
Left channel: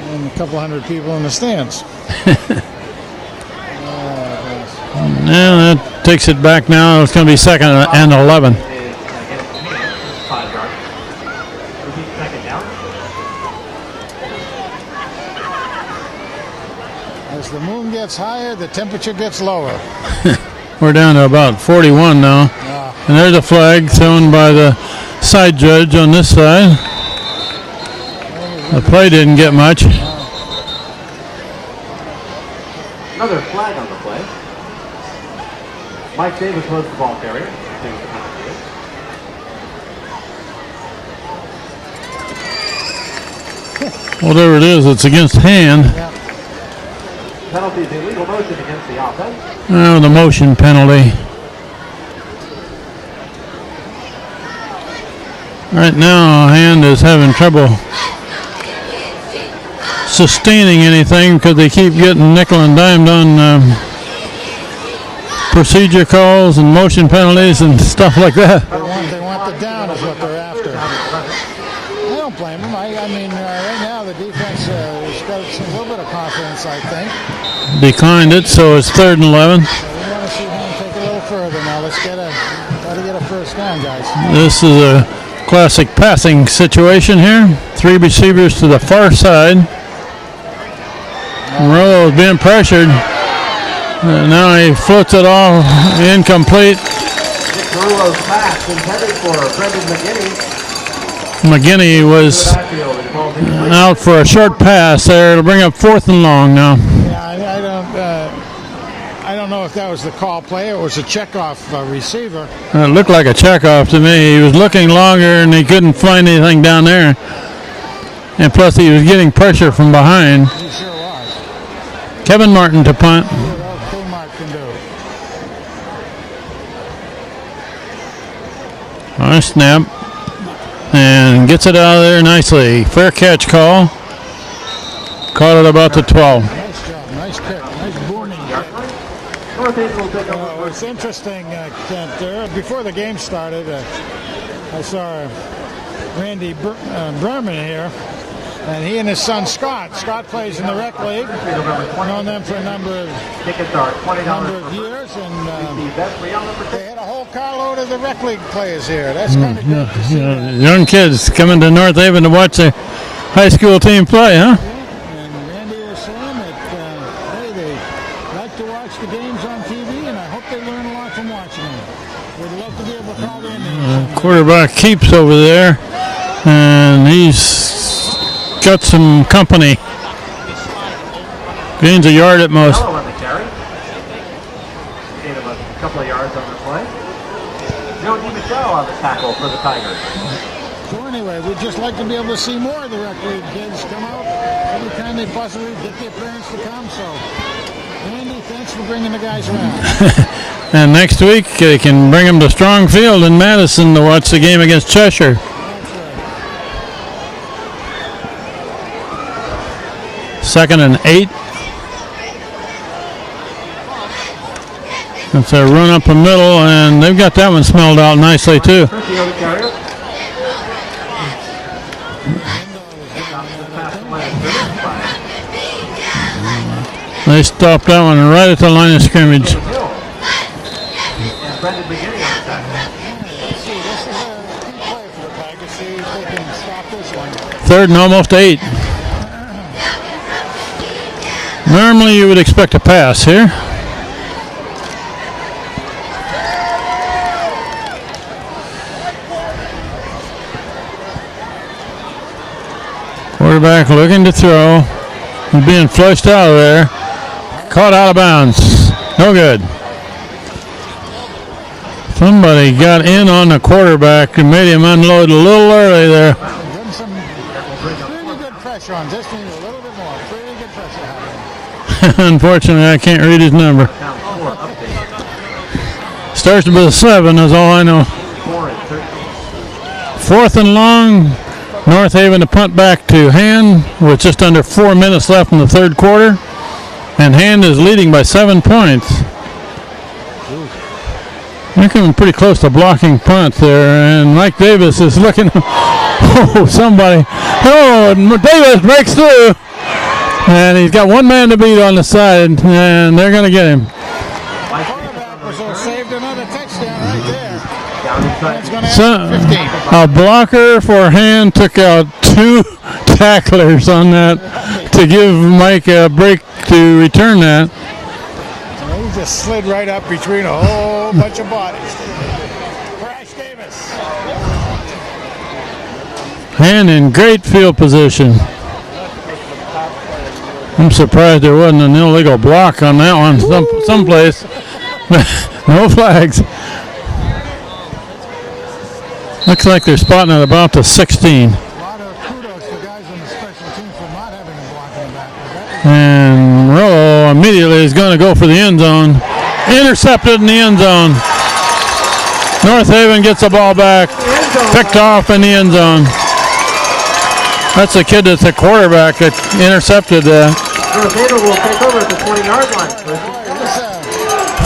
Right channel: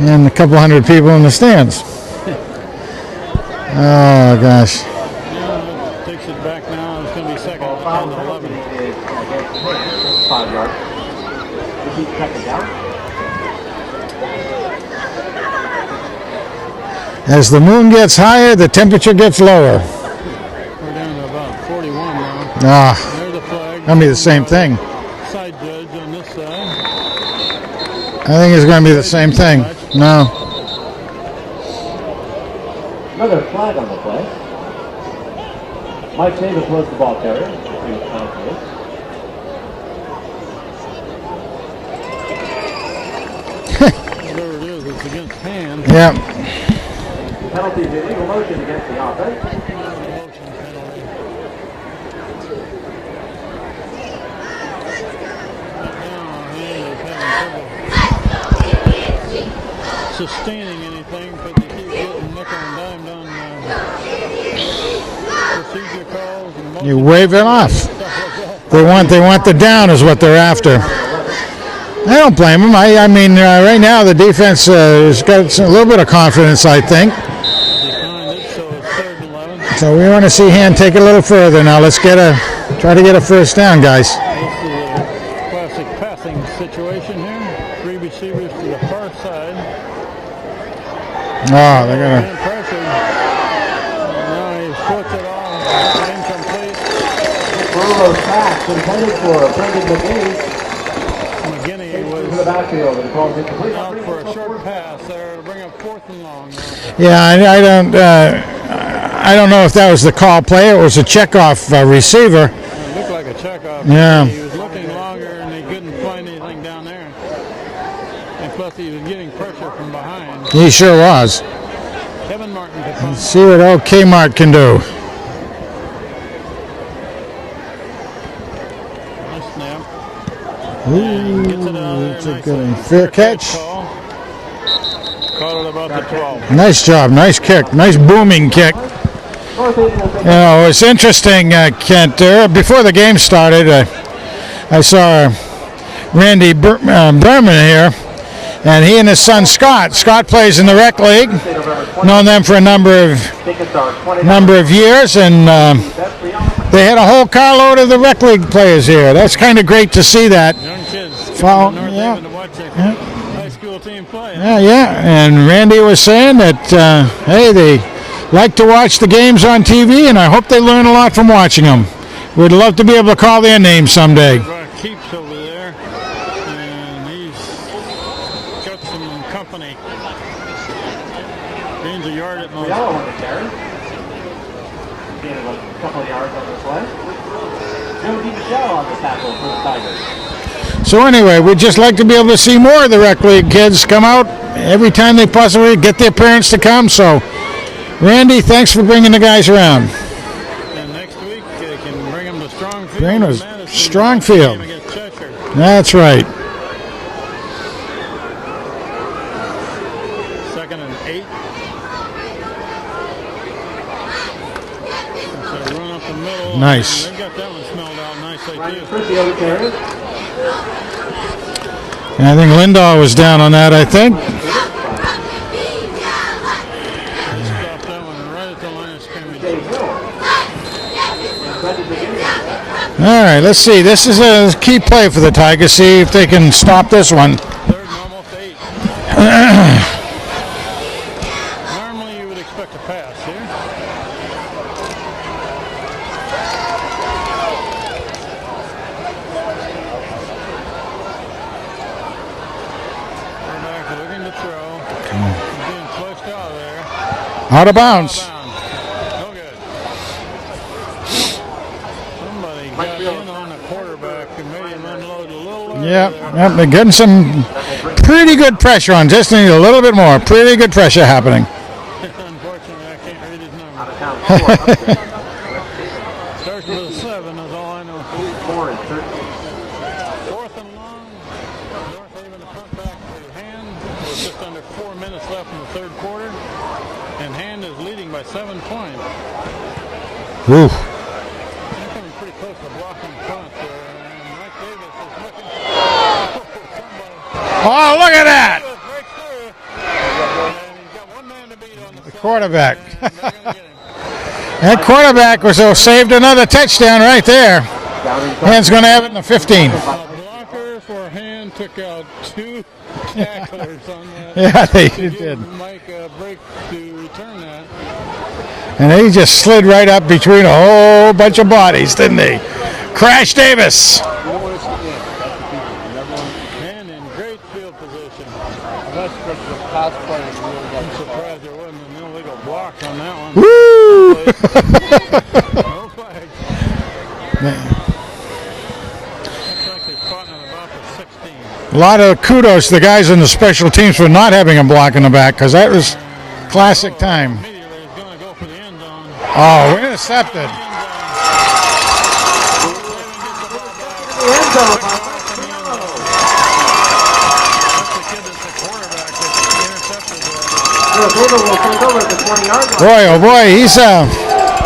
And a couple hundred people in the stands. Oh, gosh. Yeah, that takes it back now. It's going to be 2nd and 11. 5 yards. 2nd down. As the moon gets higher, the temperature gets lower. We're down to about 41 now. And there's a flag thrown by the side judge on this side. I think it's going to be the same thing. Play didn't get much. No. Another flag on the play. Mike Davis was the ball carrier. Whatever it is, it's against Hand. Yeah. Penalty is illegal motion against the offense. The motion penalty. Right now, Hand is having trouble sustaining anything because they keep getting nickel and dimed on procedure calls and motion penalties and stuff like that. They want the down is what they're after. I don't blame them. I mean, right now the defense has got a little bit of confidence, I think. Declined it, so it's 3rd and 11. So we want to see Hand take it a little further now. Let's try to get a first down, guys. This is a classic passing situation here. 3 receivers to the far side. Murillo being pressured. Now he floats it all incomplete. Murillo's pass intended for Brendan McGinney. McGinney was out for a short pass there. It'll bring up 4th and long now. Yeah, I don't know if that was the call play. It was a checkoff receiver. It looked like a checkoff to me. He was looking longer and he couldn't find anything down there. And plus he was getting pressure from behind. He sure was. Kevin Martin to punt. See what old Kmart can do. Nice snap. And gets it out of there nicely. Fair catch call. Caught it about the 12. Nice job. Nice kick. Nice booming kick. It's interesting, Kent. Before the game started, I saw Randy Berman here, and he and his son Scott. Scott plays in the rec league. Known them for a number of years, and they had a whole carload of the rec league players here. That's kind of great to see that. Young kids coming to North Haven to watch the high school team play, huh? Yeah, and Randy was saying that, hey, they like to watch the games on TV, and I hope they learn a lot from watching them. We'd love to be able to call their names someday. Quarterback Keeps over there, and he's got some company. Gains a yard at most. On the carry. Gain of a couple of yards on the play. No DeMichelle on the tackle for the Tigers. So anyway, we'd just like to be able to see more of the rec league kids come out every time they possibly get their parents to come. So, Randy, thanks for bringing the guys around. And next week they can bring them to Strong Field in Madison to watch the game against Cheshire. That's right. 2nd and 8. That's a run up the middle, Nice. and they've got that one smelled out nicely too. I think Lindahl was down on that, I think. They stopped that one right at the line of scrimmage. All right, let's see. This is a key play for the Tigers. See if they can stop this one. 3rd and almost 8. Normally you would expect a pass here. Quarterback looking to throw. He's being flushed out of there. Out of Caught bounds. out of bounds. No good. Somebody got in on the quarterback and made him unload a little early there. Yep, they're getting some pretty good pressure on. Just need a little bit more. Pretty good pressure happening. Unfortunately, I can't read his number. Starts with a 7 is all I know. 4th and long. North Haven to punt back to Hand with just under 4 minutes left in the 3rd quarter. And Hand is leading by 7 points. Ooh. They're coming pretty close to blocking punt there. And Mike Davis is looking. Oh, somebody. Oh, Davis breaks through. And he's got one man to beat on the side. And they're going to get him. That quarterback saved another touchdown right there. Hand's going to have 15. A blocker for Hand took out 2 tacklers on that to give Mike a break to return that. And he just slid right up between a whole bunch of bodies, didn't he? Crash Davis. Hand in great field position. I'm surprised there wasn't an illegal block on that one someplace. No flags. Looks like they're spotting at about the 16. A lot of kudos to the guys on the special teams for not having a block in the back, because that was and classic Monroe time. immediately is going to go for the end zone. Oh, Intercepted in the end zone. North Haven gets the ball back. Picked off in the end zone. That's the kid that's the quarterback that intercepted that. Boy, oh boy, he's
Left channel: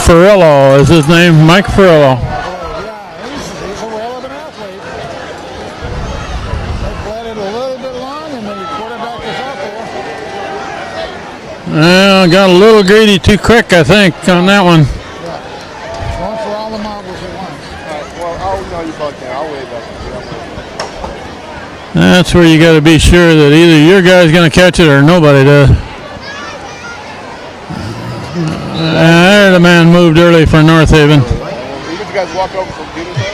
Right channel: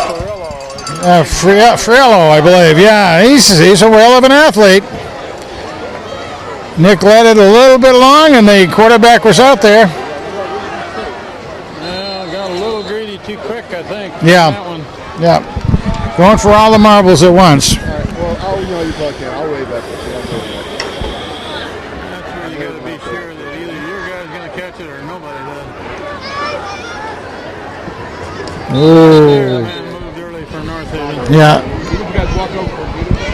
Ferrillo is his name. Mike Ferrillo, I believe. Yeah, he's a whale of an athlete. Nick led it a little bit long, and the quarterback was out there. Well, got a little greedy too quick, I think, on that one. Yeah. Going for all the marbles at once. That's where you got to be sure that either your guy's going to catch it or nobody does. There, the man moved early for North Haven. Yeah.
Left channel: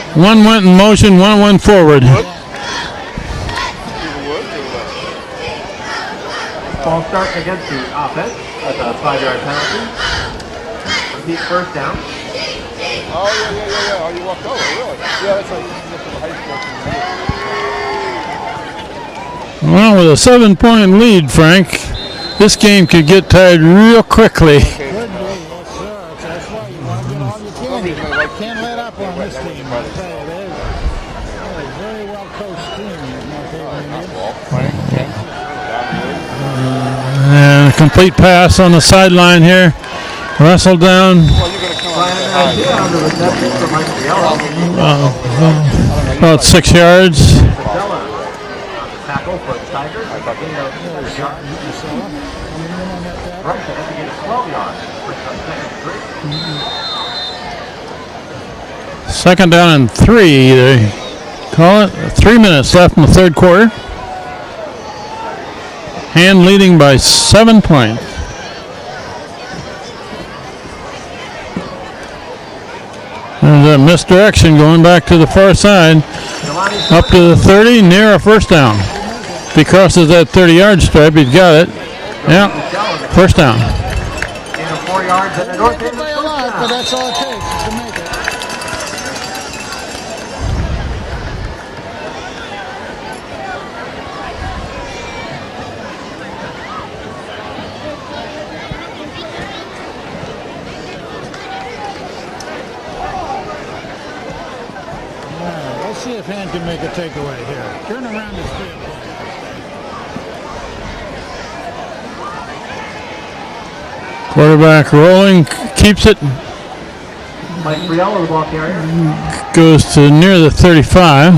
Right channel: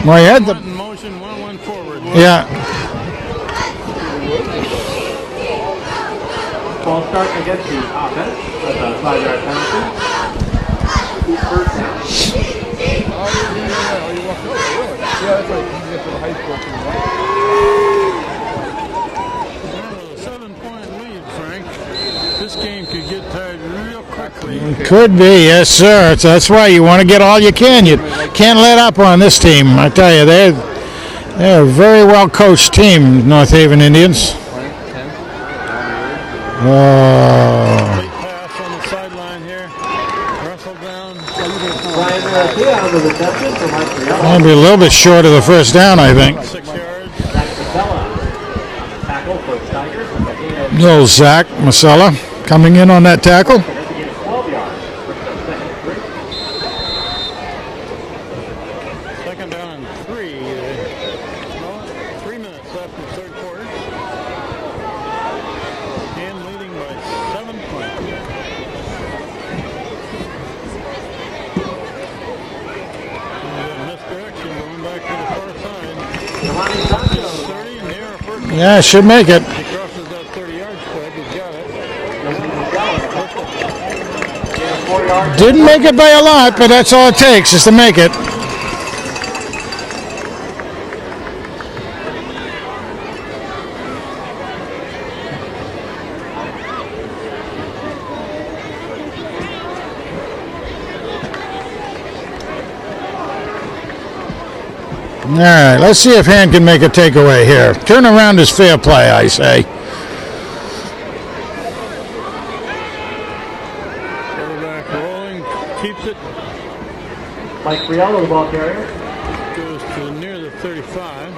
One went in motion, one went forward. Yeah. Ball start against the offense at the 5-yard penalty. Deep first down. Oh, you walked over, really? Yeah, that's right. You get to the high school team. Well, with a 7-point lead, Frank, this game could get tied real quickly. Could be, yes, sir. That's why you want to get all you can. You can't let up on this team. I tell you, they're a very well coached team, North Haven Indians. And a complete pass on the sideline here. Wrestled down. That'll be a little bit short of the first down, I think. About 6 yards. Little Zach Masella coming in on that tackle. Second down and 3, they call it. 3 minutes left in the third quarter. Hand leading by 7 points. There's a misdirection going back to the far side. Up to the 30, near a first down. Yeah, should make it. If he crosses that 30-yard stripe, he's got it. Yeah, first down. Didn't make it by a lot, but that's all it takes is to make it. All right, let's see if Hand can make a takeaway here. Turn around is fair play, I say. Quarterback rolling, keeps it, Mike Friello, the ball carrier. goes to near the 35.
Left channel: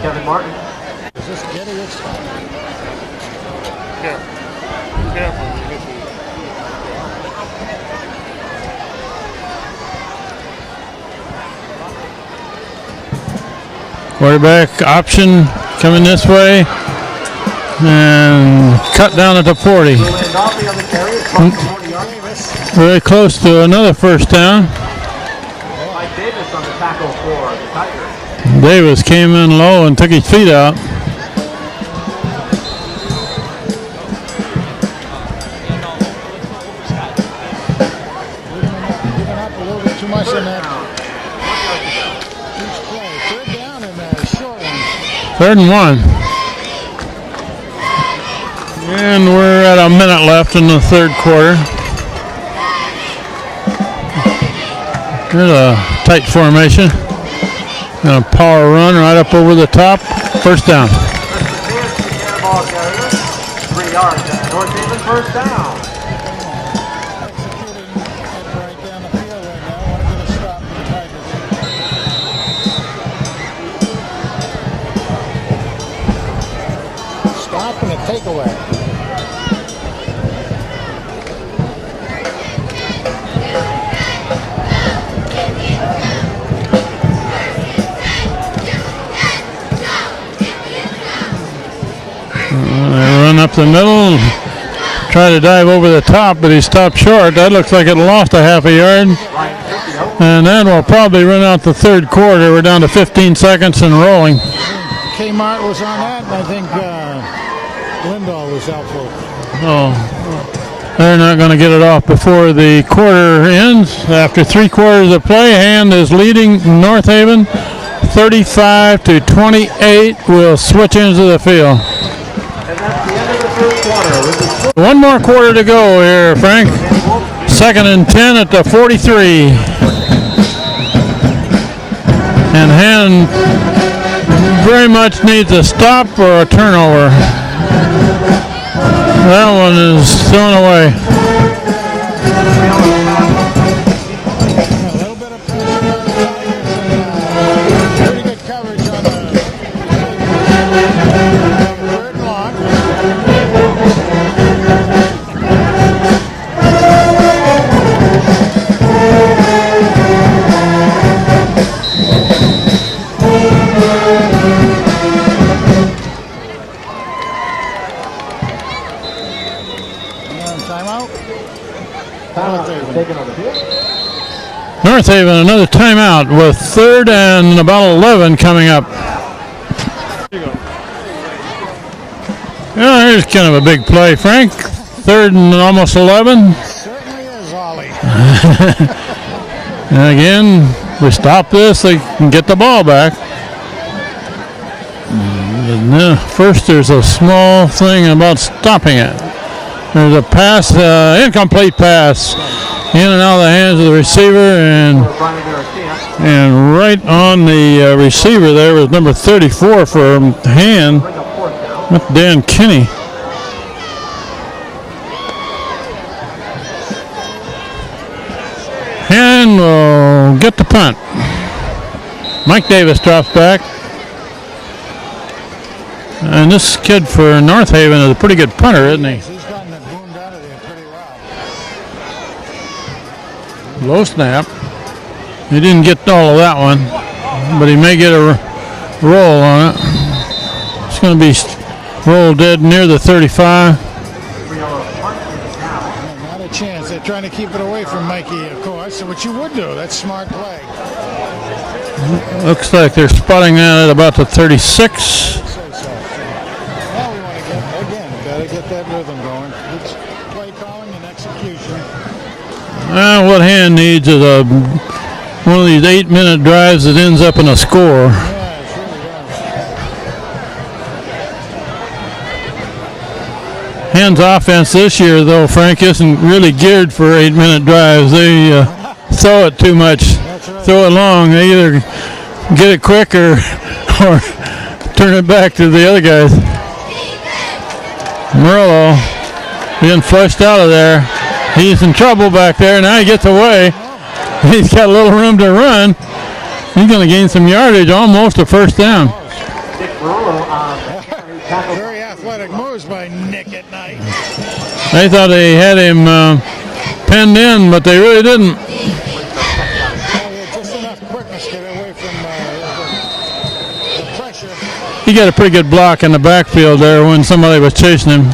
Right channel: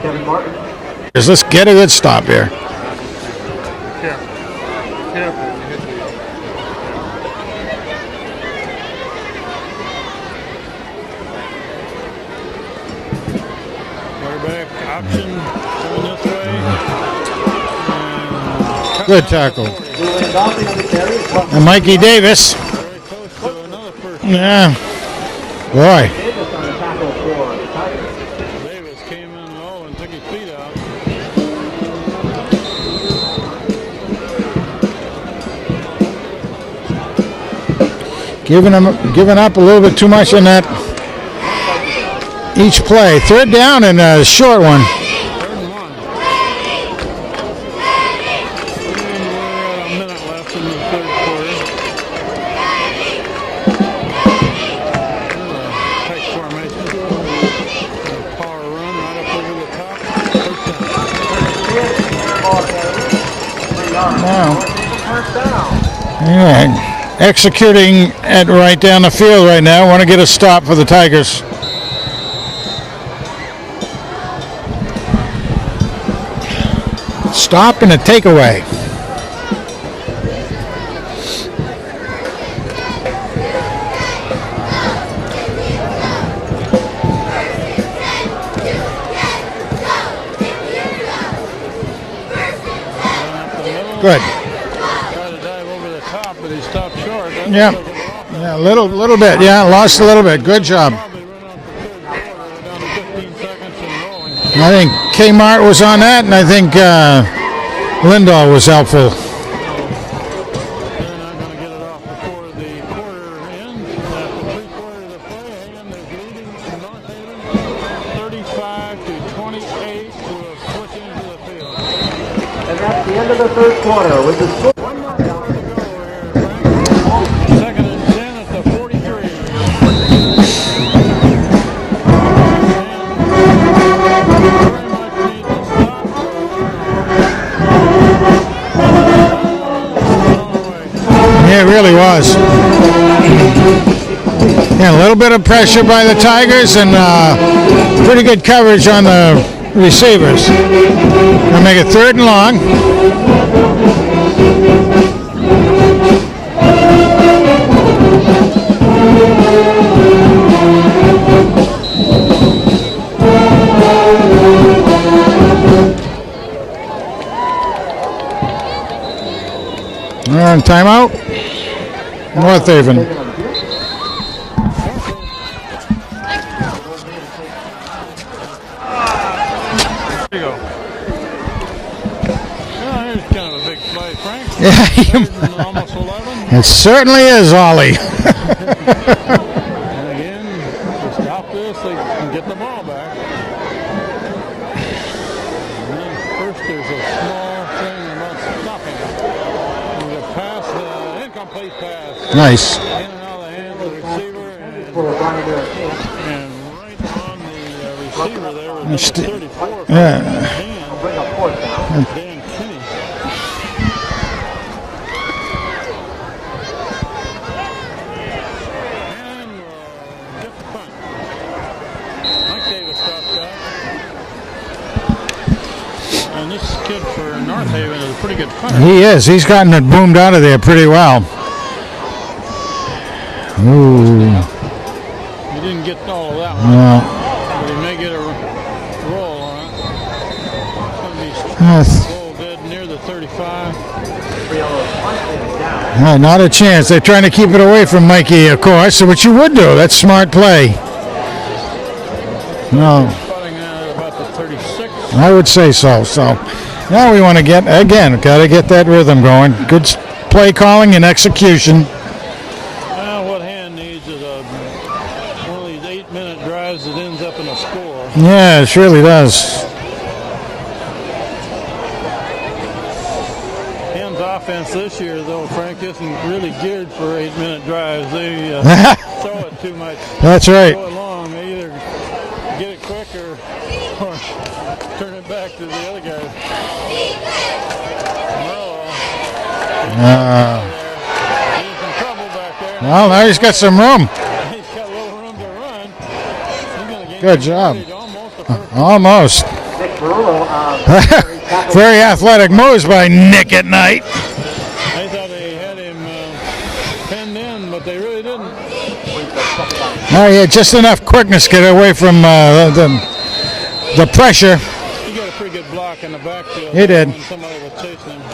Kevin Martin. Let's get a good stop here. Quarterback option coming this way. And cut Good down at the tackle. 40. Landolfi on the carry. And Mikey Davis. Very close to another first down. Boy, Davis on the tackle for the Tigers. Davis came in low and took his feet out. giving up a little bit too much in that each play. Third down and a short one. 3rd and 1. And we're at a minute left in the third quarter. There's a tight formation. And a power run right up over the top. First down. Ball carrier. 3 yards. First down. Yeah, executing it right down the field right now. Want to get a stop for the Tigers. Stop and a takeaway. Run up the middle. Try to dive over the top, but he stopped short. That looks Yep. like it lost a half a A yard. little bit, yeah, lost a little bit. And Good then we'll job. probably run out the third quarter. We're down to 15 seconds and rolling. I think Kmart was on that, and I think Lindahl was helpful. Oh, they're not going to get it off before the quarter ends. After 3 quarters of play, Hand is leading North Haven 35-28. We'll switch into the field. And that's the end of the third quarter with the 1 more quarter to go here, Frank. 2nd and 10 at the 43. And Hand very much needs a stop or a turnover. That one is thrown away. Yeah, it really was. Yeah, a little bit of pressure by the Tigers and pretty good coverage on the receivers. They'll make it 3rd and long. Timeout. North Haven. North Haven, another timeout with 3rd and about 11 coming up. Here we go. Yeah, here's kind of a big play, Frank. 3rd and almost 11. It certainly is, Ollie. And again, we stop this, they can get the ball back. And then first, there's a small thing about stopping it. There's a pass, incomplete pass. Nice. In and out of the hands of the receiver, and right on the receiver there was number 34 for Hand, Dan Kinney. Brandon will get the punt. Mike Davis drops back. And this kid for North Haven is a pretty good punter. He is. He's gotten it boomed out of there pretty well. Low snap. He didn't get all of that one, but he may get a roll on it. It's going to be rolled dead near the 35. Not a chance. They're trying to keep it away from Mikey, of course, which you would do. That's smart play. Looks like they're spotting that at about the 36. I would say so. So now we want to got to get that rhythm going. Good play calling and execution. What Hand needs is one of these 8-minute drives that ends up in a score. Yeah, it surely does. Hand's offense this year, though, Frank, isn't really geared for 8-minute drives. They throw it too much. That's right. Throw it long. They either get it quick or turn it back to the other guys. Murillo being flushed out of there. He's in trouble back there. Now he gets away. He's got some room. He's got a little room to run. He's going to gain some yardage, almost a first down. Almost. Very athletic moves by Nick at night. They thought they had him penned in, but they really didn't. Oh, yeah, just enough quickness to get away from the pressure. He got a pretty good block in the backfield there when somebody was chasing him.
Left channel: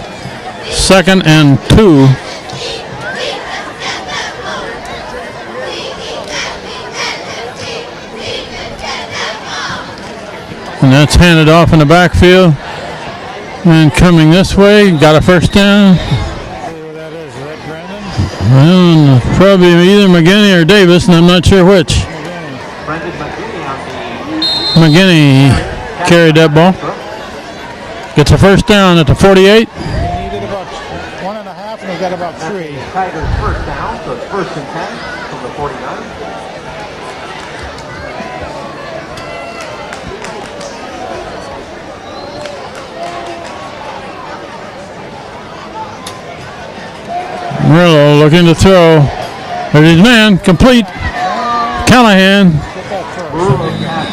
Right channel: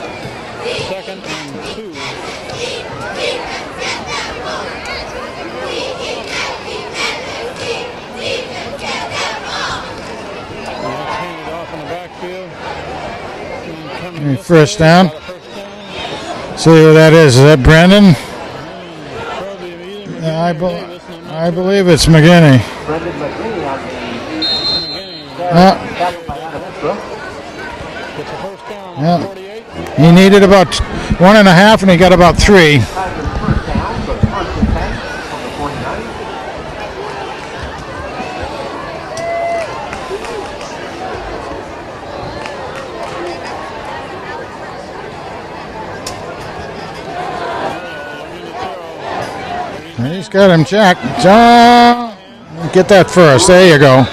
2nd and 2. And that's handed off in the backfield. And coming this way, got a first down. See who that is. Is that Brandon? Well, probably either McGinney or Davis, and I'm not sure which. It's McGinney. McGinney carried that ball. Gets a first down at the 48. He needed about 1.5, and he got about 3. Murillo looking to throw. There's his man. Complete. Callahan. Get that first. There you go.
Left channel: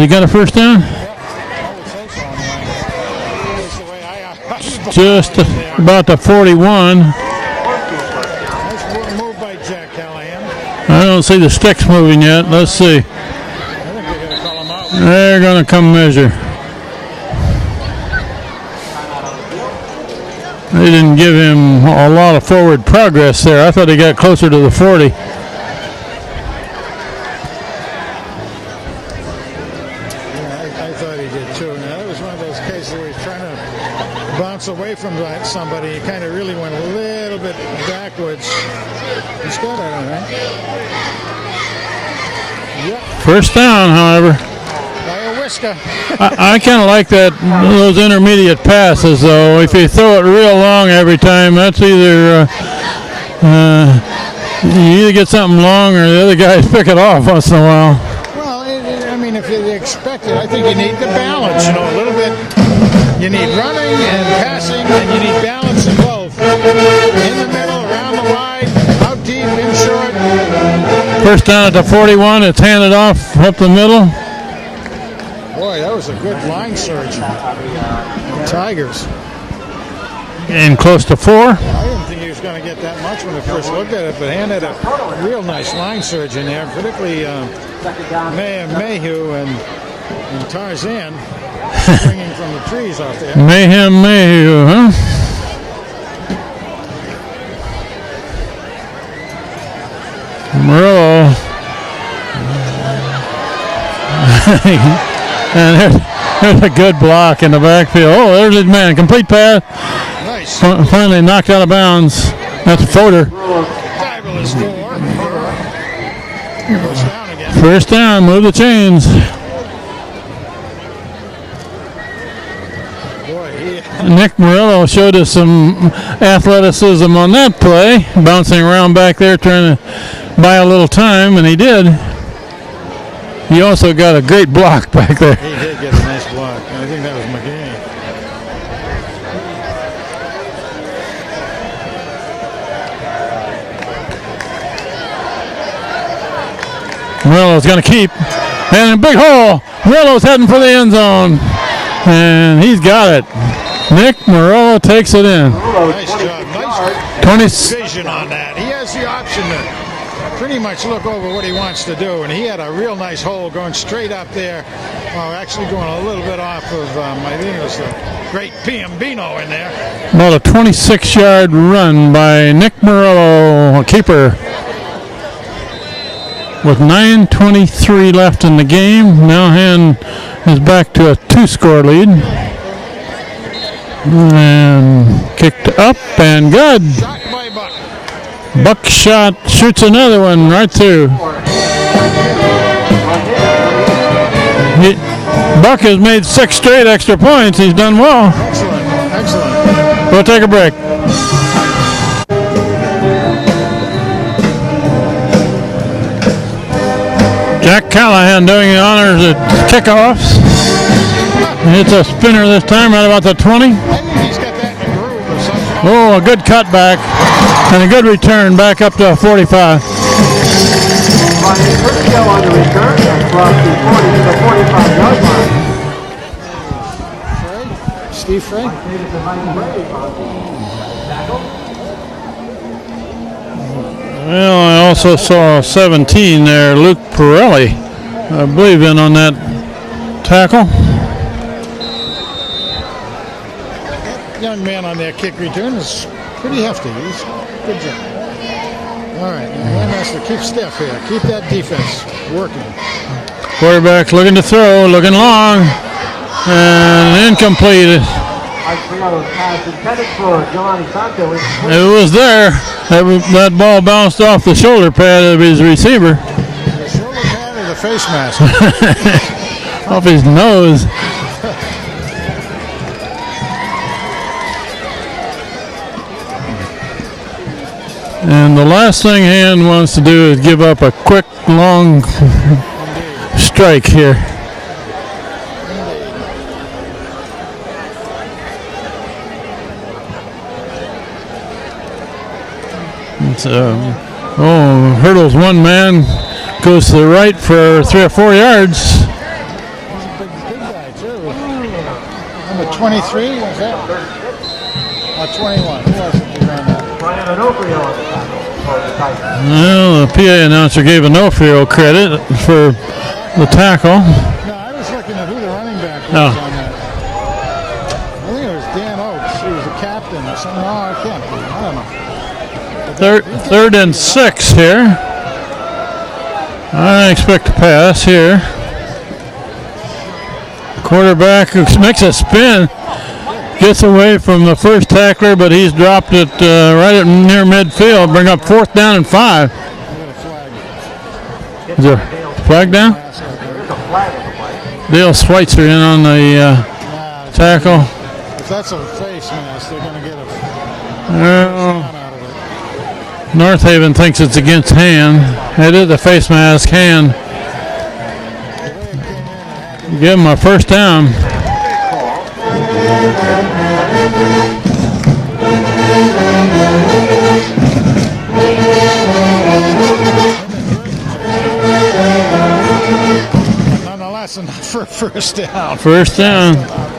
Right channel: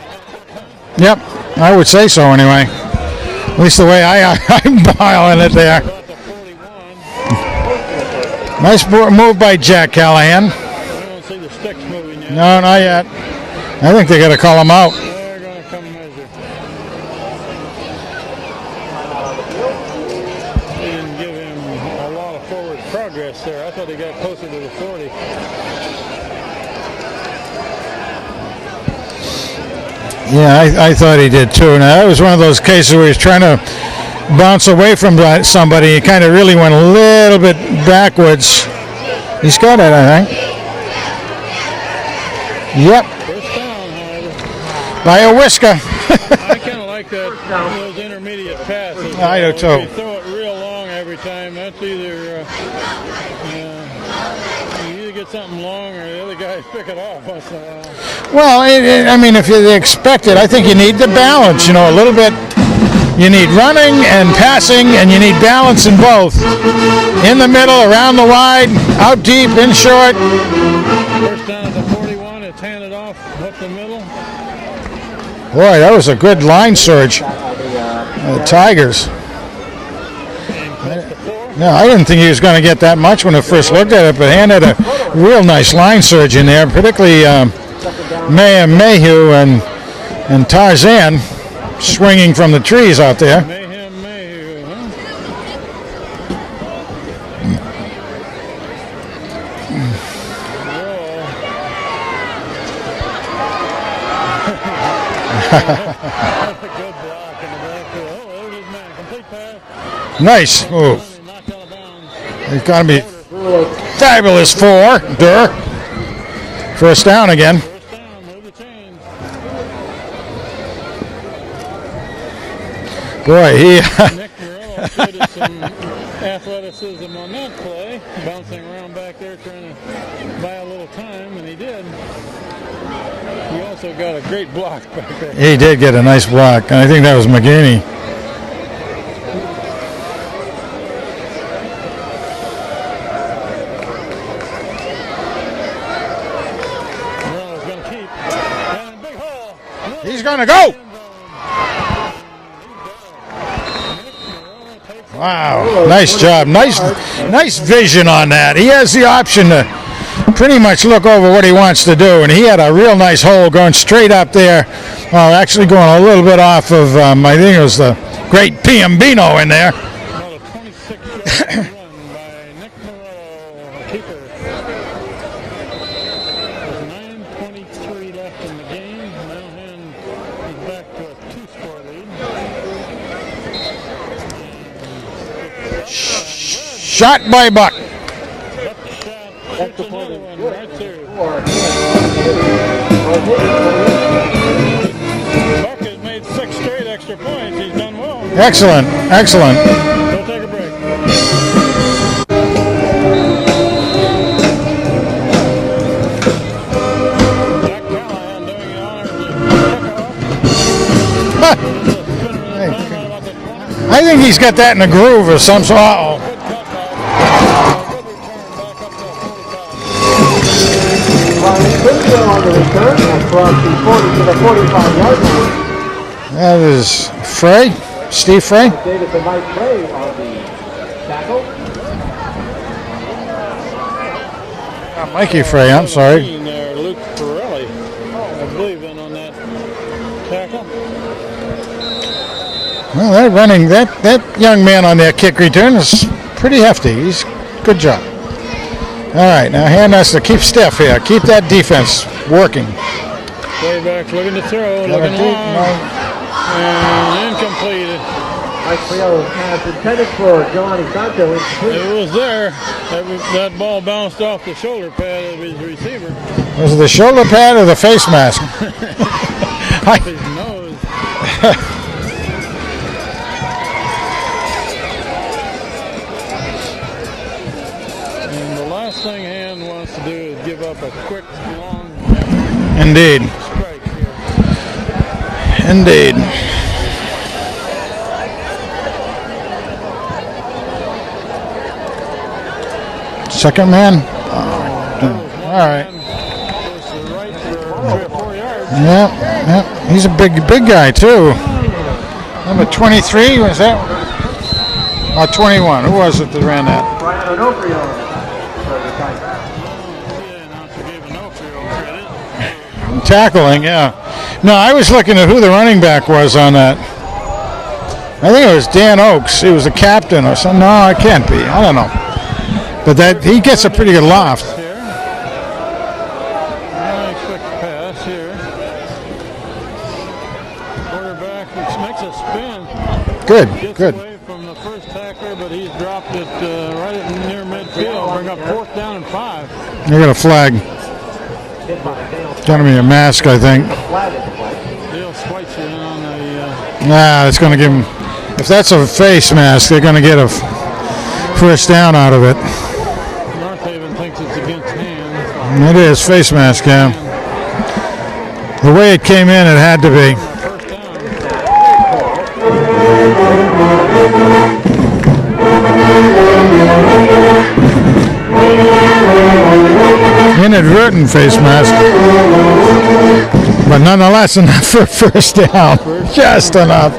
He got a first down? Yep. I would say so anyway. At least the way I'm piling it there. About the 41. Nice move by Jack Callahan. I don't see the sticks moving yet. No, Let's see. Yet. I think they got to call him out. They're going to come measure. They didn't give him a lot of forward progress there. I thought he got closer to the 40. Yeah, I thought he did too. Now, that was one of those cases where he's trying to bounce away from somebody. He kind of really went a little bit backwards. He's got it, I think. Yep. First down, however. By a whisker. I kind of like those intermediate passes, though. If you throw it real long every time, that's either you either get something long or the other guys pick it off once in a while. Well, I mean, if you expect it, I think you need the balance, a little bit. You need running and passing, and you need balance in both. In the middle, around the wide, out deep, in short. First down at the 41. It's handed off up the middle. Boy, that was a good line surge. The Tigers. And close to 4. Yeah, I didn't think he was going to get that much when I first looked at it, but Hand had a real nice line surge in there, particularly Mayhew and Tarzan swinging from the trees out there. Mayhew, huh? Murillo. And there's a good block in the backfield. Oh, there's his man. Complete pass. Nice. Finally knocked out of bounds. That's Foder. Fabulous for Durr. First down again. First down. Move the chains. Boy, Nick Murillo showed us some athleticism on that play. Bouncing around back there trying to buy a little time, and he did. He also got a great block back there. He did get a nice block, and I think that was McGinney. Murillo's going to keep. And a big hole. Murillo's heading for the end zone. And he's got it. Nick Murillo takes it in. Nice job. Nice vision on that. He has the option to pretty much look over what he wants to do, and he had a real nice hole going straight up there. Actually going a little bit off of, I think it was the great Piombino in there. About a 26-yard run by Nick Murillo, a keeper. With 9:23 left in the game, Nowhan is back to a 2-score lead. And kicked up and good. Shot by Buck. Buck shot, shoots another one right through. Buck has made 6 straight extra points. He's done well. Excellent, excellent. We'll take a break. Jack Callahan doing the honors at kickoffs. It's a spinner this time, right about the 20. I think he's got that in a groove of some sort. Oh, a good cutback and a good return back up to 45. That is Frey, Steve Frey. Well, I also Thank saw you, Frey. I'm 17 there, Luke Pirelli, I believe, in on that tackle. Well, that young man on that kick return is pretty hefty. He's good job. All right, now Hand has to keep stiff here. Keep that defense working. Quarterback looking to throw, looking long, and incomplete. It was there. That ball bounced off the shoulder pad of his receiver. Is it the shoulder pad or the face mask? Off his nose. And the last thing Hand wants to do is give up a quick, long Indeed. strike here. Indeed. Second man. Oh, hurdles one man, goes to the right for 3 or 4 yards. Yep. He's a big guy too. Number 23 was that? Oh, 21. Who was it that ran that? Well, the PA announcer gave Onofrio credit for Tackling. the tackle. Yeah. No, I was looking at who the running back was on that. I think it was Dan Oakes. He was the captain or something. No, it can't be. I don't know. But he gets a Third pretty and good loft. 6 here. I expect a pass here. The quarterback makes a spin. Good. Gets away from the first tackler, but he's dropped it right at near midfield. Bring up 4th down and 5. They got a flag. Is there a flag Tommy down? Mask, I think. Dale Schweitzer in on the It's going to give tackle. him, if that's a face mask, they're going to get a first down out of it. North Haven thinks it's against Hand. It is a face mask. yeah. Hand. The way it came in, it had to be. Give him a first down. Inadvertent face mask. But nonetheless, enough for first down. First Just down. enough.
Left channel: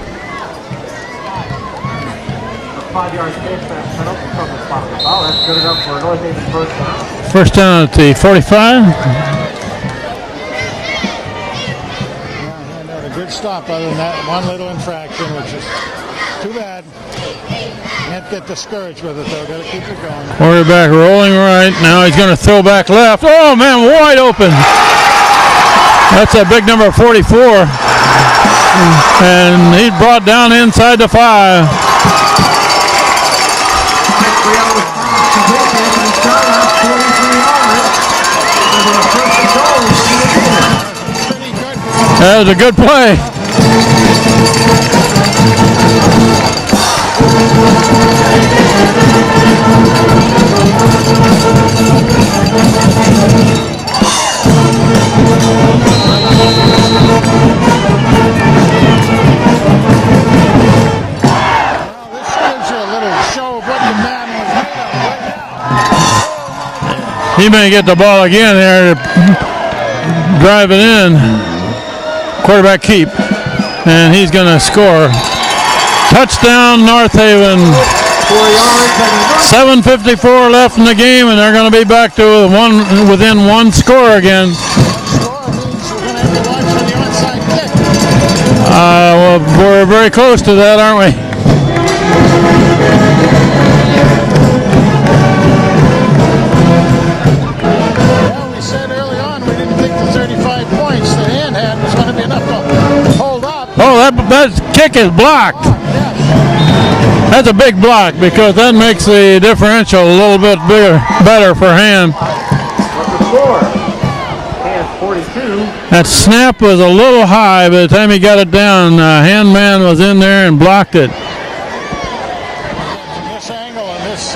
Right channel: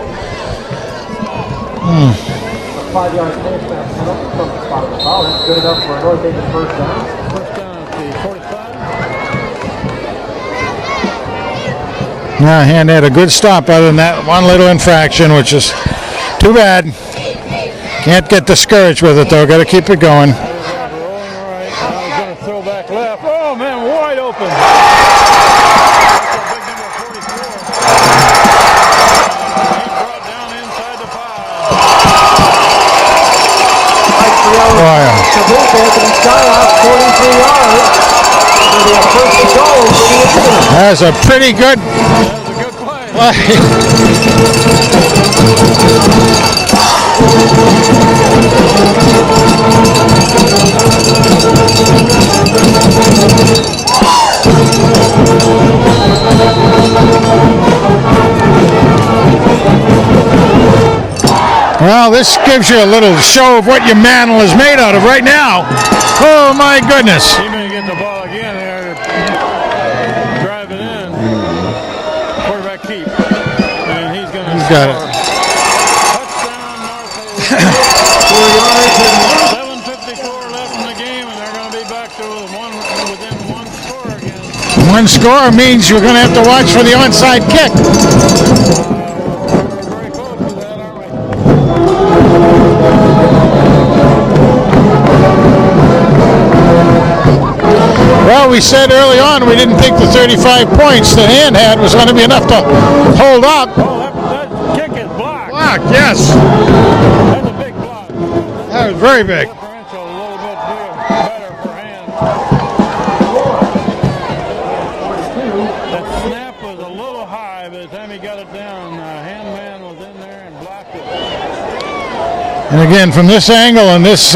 5-yard Good enough for North Haven first down. First down at the 45. Yeah, Hand had a good stop other than that one little infraction, which is too bad. Can't get discouraged with it, though. Got to keep it going. Quarterback rolling right. Now he's going to throw back left. Oh, man, wide open. That's a big number 44. And he's brought down inside the 5. That's a pretty good. That was a good play. Well, this gives you a little show of what your mantle is made out of right now. Oh, my goodness. He may get the ball again here. drive it in. Quarterback keep. And he's going to score. Touchdown, North Haven. 7:54 left in the game, and they're going to be back to within one score again. One score means you're going to have to watch for the onside kick. Well, we're very close to that, aren't we? Well, we said early on we didn't think the 35 points that Hand had was going to be enough to hold up. Oh, that kick is blocked. Yes. That's a big block because that makes the differential a little bit better for Hand. That snap was a little high. By the time he got it down, Hand man was in there and blocked it. And again, from this angle and this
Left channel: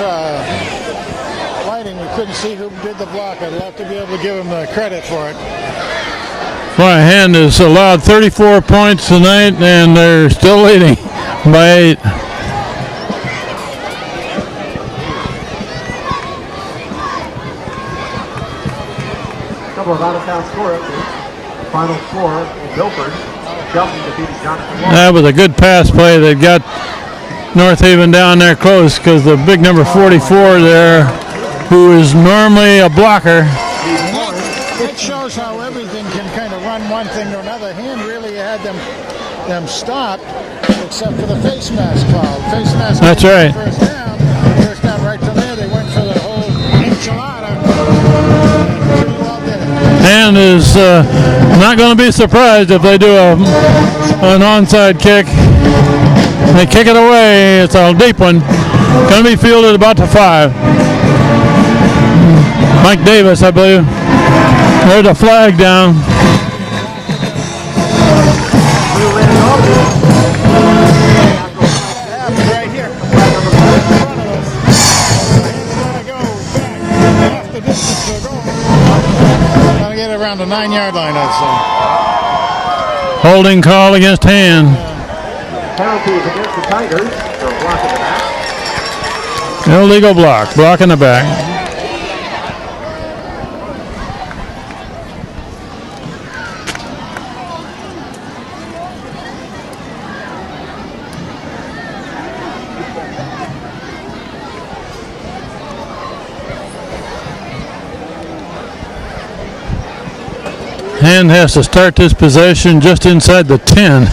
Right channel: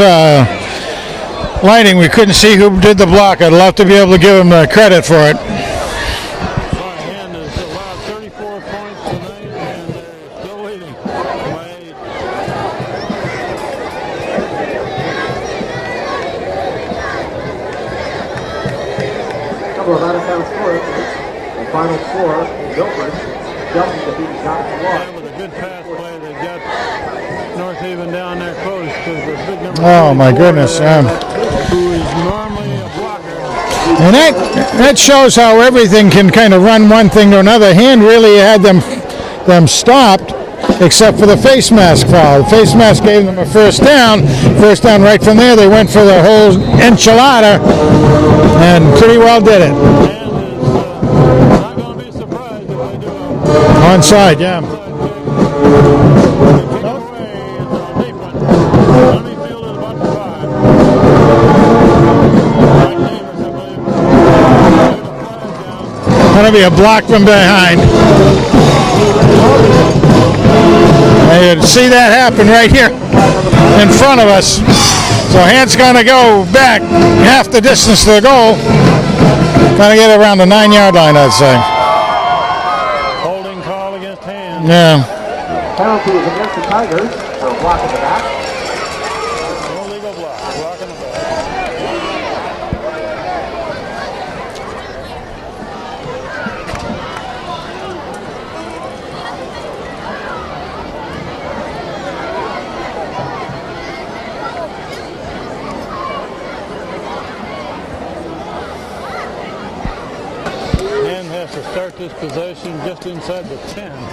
lighting, we couldn't see who did the block. I'd love to be able to give him credit for it. Well, Hand has allowed 34 points tonight, and they're still leading by 8. Couple of out-of-town scores. Final score, Guilford jumps to beat Johnson. That was a good pass play that got North Haven down there close because the big number 44 there, who is normally a blocker. And that shows how everything can kind of run one thing to another. Hand really had them stopped, except for the face mask foul. The face mask gave them the first down. First down right from there. They went for the whole enchilada and pretty well did it. And is not going to be surprised if they do an onside kick. They kick it away. It's a deep one. Going to be fielded about to 5. Mike Davis, I believe. There's a flag down. Going to be a block from behind. You can see that happen right here in front of us. So Hand's going to go back half the distance to the goal. Trying to get it around the 9-yard line, I'd say. Holding call against Hand. Yeah. Penalty is against the Tigers for a block in the back. Illegal block in the back. Hand has to start this possession just inside the 10.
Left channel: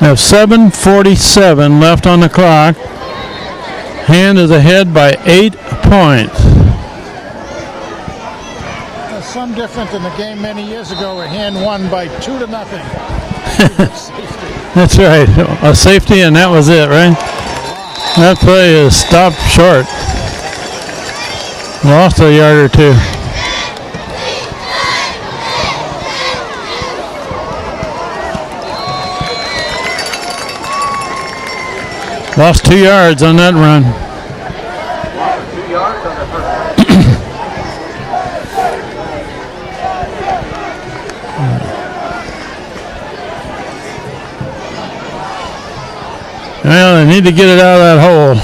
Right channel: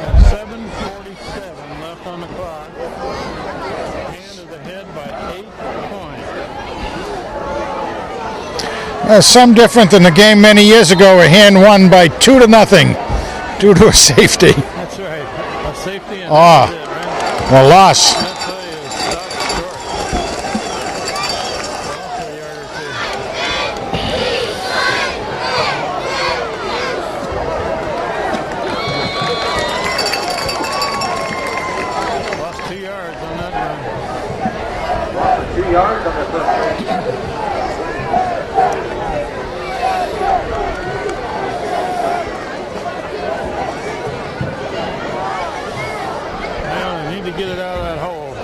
We have 7:47 left on the clock. Hand is ahead by 8 points. Some different than the game many years ago where Hand won by 2-0 due to a safety. That's right, a safety, and that was it, right? A loss. That play is stopped short. Lost a yard or two. Lost 2 yards on that run. 2 yards on the first. Well, they need to get it out of that hole.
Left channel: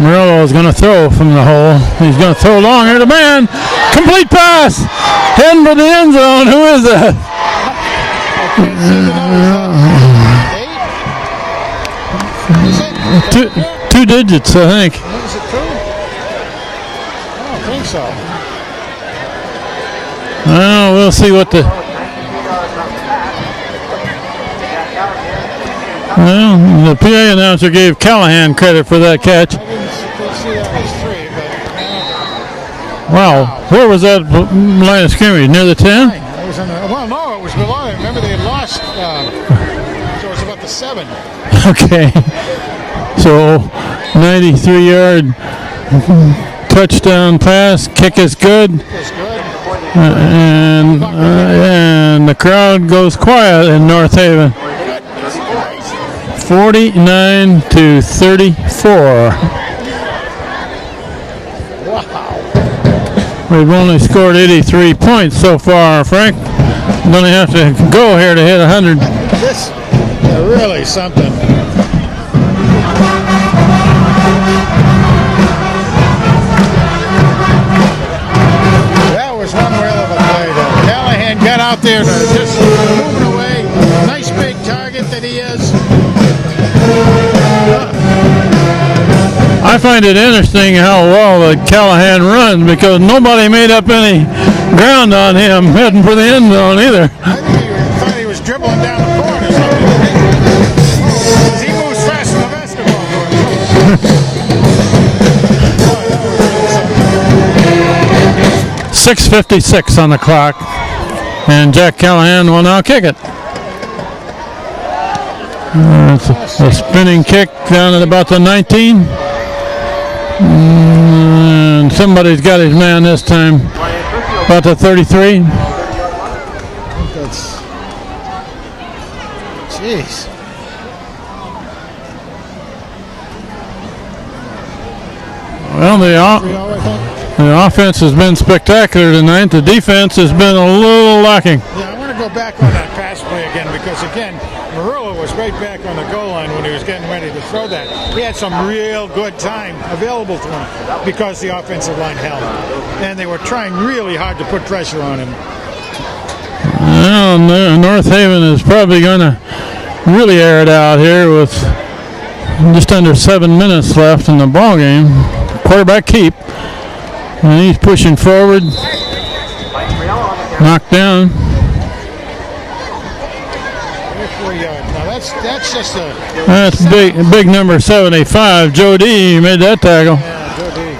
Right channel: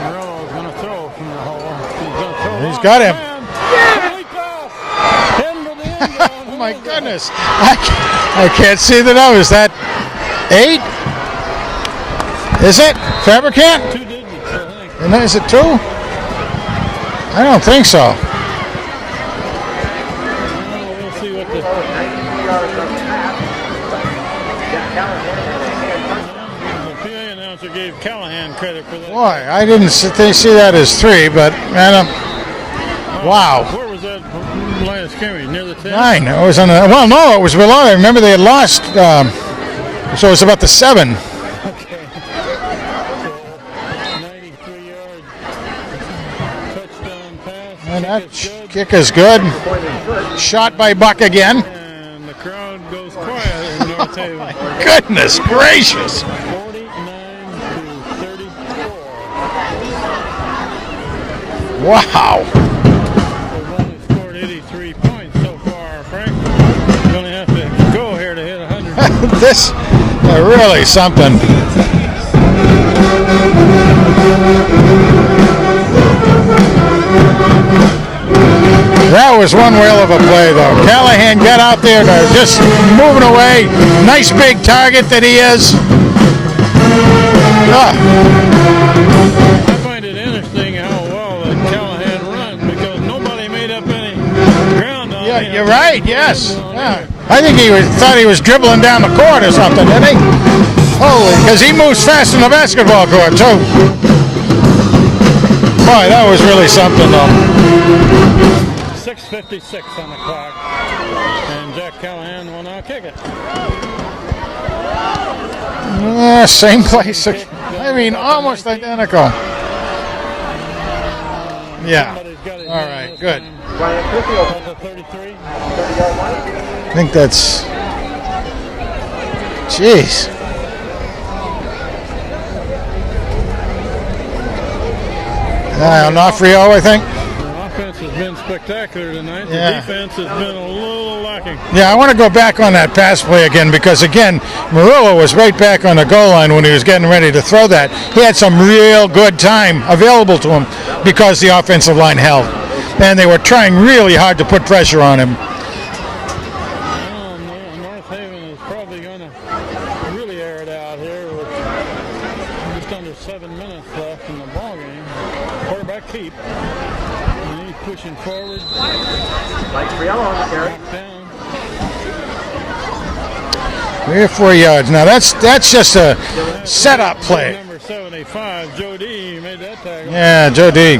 Murillo is going to throw from the hole. He's going to throw long at a man. Complete pass. Heading for the end zone. Who is that? I can't see the numbers. That 8? Is it? Fabricant? 2 digits, I think. Is it 2? I don't think so. Well, we'll see what the... Well, the PA announcer gave Callahan credit for that catch. I didn't see that as 3, but I don't... Wow. Where was that line of scrimmage? Near the 10? 9. It was on the... Well, no, it was below. I remember they had lost, so it was about the 7. Okay. So, 93-yard touchdown pass. Kick is good. Kick is good. Shot by Buck again. And the crowd goes quiet in North Haven. Goodness gracious. 49-34. Wow. We've only scored 83 points so far, Frank. We're going to have to go here to hit 100. This is really something. That was one whale of a play, though. Callahan got out there just moving away. Nice big target that he is. I find it interesting how well Callahan runs because nobody made up any ground on him heading for the end zone either. I think he thought he was dribbling down the court or something, didn't he? Oh, because he moves fast in the basketball court, too. Boy, that was really something, though. 6:56 on the clock, and Jack Callahan will now kick it. Same spinning kick down at about the 19. And somebody's got his man this time. About the 33. I think that's... Jeez. Frio, I think. The offense has been spectacular tonight. The defense has been a little lacking. Yeah, I want to go back on that pass play again because, again, Murillo was right back on the goal line when he was getting ready to throw that. He had some real good time available to him because the offensive line held. And they were trying really hard to put pressure on him. Well, North Haven is probably going to really air it out here with just under 7 minutes left in the ball game. Quarterback keep. And he's pushing forward. Knocked down. 3 or 4 yards. Now that's just a big number 75. Joe D made that tackle. Yeah, Joe D.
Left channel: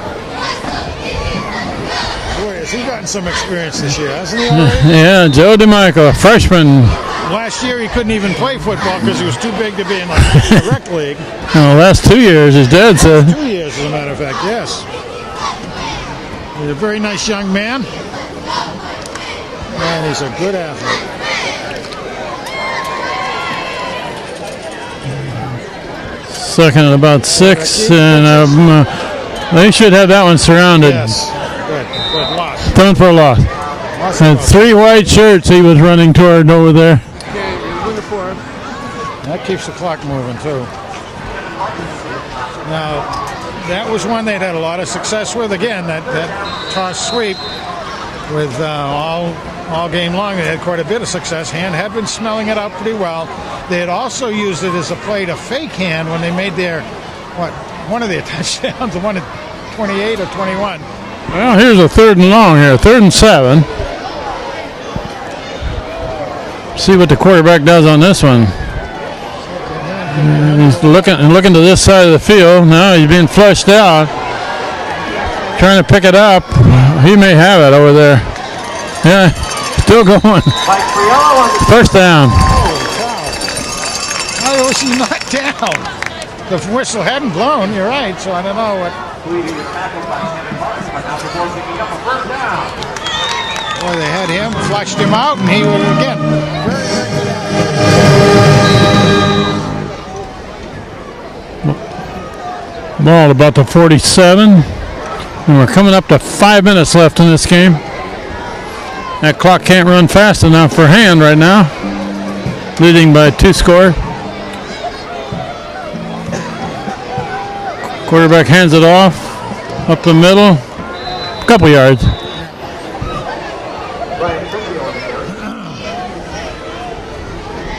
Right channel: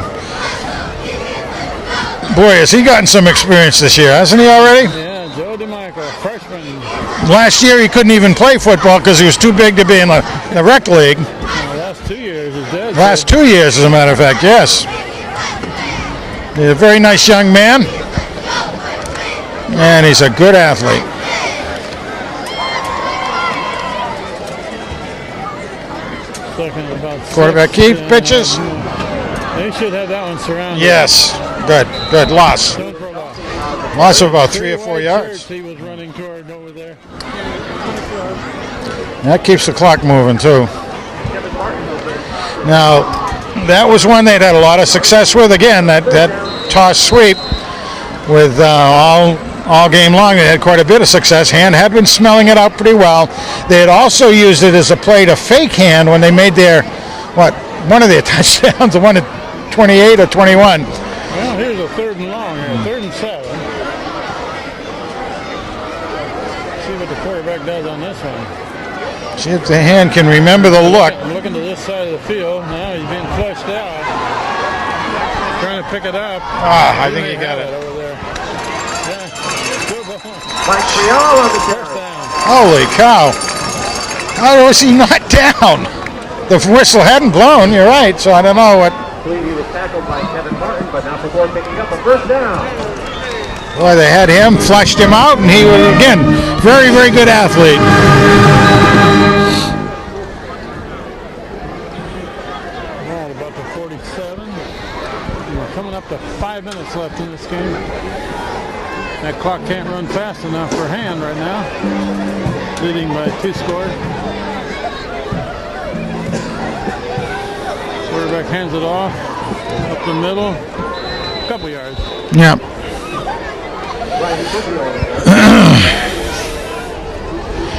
Boy, has he gotten some experience this year, hasn't he already? Yeah, Joe DeMichael, a freshman. Last year he couldn't even play football because he was too big to be in a rec league. Well, last 2 years, his dad said. Last 2 years, as a matter of fact, yes. He's a very nice young man. And he's a good athlete. Second and about 6. And, they should have that one surrounded. Yes. Good. Loss. Thrown for a loss. Loss of about 3 white shirts he was running toward over there. That keeps the clock moving, too. Now, that was one they'd had a lot of success with. Again, that toss sweep with all game long. They had quite a bit of success. Hand had been smelling it out pretty well. They had also used it as a play to fake Hand when they made their, one of their touchdowns, the one at 28 or 21. Well, here's a 3rd and long here, 3rd and 7. See what the quarterback does on this one. See if the Hand can remember the look. Looking to this side of the field. Now he's being flushed out. Trying to pick it up. He may have it over there. Yeah, still going. First down. Holy cow. How was he not down? The whistle hadn't blown, you're right, so I don't know what. Boy, they had him, flushed him out, and he was, again, very, very good athlete. Ball about the 47. And we're coming up to 5 minutes left in this game. That clock can't run fast enough for Hand right now. Leading by 2 score. Quarterback hands it off. Up the middle. A couple yards. Yeah.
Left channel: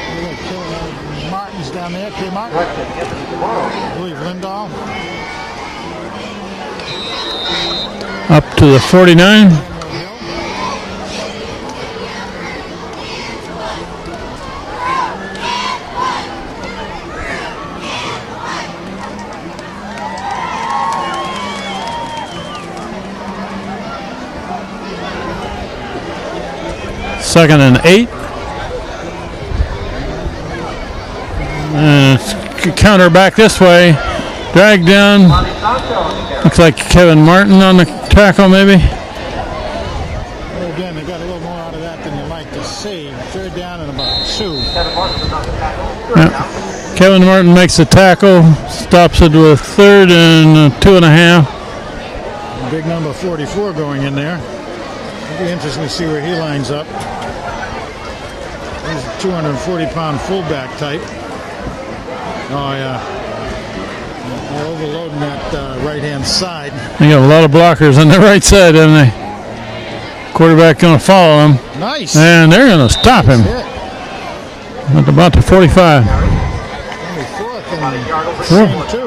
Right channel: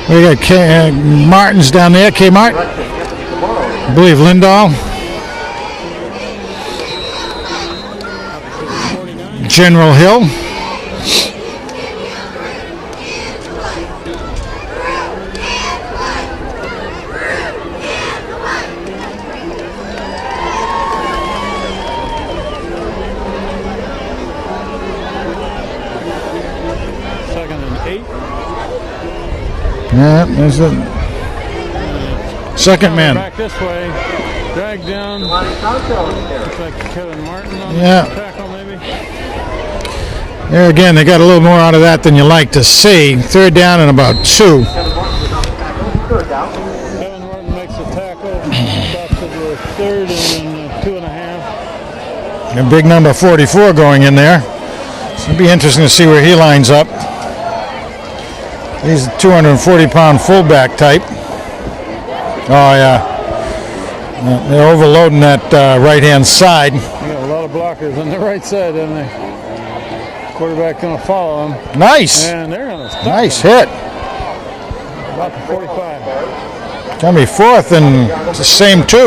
We got Martin's down there. K-Mart. I believe Lindahl. Up to the 49. General Hill. Second and 8. Yeah, there's it. Counter back this way. Dragged down. Looks like Kevin Martin on the tackle, maybe. There again, they got a little more out of that than you like to see. 3rd down and about 2. Yeah. Kevin Martin makes the tackle. Stops it with 3rd and 2.5. And big number 44 going in there. It'll be interesting to see where he lines up. He's a 240-pound fullback type. Oh, yeah. They're overloading that right-hand side. They got a lot of blockers on the right side, haven't they? Quarterback going to follow him. Nice. And they're going to stop Nice him hit. at about the 45. It's going to be 4th and it's the same 2.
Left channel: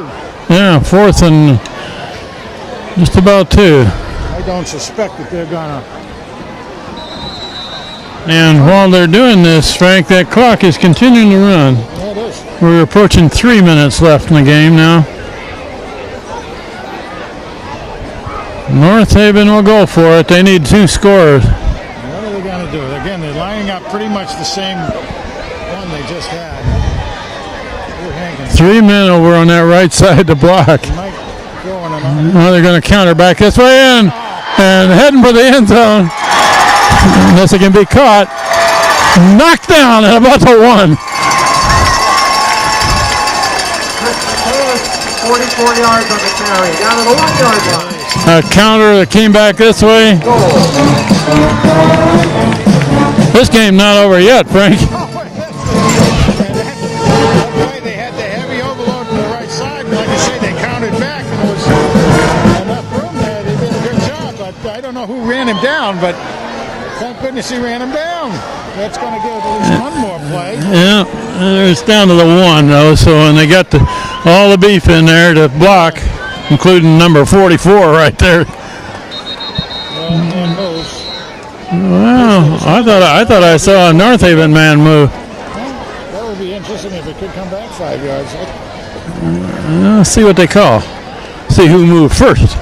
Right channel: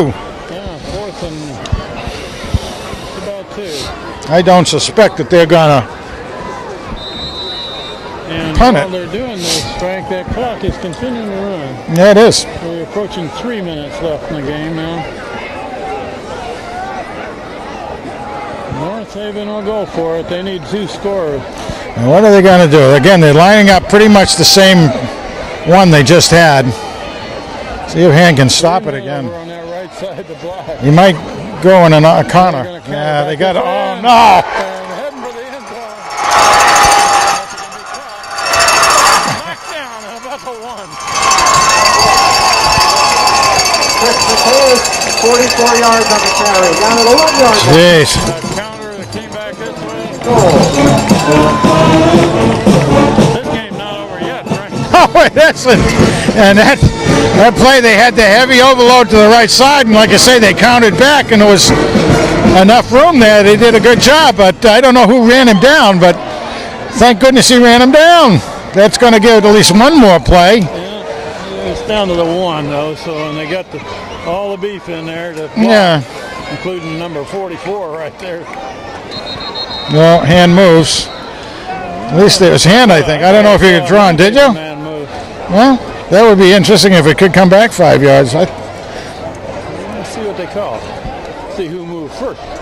Yeah, 4th and just about 2. I don't suspect that they're going to. And while they're doing this, Frank, that clock is continuing to run. Yeah, it is. We're approaching 3 minutes left in the game now. North Haven will go for it. They need 2 scores. What are they going to do? Again, they're lining up pretty much the same one they just had. See if Han can stop 3 it. men over on that right side to block. He might go in and Now they're going to counter back this way in. And heading for the end zone. Unless it can be caught. Knocked down at about the 1. 44 yards on the carry. Down to the 1 yard. Jeez. A counter that came back this way. This game not over yet, Frank. Oh, it isn't. And that play, they had the heavy overload to the right side, and like I say, they counted back, and there was enough room there. They did a good job, but I don't know who ran him down, but thank goodness he ran him down. That's going to give at least one more play. Yeah, it's down to the 1, though, so and they got all the beef in there to block, including number 44 right there. Well, hand moves. Well, At least there's hand, I I don't thought know I if he saw had a drawn, North did Haven you? man move. Well, that would be interesting if it could come back 5 yards. Let's see what they call. See who moved first.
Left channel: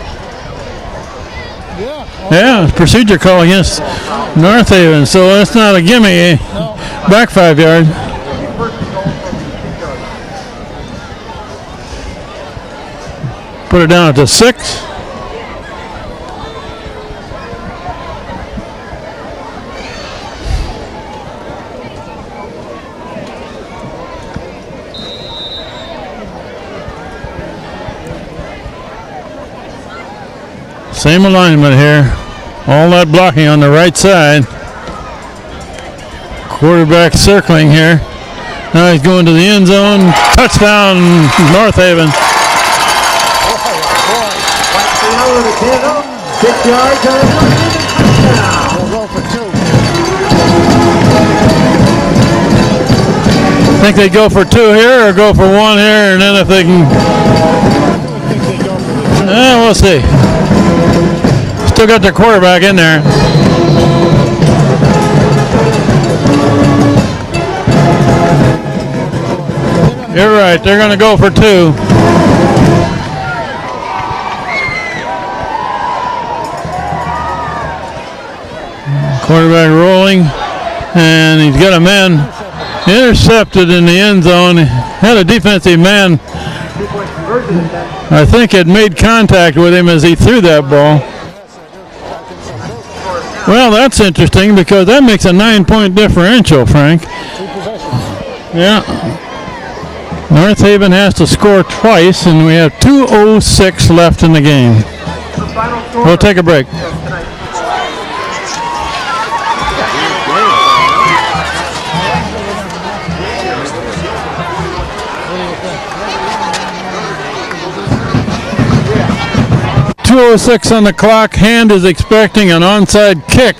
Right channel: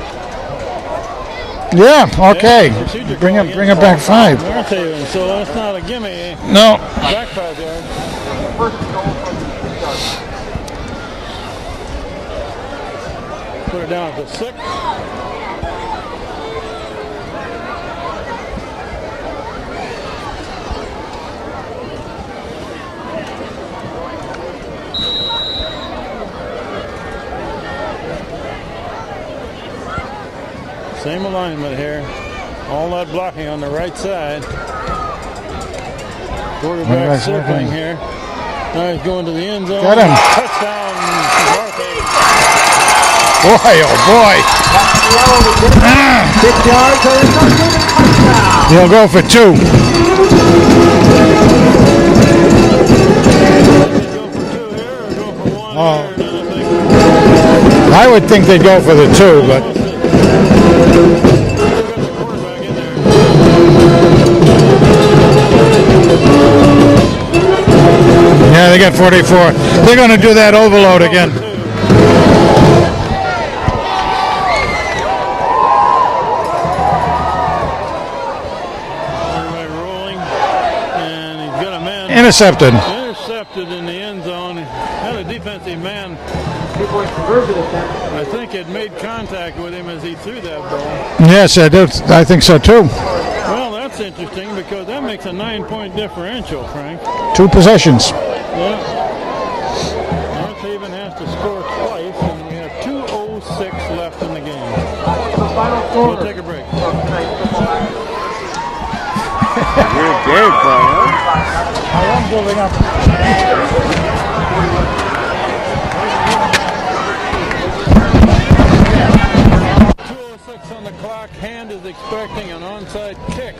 Yeah, okay. Yeah, procedure call Bring against it back 5. North Haven, so that's not a gimme. No. Back 5 yard. Put it down to 6. Same alignment here. All that blocking on the right side. Quarterback circling here. Now he's going to the end zone. Touchdown, North Haven. Boy, oh boy. He'll go for 2. Think they go for 2 here or go for 1 here, and then if they can. I would think they'd go for the 2. Yeah, we'll see. Still got their quarterback in there. Yeah, they got 44. They're going to do that They're going to overload go again. for 2. Quarterback rolling, and he's got a man Intercepted. intercepted in the end zone. Had a defensive man, I think, had made contact with him as he threw that ball. Yes, I think so too. Well, that's interesting because that makes a 9-point differential, Frank. 2 possessions. Yeah. North Haven has to score twice, and we have 2:06 left in the game. We'll take a break. .206 on the clock. Hand is expecting an onside kick.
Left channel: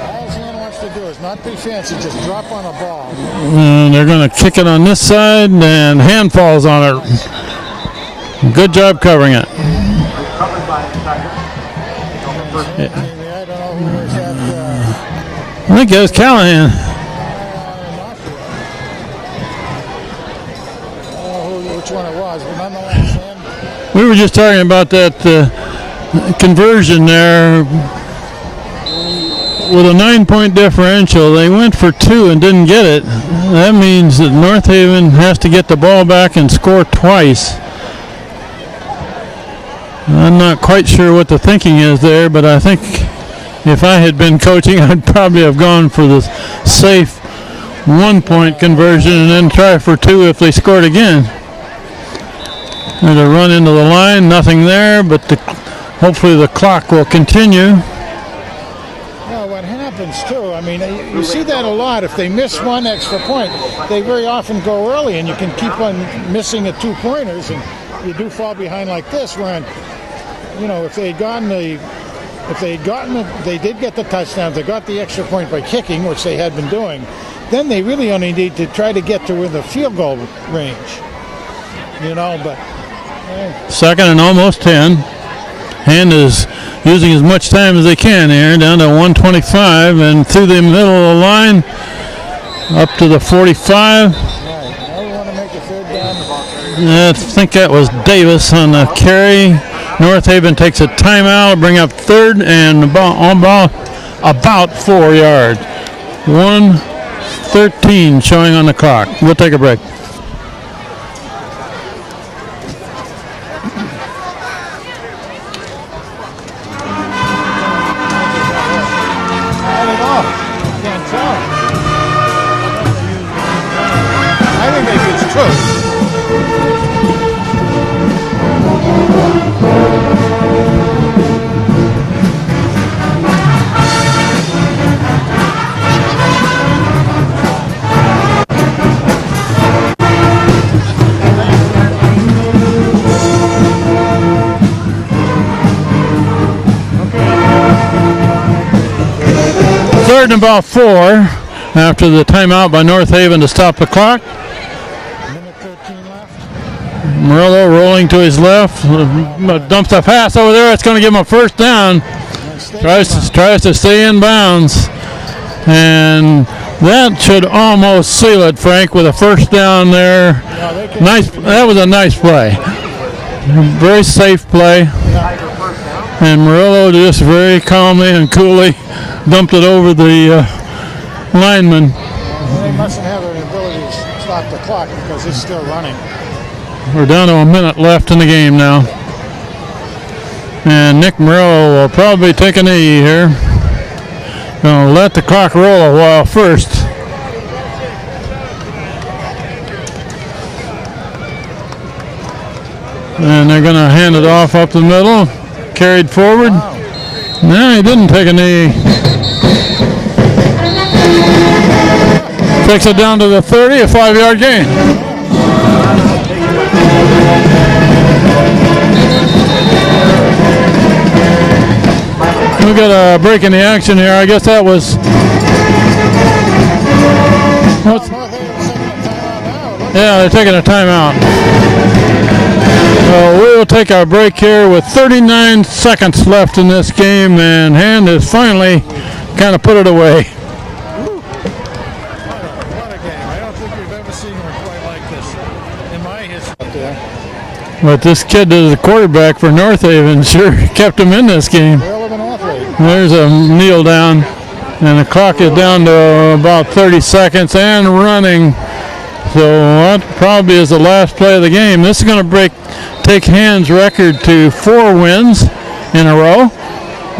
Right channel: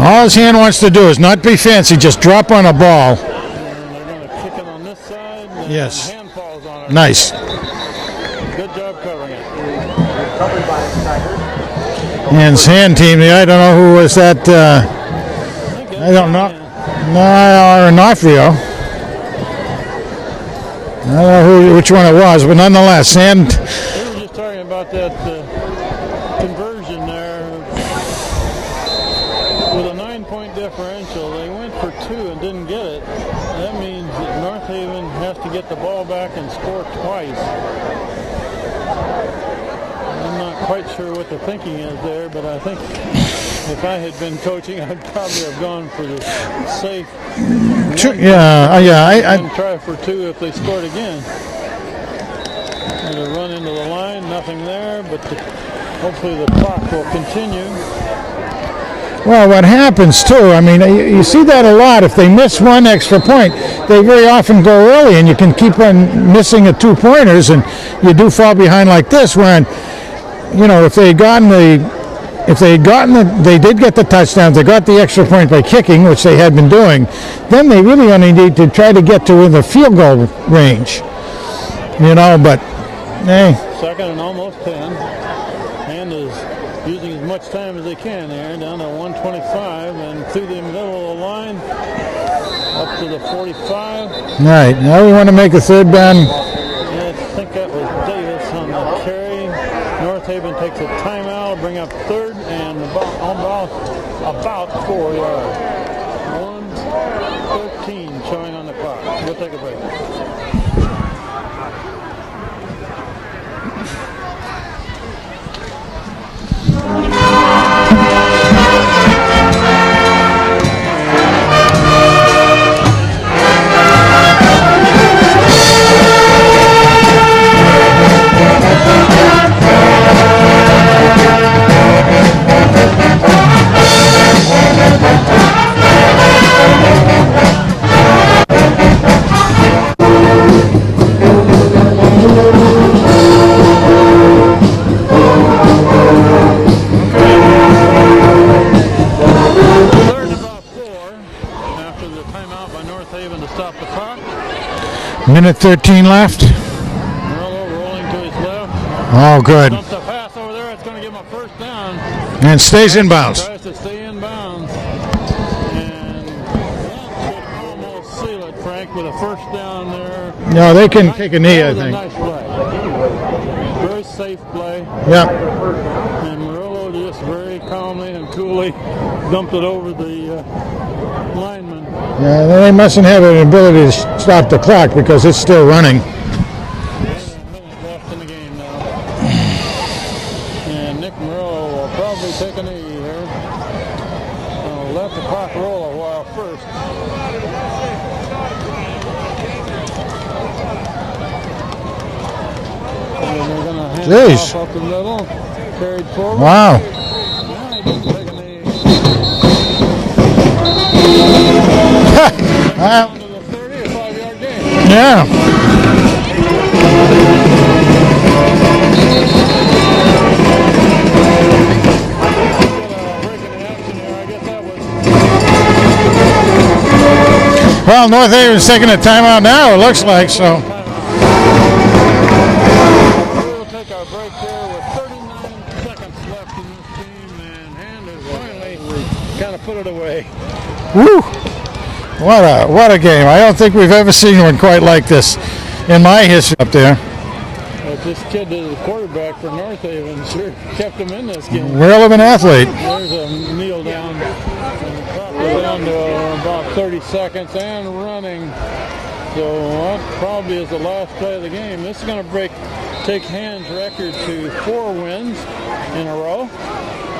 All his hand wants to do is not be fancy, just drop on a ball. And they're going to kick it on this side, and Hand falls on it. Nice. Good job covering it. And his hand team, I don't know who was that. I think it was Callahan. Or Onofrio. I don't know which one it was, but nonetheless, and We were just talking about that conversion there. With a 9-point differential, they went for 2 and didn't get it. That means that North Haven has to get the ball back and score twice. I'm not quite sure what the thinking is there, but I think if I had been coaching, I'd probably have gone for the safe 1-point conversion and try for 2 if they scored again. There's a run into the line, nothing there, but hopefully the clock will continue. well, what happens too, I mean, you see that a lot. If they miss 1 extra point, they very often go early, and you can keep on missing the 2-pointers, and you do fall behind like this when, if they had gotten the if they had they did get the touchdowns, they got the extra point by kicking, which they had been doing, then they really only need to try to get to within the field goal range. You know, but hey. Second and almost 10. Hand is using as much time as they can here, down to 125, and through the middle of the line, up to the 45. Right, now we want to make a third down. I think that was Davis on the carry. North Haven takes a timeout, bring up third and about 4 yards. 1:13 showing on the clock. We'll take a break. About 4 after the timeout by North Haven to stop the clock. Minute 13 left. Murillo rolling to his left. Oh, good. Dumps a pass over there. It's going to give him a first down. And stays in bounds. Tries to stay in bounds. And that should almost seal it, Frank, with a first down there. No, they can take a knee. That was a nice play. Very safe play. Yep. And Murillo just very calmly and coolly dumped it over the lineman. They mustn't have an ability to stop the clock because it's still running. We're down to a minute left in the game now. And Nick Murillo will probably take a knee here. Gonna let the clock roll a while first. And they're gonna hand it off up the middle. Carried forward. Wow. No, he didn't take a knee. Takes it down to the 30, a 5-yard gain. Yeah. We got a break in the action here. I guess that was. Well, North Haven's taking a timeout now. It looks like they're taking a timeout. So we will take our break here with 39 seconds left in this game, and Hand has finally kind of put it away. Woo! What a game. I don't think we've ever seen one quite like this in my history up there. But this kid is the quarterback for North Haven. Sure kept him in this game. Relevant athlete. There's a kneel down, and the clock is down to about 30 seconds and running. So that probably is the last play of the game. This is going to take Hand's record to 4 wins in a row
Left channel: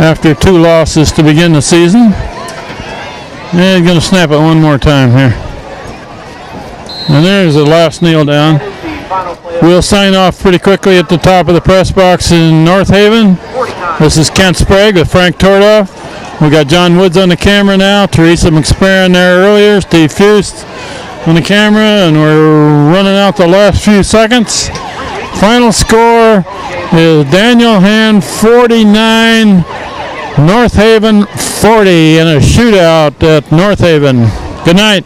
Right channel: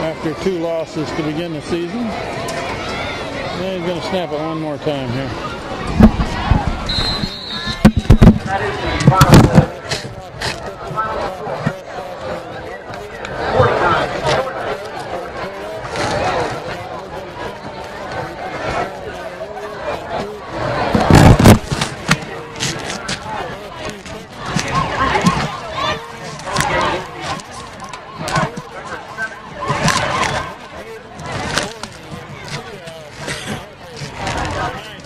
after 2 losses to begin the season. And he's going to snap it one more time here. And there's the last kneel down. We'll sign off pretty quickly at the top of the press box in North Haven. This is Kent Sprague with Frank Tordoff. We got John Woods on the camera now, Teresa McSparron there earlier, Steve Fust on the camera, and we're running out the last few seconds. Final score is Daniel Hand 49, North Haven 40 in a shootout at North Haven. Good night.